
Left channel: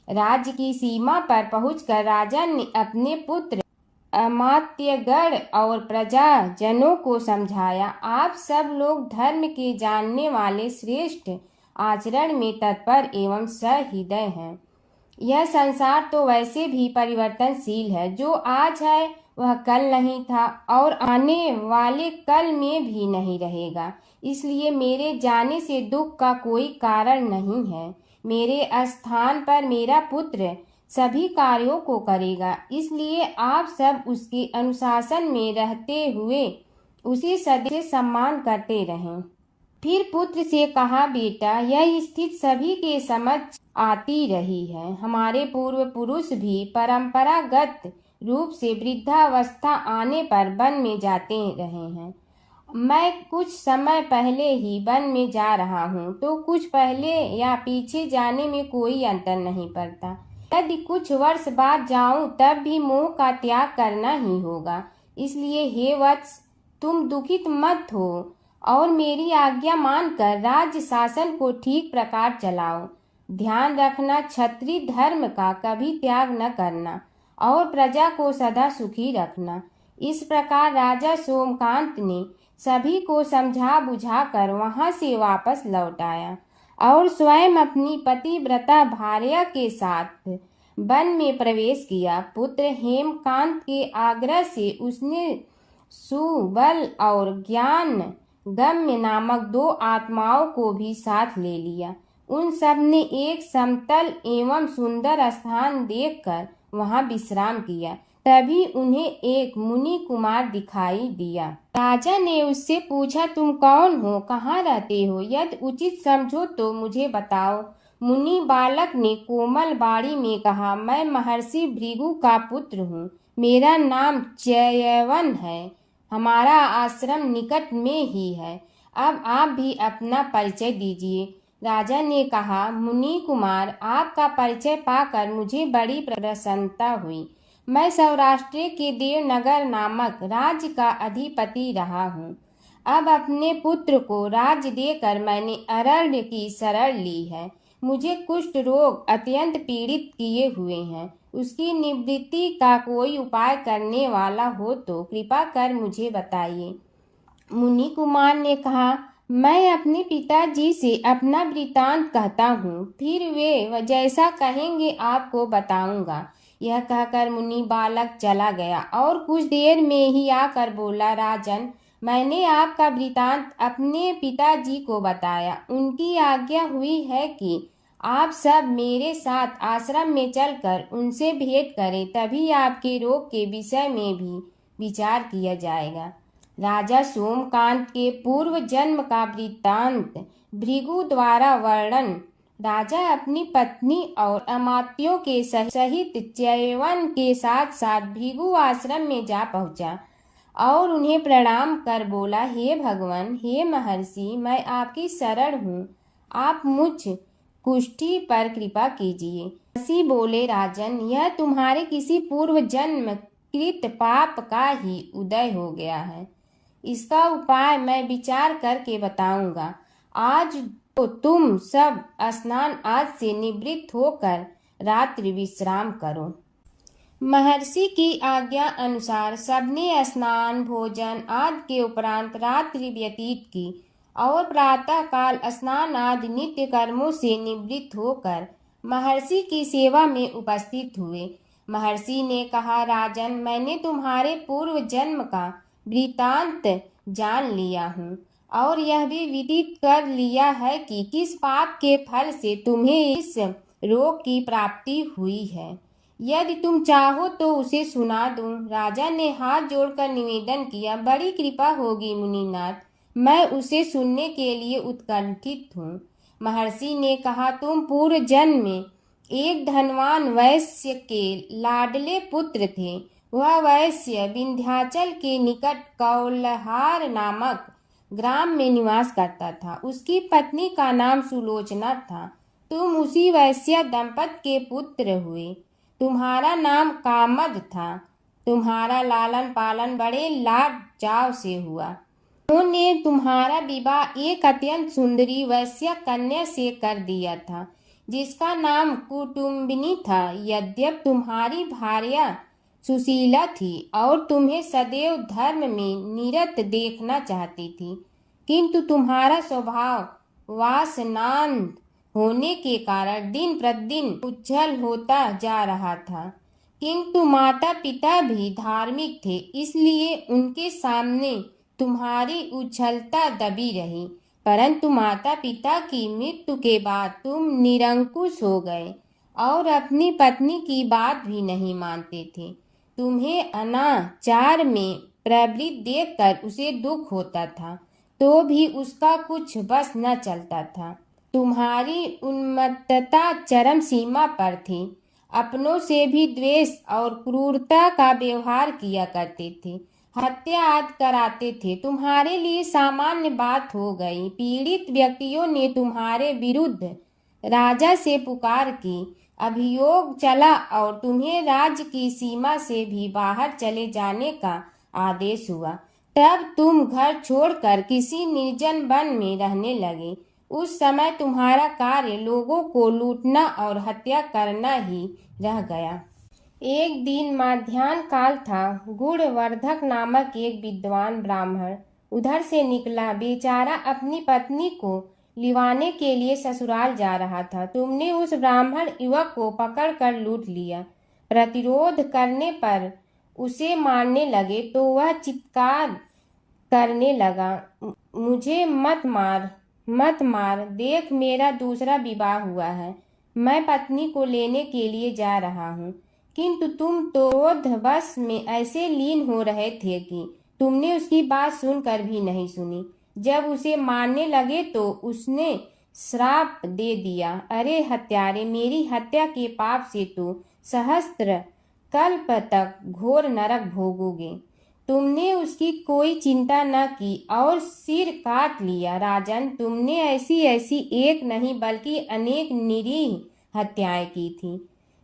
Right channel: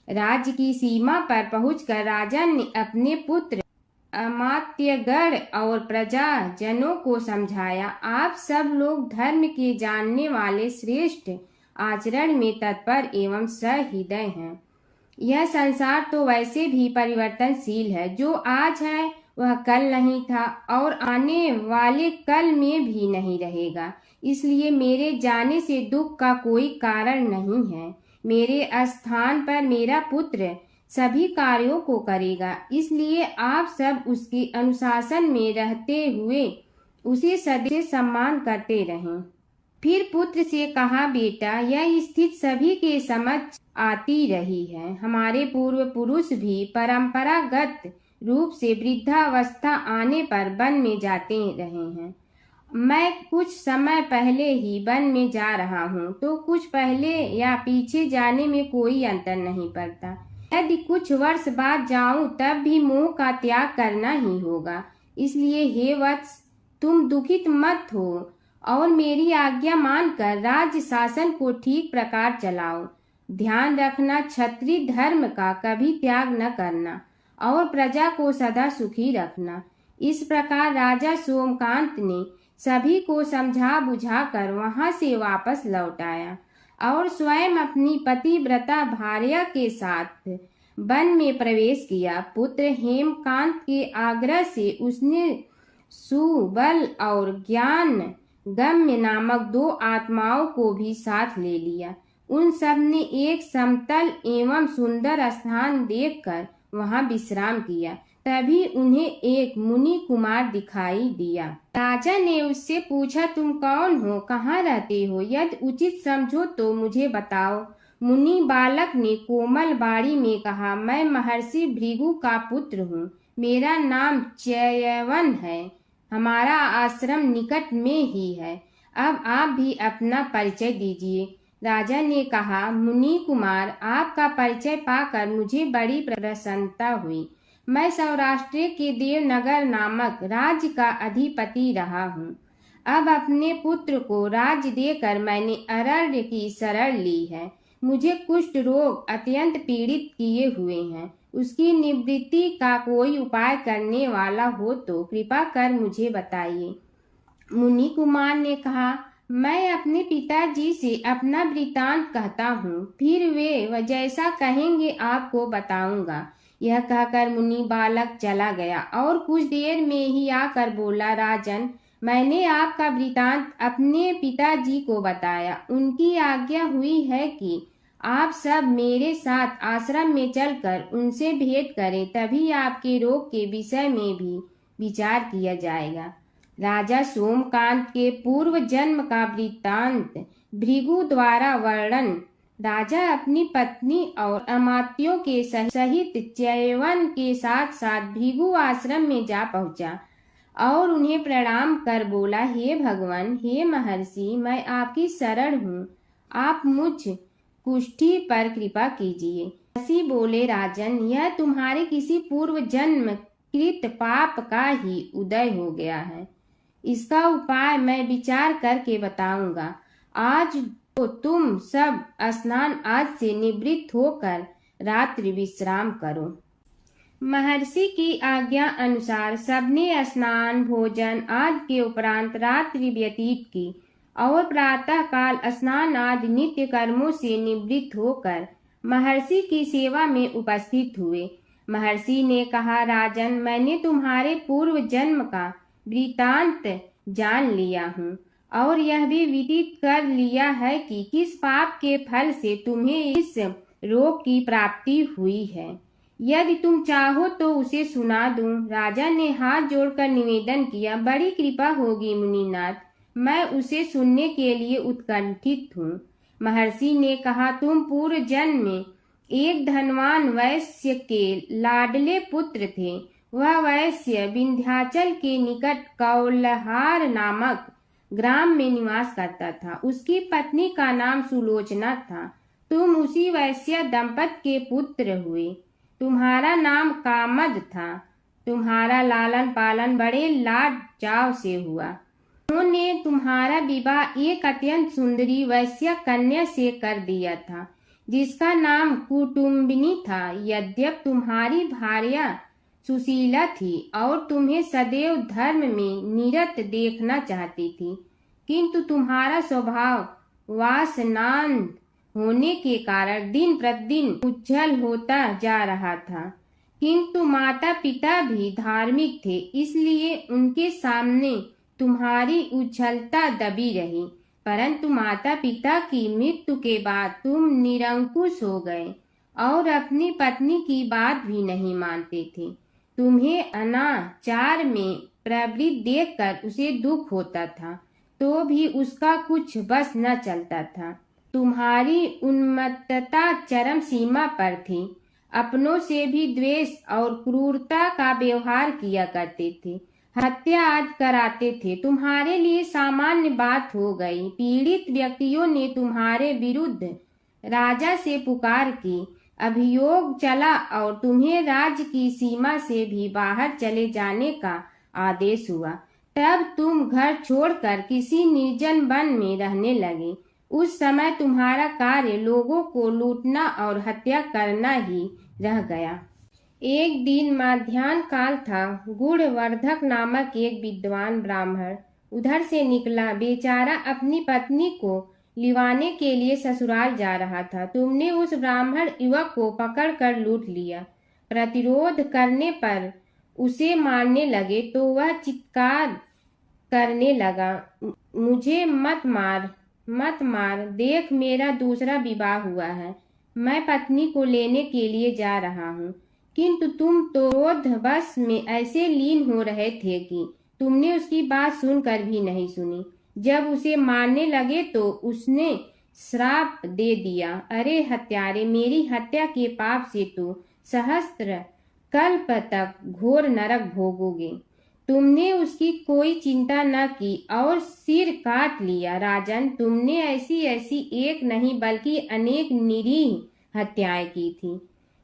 राज्य की सीमा पर पहुंचकर राजा ने अपने पुत्र अमात्यगण और प्रजा जनों को समझाया, आप सब लोग धर्म के जानने वाले, श्रेष्ठ आचरण में तत्पर एवं सहृदय हैं। यह संसार तो वैसे भी परिवर्तनशील है। जो आज है वह कल नहीं था और आने वाले कल में भी नहीं रहेगा। इसलिए मेरे जाने से दुख का कोई कारण नहीं है। मेरे स्थान पर मेरा पुत्र सभी कार्यों को करेगा। इसलिए आप सब उसके अनुशासन में रहते हुए उसे सदैव सम्मान करते रहें। फिर पुत्र से कहा, बेटा, यह स्थिति सभी के समझ आती रही है। हमारे पूर्व पुरुष भी परंपरागत रूप से वृद्धावस्था आने पर वन में जाते रहे हैं मैं कुछ समय पहले ही वन में जा रहा हूँ, तो कुछ पहले या पीछे जाने में कोई अंतर नहीं पड़ता। यदि कुछ वर्ष बाद जाऊं तब भी मोह का त्याग करना ही होगा। इसलिए हे वत्स, तुम दुखित मत हो और मेरी आज्ञा मानकर राज्य शासन को ठीक प्रकार चलाओ। ध्यान रखना, क्षत्रिय धर्म का कभी त्याग न करना और प्रजा को सदा सुखी रखना। इस प्रकार राजा सोमकांत ने सभी को समझा बुझा कर वहां से वापस लौट आया और स्वयं अपनी पतिव्रता भार्या के साथ वन में प्रवेश किया। पुत्र हेमकांत के आग्रह से उसने सुबल और ज्ञान गम्य नामक 2 आत्माओं को भी साथ ले लिया। उन सब ने एक समतल एवं सुंदर स्थान देखकर वहां विश्राम किया। तभी उन्हें एक मुनि कुमार दिखाई दिया। राजा ने उससे पूछा, तुम कौन हो, कहाँ रहते हो? यदि उचित समझो तो मुझे बताओ। मुनि बालक ने कोमल बाणी में कहा, मैं महर्षि भृगु का पुत्र हूँ। मेरा नाम च्यवन है। हमारा आश्रम निकट में ही है। अब आप भी अपना परिचय दीजिए। राजा ने कहा, मुनि कुमार, आपका परिचय पाकर मुझे बड़ी प्रसन्नता हुई। मैं सौराष्ट्र के देवनगर नामक राज्य का अधिपति रहा हूँ। अब अपने पुत्र को राज्य देकर मैंने अरण्य की शरण ली है। मुझे कुष्ठ रोग अत्यंत पीड़ित किए हुए हैं। उसकी निवृत्ति का कोई उपाय करने वाला हो तो कृपा कर मुझे बताइए। मुनि कुमार ने कहा, मैं अपने पिताजी से अपना वृतांत कहता हूँ, फिर वे जैसा कहेंगे आपको बताऊंगा। यह कहकर मुनि बालक चला गया और कुछ देर में ही आकर बोला, राजन, मैंने आपका वृतांत अपने पिताजी को बताया। उनकी आज्ञा हुई है कि आप सब मेरे साथ आश्रम में चलकर उनसे भेंट करें, तभी आपके रोग के विषय में भी विचार किया जाएगा। राजा सोमकांत के पूर्व जन्म का वृत्तांत भृगु द्वारा वर्णन। राजा अपनी पत्नी और अमात्यों के सहित च्यवन के साथ साथ भृगु आश्रम में जा पहुंचा और उन्हें प्रणाम कर बोला, हे भगवान, हे महर्षि, मैं आपकी शरण हूँ। आप मुझ कुष्ठी पर कृपा कीजिए। महर्षि बोले, राजन, यह तुम्हारे किसी पूर्व जन्म कृत पाप का ही उदय हो गया है। इसका उपाय मैं विचार करके बताऊंगा। आज तो तुम सब स्नान आज से निवृत्त होकर रात्रि विश्राम करो। महर्षि की आज्ञा अनुसार सबने स्नान भोजन आदि के उपरांत रात्रि व्यतीत की और प्रातः काल स्नान आदि नित्य कर्मों से निवृत्त होकर महर्षि की सेवा में उपस्थित हुए। महर्षि ने कहा, राजन, मैंने तुम्हारे पूर्व जन्म का वृतांत जान लिया हूँ और यह भी विदित कर लिया है कि किस पाप के फल से तुम्हें इस रोग की प्राप्ति हुई है। यदि तुम चाहो तो उसे सुना दूं। राजा ने हाथ जोड़कर निवेदन किया, बड़ी कृपा होगी मुनिनाथ, मैं उसे सुनने के लिए उत्कंठित हूँ। महर्षि ने कहा, तुम पूर्व जन्म में एक धनवान वैश्य के लाडले पुत्र थे। वह वैश्य विंध्याचल के निकट कौलहार नामक ग्राम में निवास करता था। उसकी पत्नी का नाम सुलोचना था। तुम उसी वैश्य दंपत के पुत्र हुए। तुम्हारा नाम कामद था। तुम्हारा लालन पालन बड़े लाड चाव से हुआ। उन्होंने तुम्हारा विवाह एक अत्यंत सुंदरी वैश्य कन्या से कर दिया था, जिसका नाम कुटुम्बिनी था। यद्यप तुम्हारी भार्या सुशीला थी और तुम्हें सदैव धर्म में निरत देखना चाहती थी, किंतु तुम्हारा स्वभाव वासनांध होने के कारण दिन प्रतिदिन उज्जवल होता जा रहा था। किंतु माता पिता भी धार्मिक थे, इसलिए उनके सामने तुम्हारी उज्ज्वलता दबी रही। परंतु माता पिता की मृत्यु के बाद तुम निरंकुश हो गए और अपनी पत्नी की बात भी नहीं मानते थे। तुम्हें अनाचार में प्रवृत्त देखकर उसे दुख होता था, तो भी उसका कुछ बस न चलता था। तुम्हारी उन्मत्तता चरम सीमा पर थी। अपनों से भी द्वेष और क्रूरता का व्यवहार किया करते थे। हत्या आदि कराते थे। तुम्हारे लिए सामान्य बात हो गई। पीड़ित व्यक्तियों ने तुम्हारे विरुद्ध राजा से पुकार की, अभियोग चला और तुम्हें राज्य की सीमा से भी बाहर चले जाने का आदेश हुआ। तब तुम घर छोड़कर किसी निर्जन वन में रहने लगे। उस समय तुम्हारा कार्य लोगों को लूटना और हत्या करना ही रह गया। एक दिन माध्याह्न काल था। गुणवर्धक नामक एक विद्वान ब्राह्मण उधर से निकला। बेचारा अपनी पत्नी को लिवाने के लिए ससुराल जा रहा था। तुमने उस ब्राह्मण युवक को पकड़कर लूट लिया। प्रतिरोध करने पर उसे मारने लगे तो वह चित्कार करने लगा, मुझे मत मार, मत मार, देख मेरा दूसरा विवाह हुआ है, मैं पत्नी को लेने के लिए जा रहा हूँ। किंतु तुम तो क्रोधवश में ऐसे लीन हो रहे थे कि तुमने उसकी बात सुनकर भी नहीं सुनी। जब उसे मारने लगे तो उसने श्राप दे दिया, अरे हत्यारे, मेरी हत्या के पाप से तो सहस्त्र कल्प तक घोर नरक भोगोगे। तुमने उसकी कोई चिंता न की और सिर काट लिया। राजन, तुमने ऐसी एक नहीं बल्कि अनेक निरीह हत्याएं की थी,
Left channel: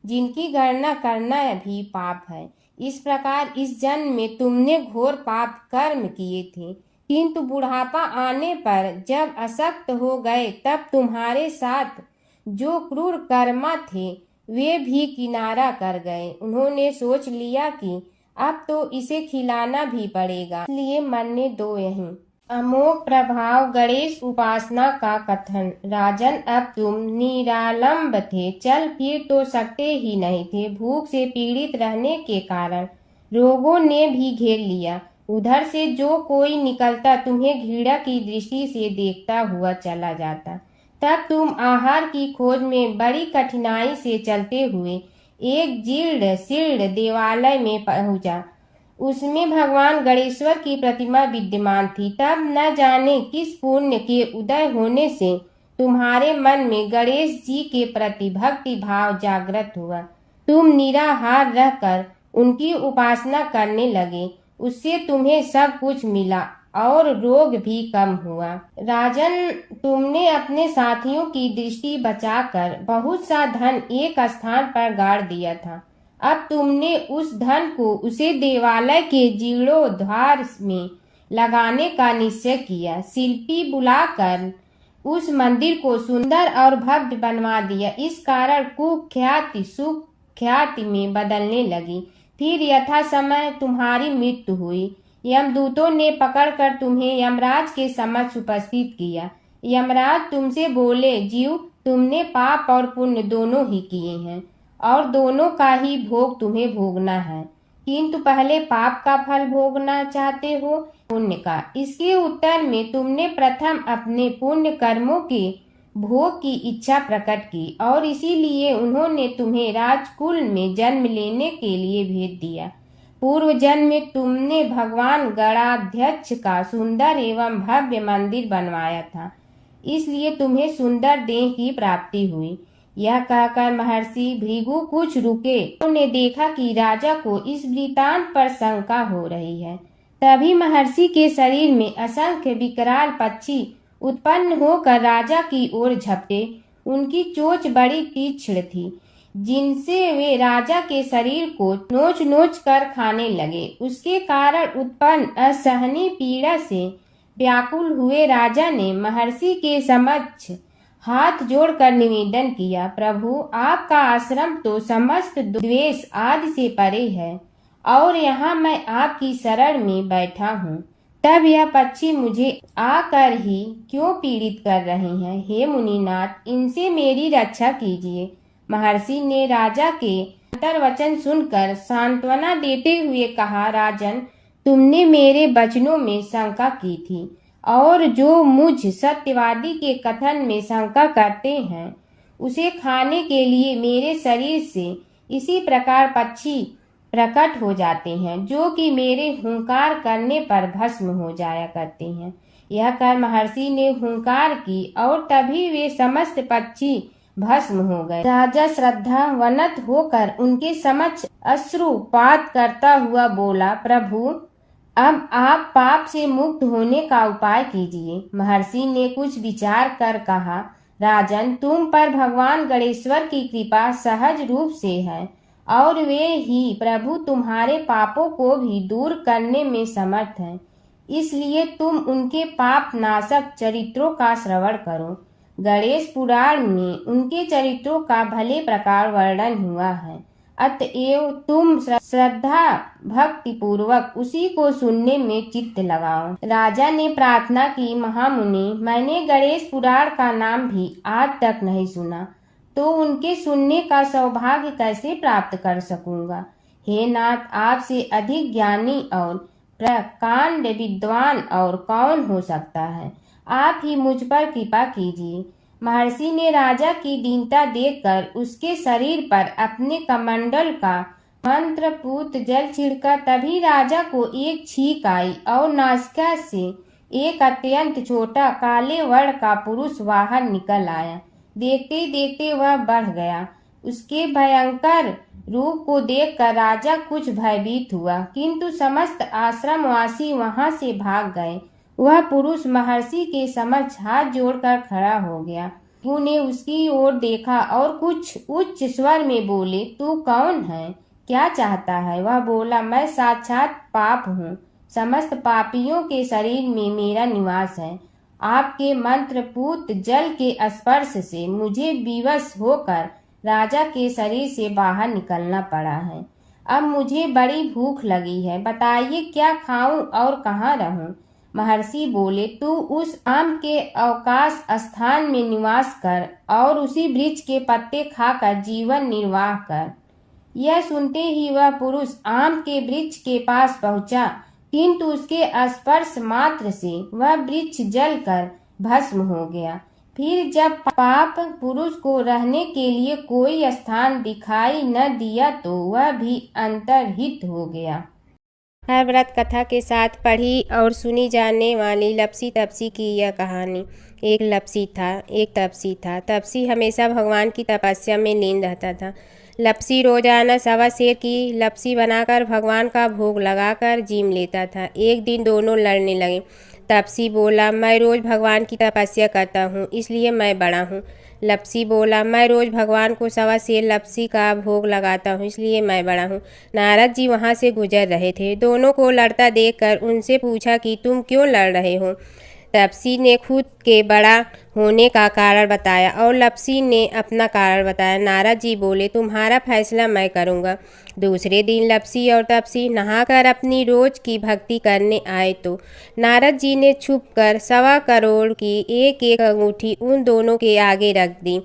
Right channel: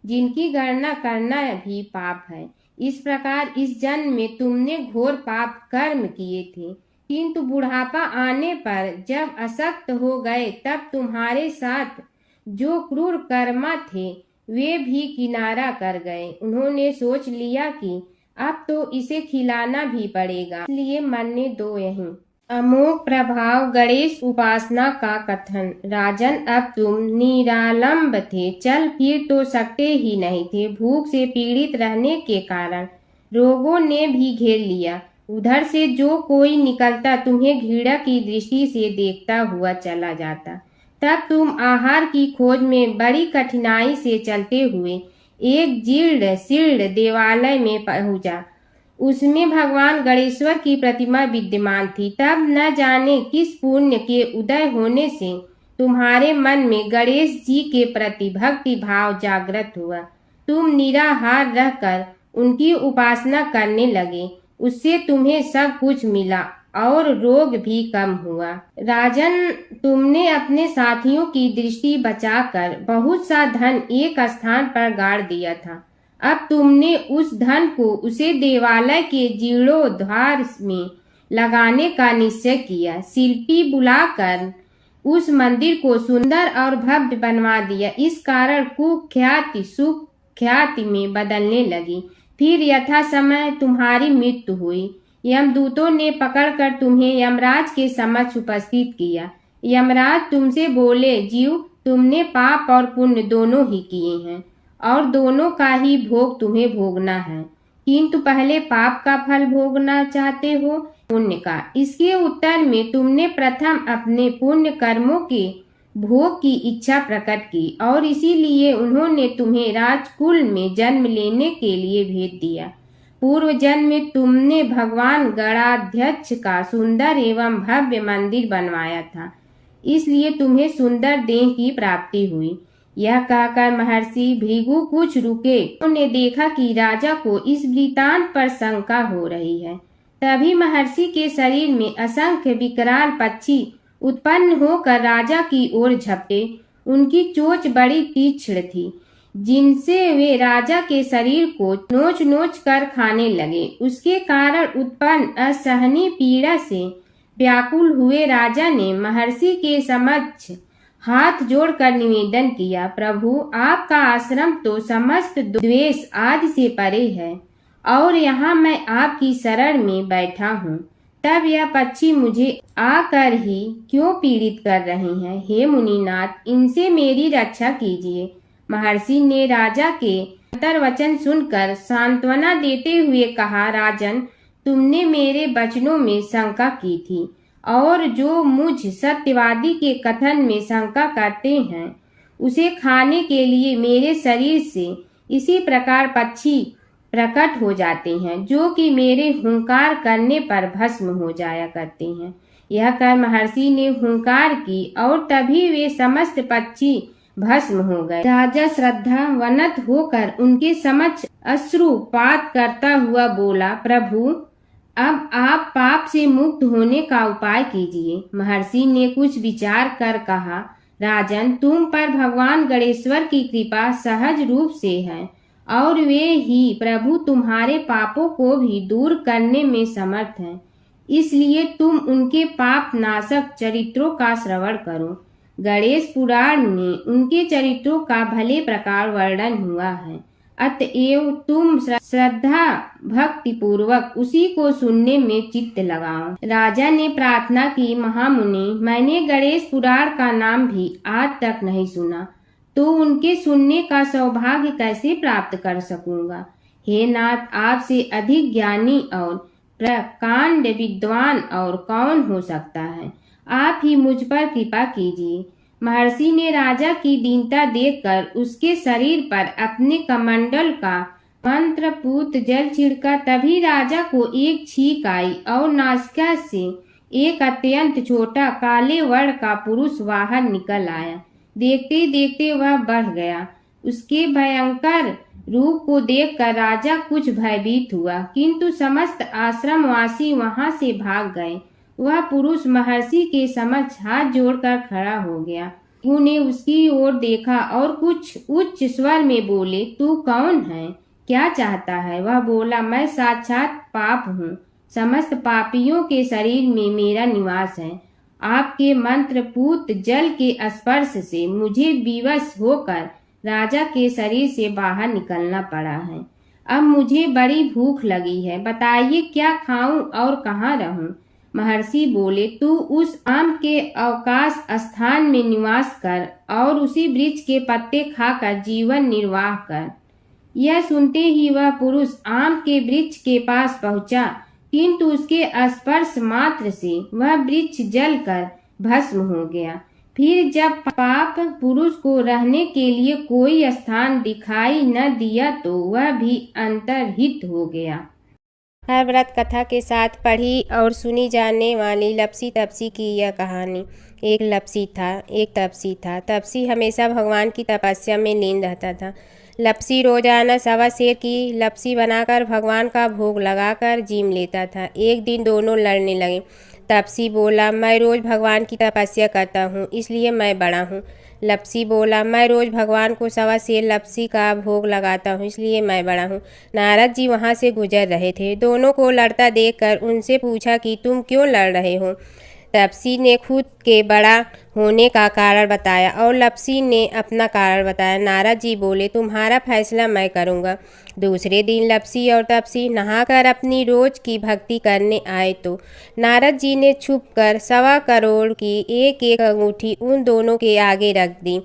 जिनकी गणना करना भी पाप है। इस प्रकार इस जन्म में तुमने घोर पाप कर्म किए थे, किंतु बुढ़ापा आने पर जब अशक्त हो गए तब तुम्हारे साथ जो क्रूर कर्मा थे वे भी किनारा कर गए। उन्होंने सोच लिया कि अब तो इसे खिलाना भी पड़ेगा, इसलिए मरने दो यहीं। अमोघ प्रभाव गणेश उपासना का कथन। राजन, अब तुम निरालंब थे, चल फिर तो सकते ही नहीं थे। भूख से पीड़ित रहने के कारण रोगों ने भी घेर लिया। उधर से जो कोई निकलता तुम्हें घृणा की दृष्टि से देखता हुआ चला जाता। तब तुम आहार की खोज में बड़ी कठिनाई से चलते हुए एक जीर्ण शीर्ण देवालय में पहुंचा। उसमें भगवान गणेश्वर की प्रतिमा विद्यमान थी। तब न जाने किस पुण्य के उदय होने से तुम्हारे मन में गणेश जी के प्रति भक्ति भाव जागृत हुआ। तुम निराहार रहकर उनकी उपासना करने लगे। उससे तुम्हें सब कुछ मिला और रोग भी कम हुआ। राजन, तुमने अपने साथियों की दृष्टि बचाकर बहुत सा धन एक स्थान पर गाड़ दिया था। अब तुमने उस धन को उसे देवालय के जीर्णोद्धार में लगाने का निश्चय किया। शिल्पी बुलाकर उस मंदिर को सुंदर और भव्य बनवा दिया। इस कारण कुख्याति सुख्याति में बदलने लगी। फिर यथा समय तुम्हारी मृत्यु हुई। यमदूतों ने पकड़कर तुम्हें यमराज के समक्ष उपस्थित किया। यमराज तुमसे बोले, जीव, तुमने पाप और पुण्य दोनों ही किए हैं और दोनों का ही भोग तुम्हें भोगना है, किंतु पहले पाप का फल भोगना चाहते हो पुण्य का। इसके उत्तर में तुमने प्रथम अपने पुण्य कर्मों के भोग की इच्छा प्रकट की और इसीलिए उन्होंने तुम्हें राजकुल में जन्म लेने के लिए भेज दिया। पूर्व जन्म में तुमने भगवान गणाध्यक्ष का सुंदर एवं भव्य मंदिर बनवाया था, इसलिए तुम्हें सुंदर देह की प्राप्ति हुई। यह कहकर महर्षि भृगु कुछ रुके। उन्होंने देखा कि राजा को इस वृतांत पर शंका हो रही है। तभी महर्षि के शरीर में असंख्य विकराल पक्षी उत्पन्न होकर राजा की ओर झपटे। उनकी चोंच बड़ी तीक्ष्ण थी, जिनसे वे राजा के शरीर को नोच नोच कर खाने लगे। उसके कारण उत्पन्न असहनीय पीड़ा से व्याकुल हुए राजा ने महर्षि के समक्ष हाथ जोड़कर निवेदन किया, प्रभु, आपका आश्रम तो समस्त द्वेष आदि से परे है और यहाँ मैं आपकी शरण में बैठा हूँ। तब यह पक्षी मुझे आकर ही क्यों पीड़ित कर रहे हैं? हे मुनिनाथ, इनसे मेरी रक्षा कीजिए। महर्षि ने राजा के अंतर्वचन सुनकर सांत्वना देते हुए कहा, राजन, तुमने मेरे वचनों में शंका की थी और जो मुझ सत्यवादी के कथन में शंका करते हैं उसे खाने के लिए मेरे शरीर से इसी प्रकार पक्षी प्रकट हो जाते हैं, जो कि मेरे हुंकार करने पर भस्म हो जाया करते हैं। यह कर महर्षि ने हुंकार की और तभी वे समस्त पक्षी भस्म हो गए। राजा श्रद्धावनत होकर उनके समक्ष अश्रुपात करता हुआ बोला, प्रभु, अब आप पाप से मुक्त होने का उपाय कीजिए। महर्षि ने कुछ विचार कर कहा, राजन, तुम पर भगवान गणेश्वर की कृपा सहज रूप से है और वे ही प्रभु तुम्हारे पापों को भी दूर करने में समर्थ हैं। इसलिए तुम उनके पाप नाशक चरित्रों का श्रवण करो। गणेश पुराण में उनके चरित्रों का भले प्रकार वर्णन हुआ है, अतएव तुम श्रद्धा भक्ति पूर्वक उसी को सुनने में चित्त लगाओ। राजा ने प्रार्थना की, महामुनि, मैंने गणेश पुराण का नाम भी आज तक नहीं सुना, तो उनके सुनने का सौभाग्य कैसे प्राप्त कर सकूंगा। हे नाथ, आपसे अधिक ज्ञानी और प्रकांड विद्वान और कौन हो सकता है। आप ही मुझ पर कृपा कीजिए। महर्षि ने राजा की दीनता देखकर उसके शरीर पर अपने कमंडल का मंत्रपूत जल छिड़का। तभी राजा को एक छींक आई और नासिका से एक अत्यंत छोटा काले वर्ण का पुरुष बाहर निकल आया। देखते देखते वह बढ़ गया। उसके भयंकर रूप को देखकर राजा कुछ भयभीत हुआ, किंतु समस्त आश्रमवासी वहां से भाग गए। वह पुरुष महर्षि के समक्ष हाथ जोड़कर खड़ा हो गया। उन्हें उसकी ओर देखा और कुछ उच्च स्वर में बोले, तू कौन है, क्या चाहता है। वह बोला, मैं साक्षात पाप हूँ, समस्त पापियों के शरीर में मेरा निवास है। आपके मंत्रपूत जल के स्पर्श से मुझे विवश होकर राजा के शरीर से बाहर निकलना पड़ा है। अब मुझे बड़ी भूख लगी है, बताइए क्या खाऊं और कहाँ रहूं। महर्षि बोले, तू उस आम के अवकाश स्थान में निवास कर और उसी वृक्ष के पत्ते खाकर जीवन निर्वाह कर। यह सुनते ही वह पुरुष आम के वृक्ष के पास पहुंचा, किंतु उसके स्पर्श मात्र से वह वृक्ष जलकर भस्म हो गया। फिर जब पाप पुरुष को रहने के लिए कोई स्थान दिखाई न दिया तो वह भी अंतर्हित हो गया। हर व्रत कथा के साथ पढ़ी और सुनी जाने वाली लपसी तपसी की यह कहानी। एक लपसी था, एक तपसी था। तपसी हमेशा भगवान की तपस्या में लीन रहता था। लपसी रोजाना सवा सेर की लपसी बनाकर भगवान का भोग लगाकर जीम लेता था। एक दिन दोनों लड़ने लगे। तपसी बोला, मैं रोज भगवान की तपस्या करता हूँ, इसलिए मैं बड़ा हूँ। लपसी बोला, मैं रोज भगवान को सवा सेर लपसी का भोग लगाता हूँ, इसलिए मैं बड़ा हूँ। नारद जी वहाँ से गुजर रहे थे। दोनों को लड़ता देखकर उनसे पूछा कि तुम क्यों लड़ रहे हो। तपसी ने खुद के बड़ा होने का कारण बताया और लपसी ने अपना कारण बताया। नारद जी बोले, तुम्हारा फैसला मैं करूँगा। दूसरे दिन लपसी और तपसी नहाकर अपनी रोज की भक्ति करने आए तो नारद जी ने छुपकर 1.25 करोड़ की एक एक अंगूठी उन दोनों के आगे रख दी।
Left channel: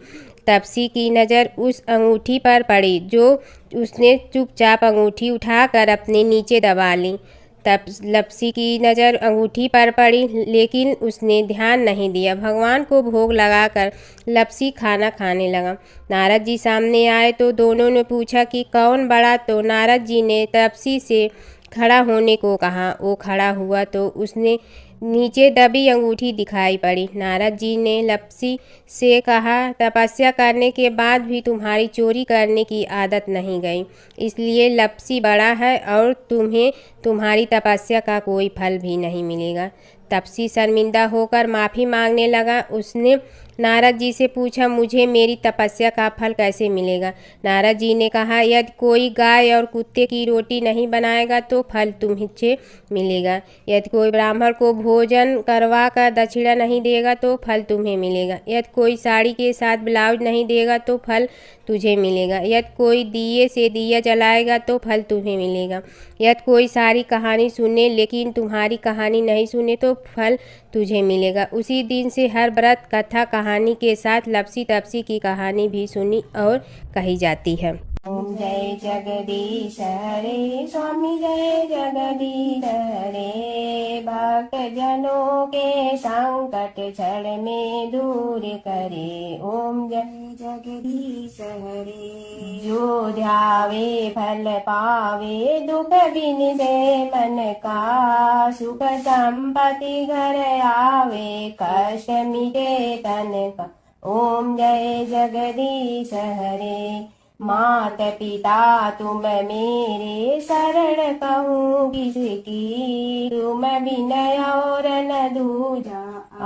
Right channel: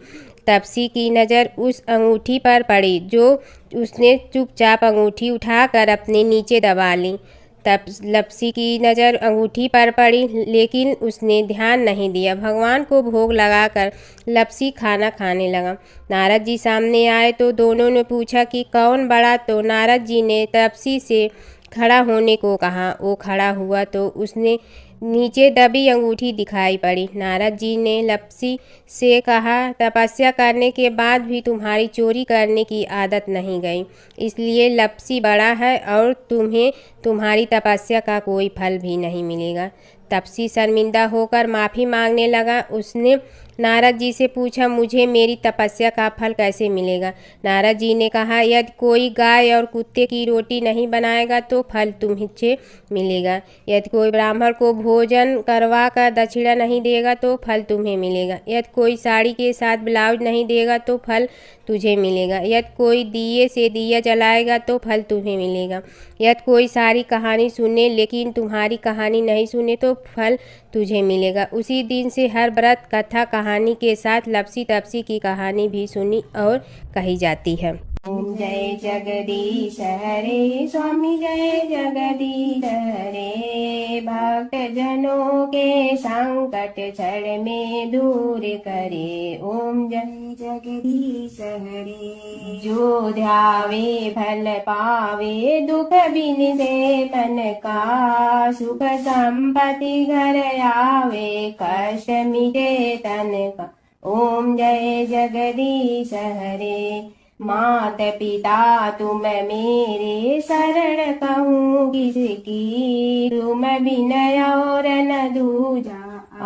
तपसी की नज़र उस अंगूठी पर पड़ी जो उसने चुपचाप अंगूठी उठाकर अपने नीचे दबा ली। तब लपसी की नज़र अंगूठी पर पड़ी, लेकिन उसने ध्यान नहीं दिया। भगवान को भोग लगाकर लपसी खाना खाने लगा। नारद जी सामने आए तो दोनों ने पूछा कि कौन बड़ा, तो नारद जी ने तपसी से खड़ा होने को कहा। वो खड़ा हुआ तो उसने नीचे दबी अंगूठी दिखाई पड़ी। नारद जी ने लपसी से कहा, तपस्या करने के बाद भी तुम्हारी चोरी करने की आदत नहीं गई, इसलिए लपसी बड़ा है और तुम्हें तुम्हारी तपस्या का कोई फल भी नहीं मिलेगा। तपसी शर्मिंदा होकर माफ़ी मांगने लगा। उसने नारद जी से पूछा, मुझे मेरी तपस्या का फल कैसे मिलेगा। नारद जी ने कहा, यदि कोई गाय और कुत्ते की रोटी नहीं बनाएगा तो फल तुम्हें मिलेगा। यदि कोई ब्राह्मण को भोजन करवा कर दक्षिणा नहीं देगा तो फल तुम्हें मिलेगा। यदि कोई साड़ी के साथ ब्लाउज नहीं देगा तो फल तुझे मिलेगा। यदि कोई दिए से दिया जलाएगा तो फल तुम्हें मिलेगा। यदि कोई सारी कहानी सुने लेकिन तुम्हारी कहानी नहीं सुने तो फल तुझे मिलेगा। उसी दिन से हर व्रत कथा कहानी के साथ लपसी तपसी की कहानी भी सुनी और कही जाती है। ओम जय जगदीश हरे स्वामी, जय जगदीश हरे। भक्त जनों के संकट क्षण में दूर करे। ओम जय जगदीश हरे। जो ध्यावे फल पावे, दुख बिन दे मन का। सुख संपत्ति घर आवे, कष्ट मिटे तन का। ओम जय जगदीश हरे। मात पिता तुम मेरे शरण कहूँ किसकी, तुम विनय और न दूजा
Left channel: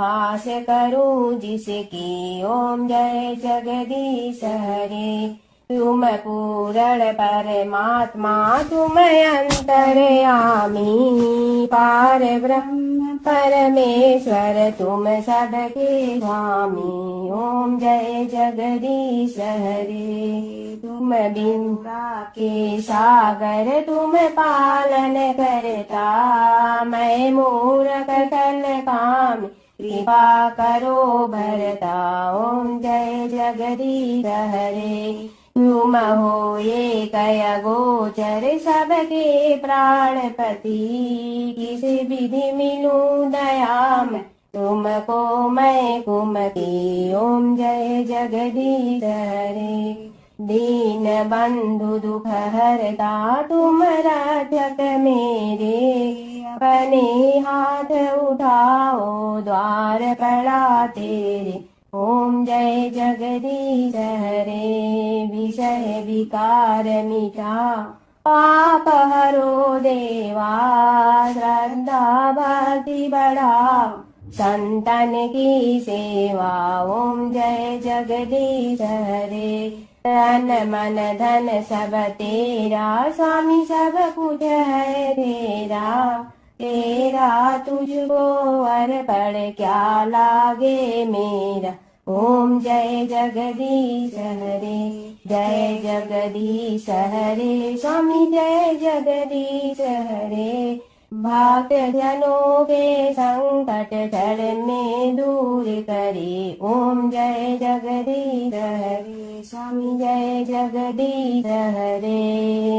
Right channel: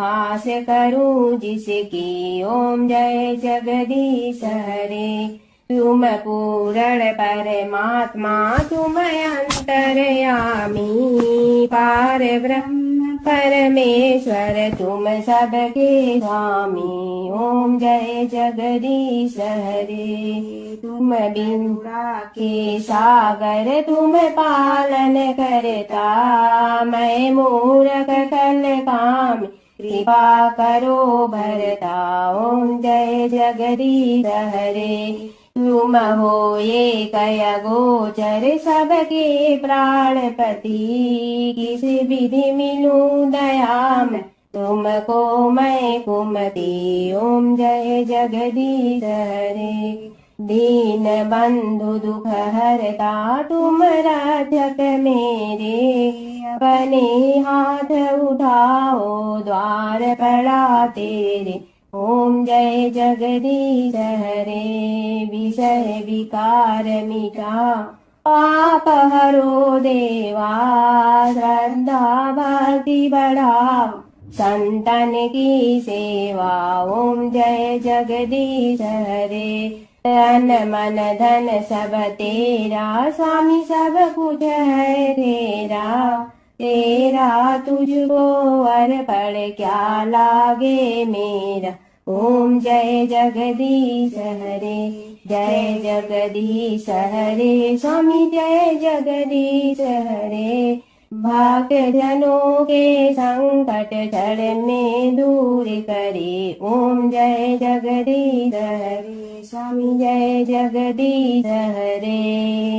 आस करूँ जिसकी। ओम जय जगदीश हरे। तुम पूर्ण परमात्मा तुम अंतर्यामी, पार ब्रह्म परमेश्वर तुम सबके स्वामी। ओम जय जगदीश हरे। तुम बिंदा के सागर तुम पालन करता, मैं मूरख कल काम कृपा करो भरता। ओम जय जगदीश हरे। तुम हो ये कय गोचर सबके प्राणपति, किस विधि मिलूं दया में तुमको मैं कुमति। ओम जय जगदीश हरे। दीन बंधु दुख हरता तुम रक्षक मेरे, अपने हाथ उठाओ द्वार पड़ा तेरे। ओम जय जगदीश हरे। विषय विकार मिटा पाप हरो देवा, श्रद्धा भक्ति बढ़ाओ संतन की सेवा। ओम जय जगदीश हरे। तन मन धन सब तेरा, स्वामी सब कुछ है तेरा, तेरा तुझको अर्पण क्या लागे मेरा। ओम जय जगदीश हरे। जय जगदीश हरे। स्वामी जय जगदीश हरे। भक्त जनों के संकट क्षण में दूर करे। ओम जय जगदीश हरे। स्वामी जय जगदीश हरे।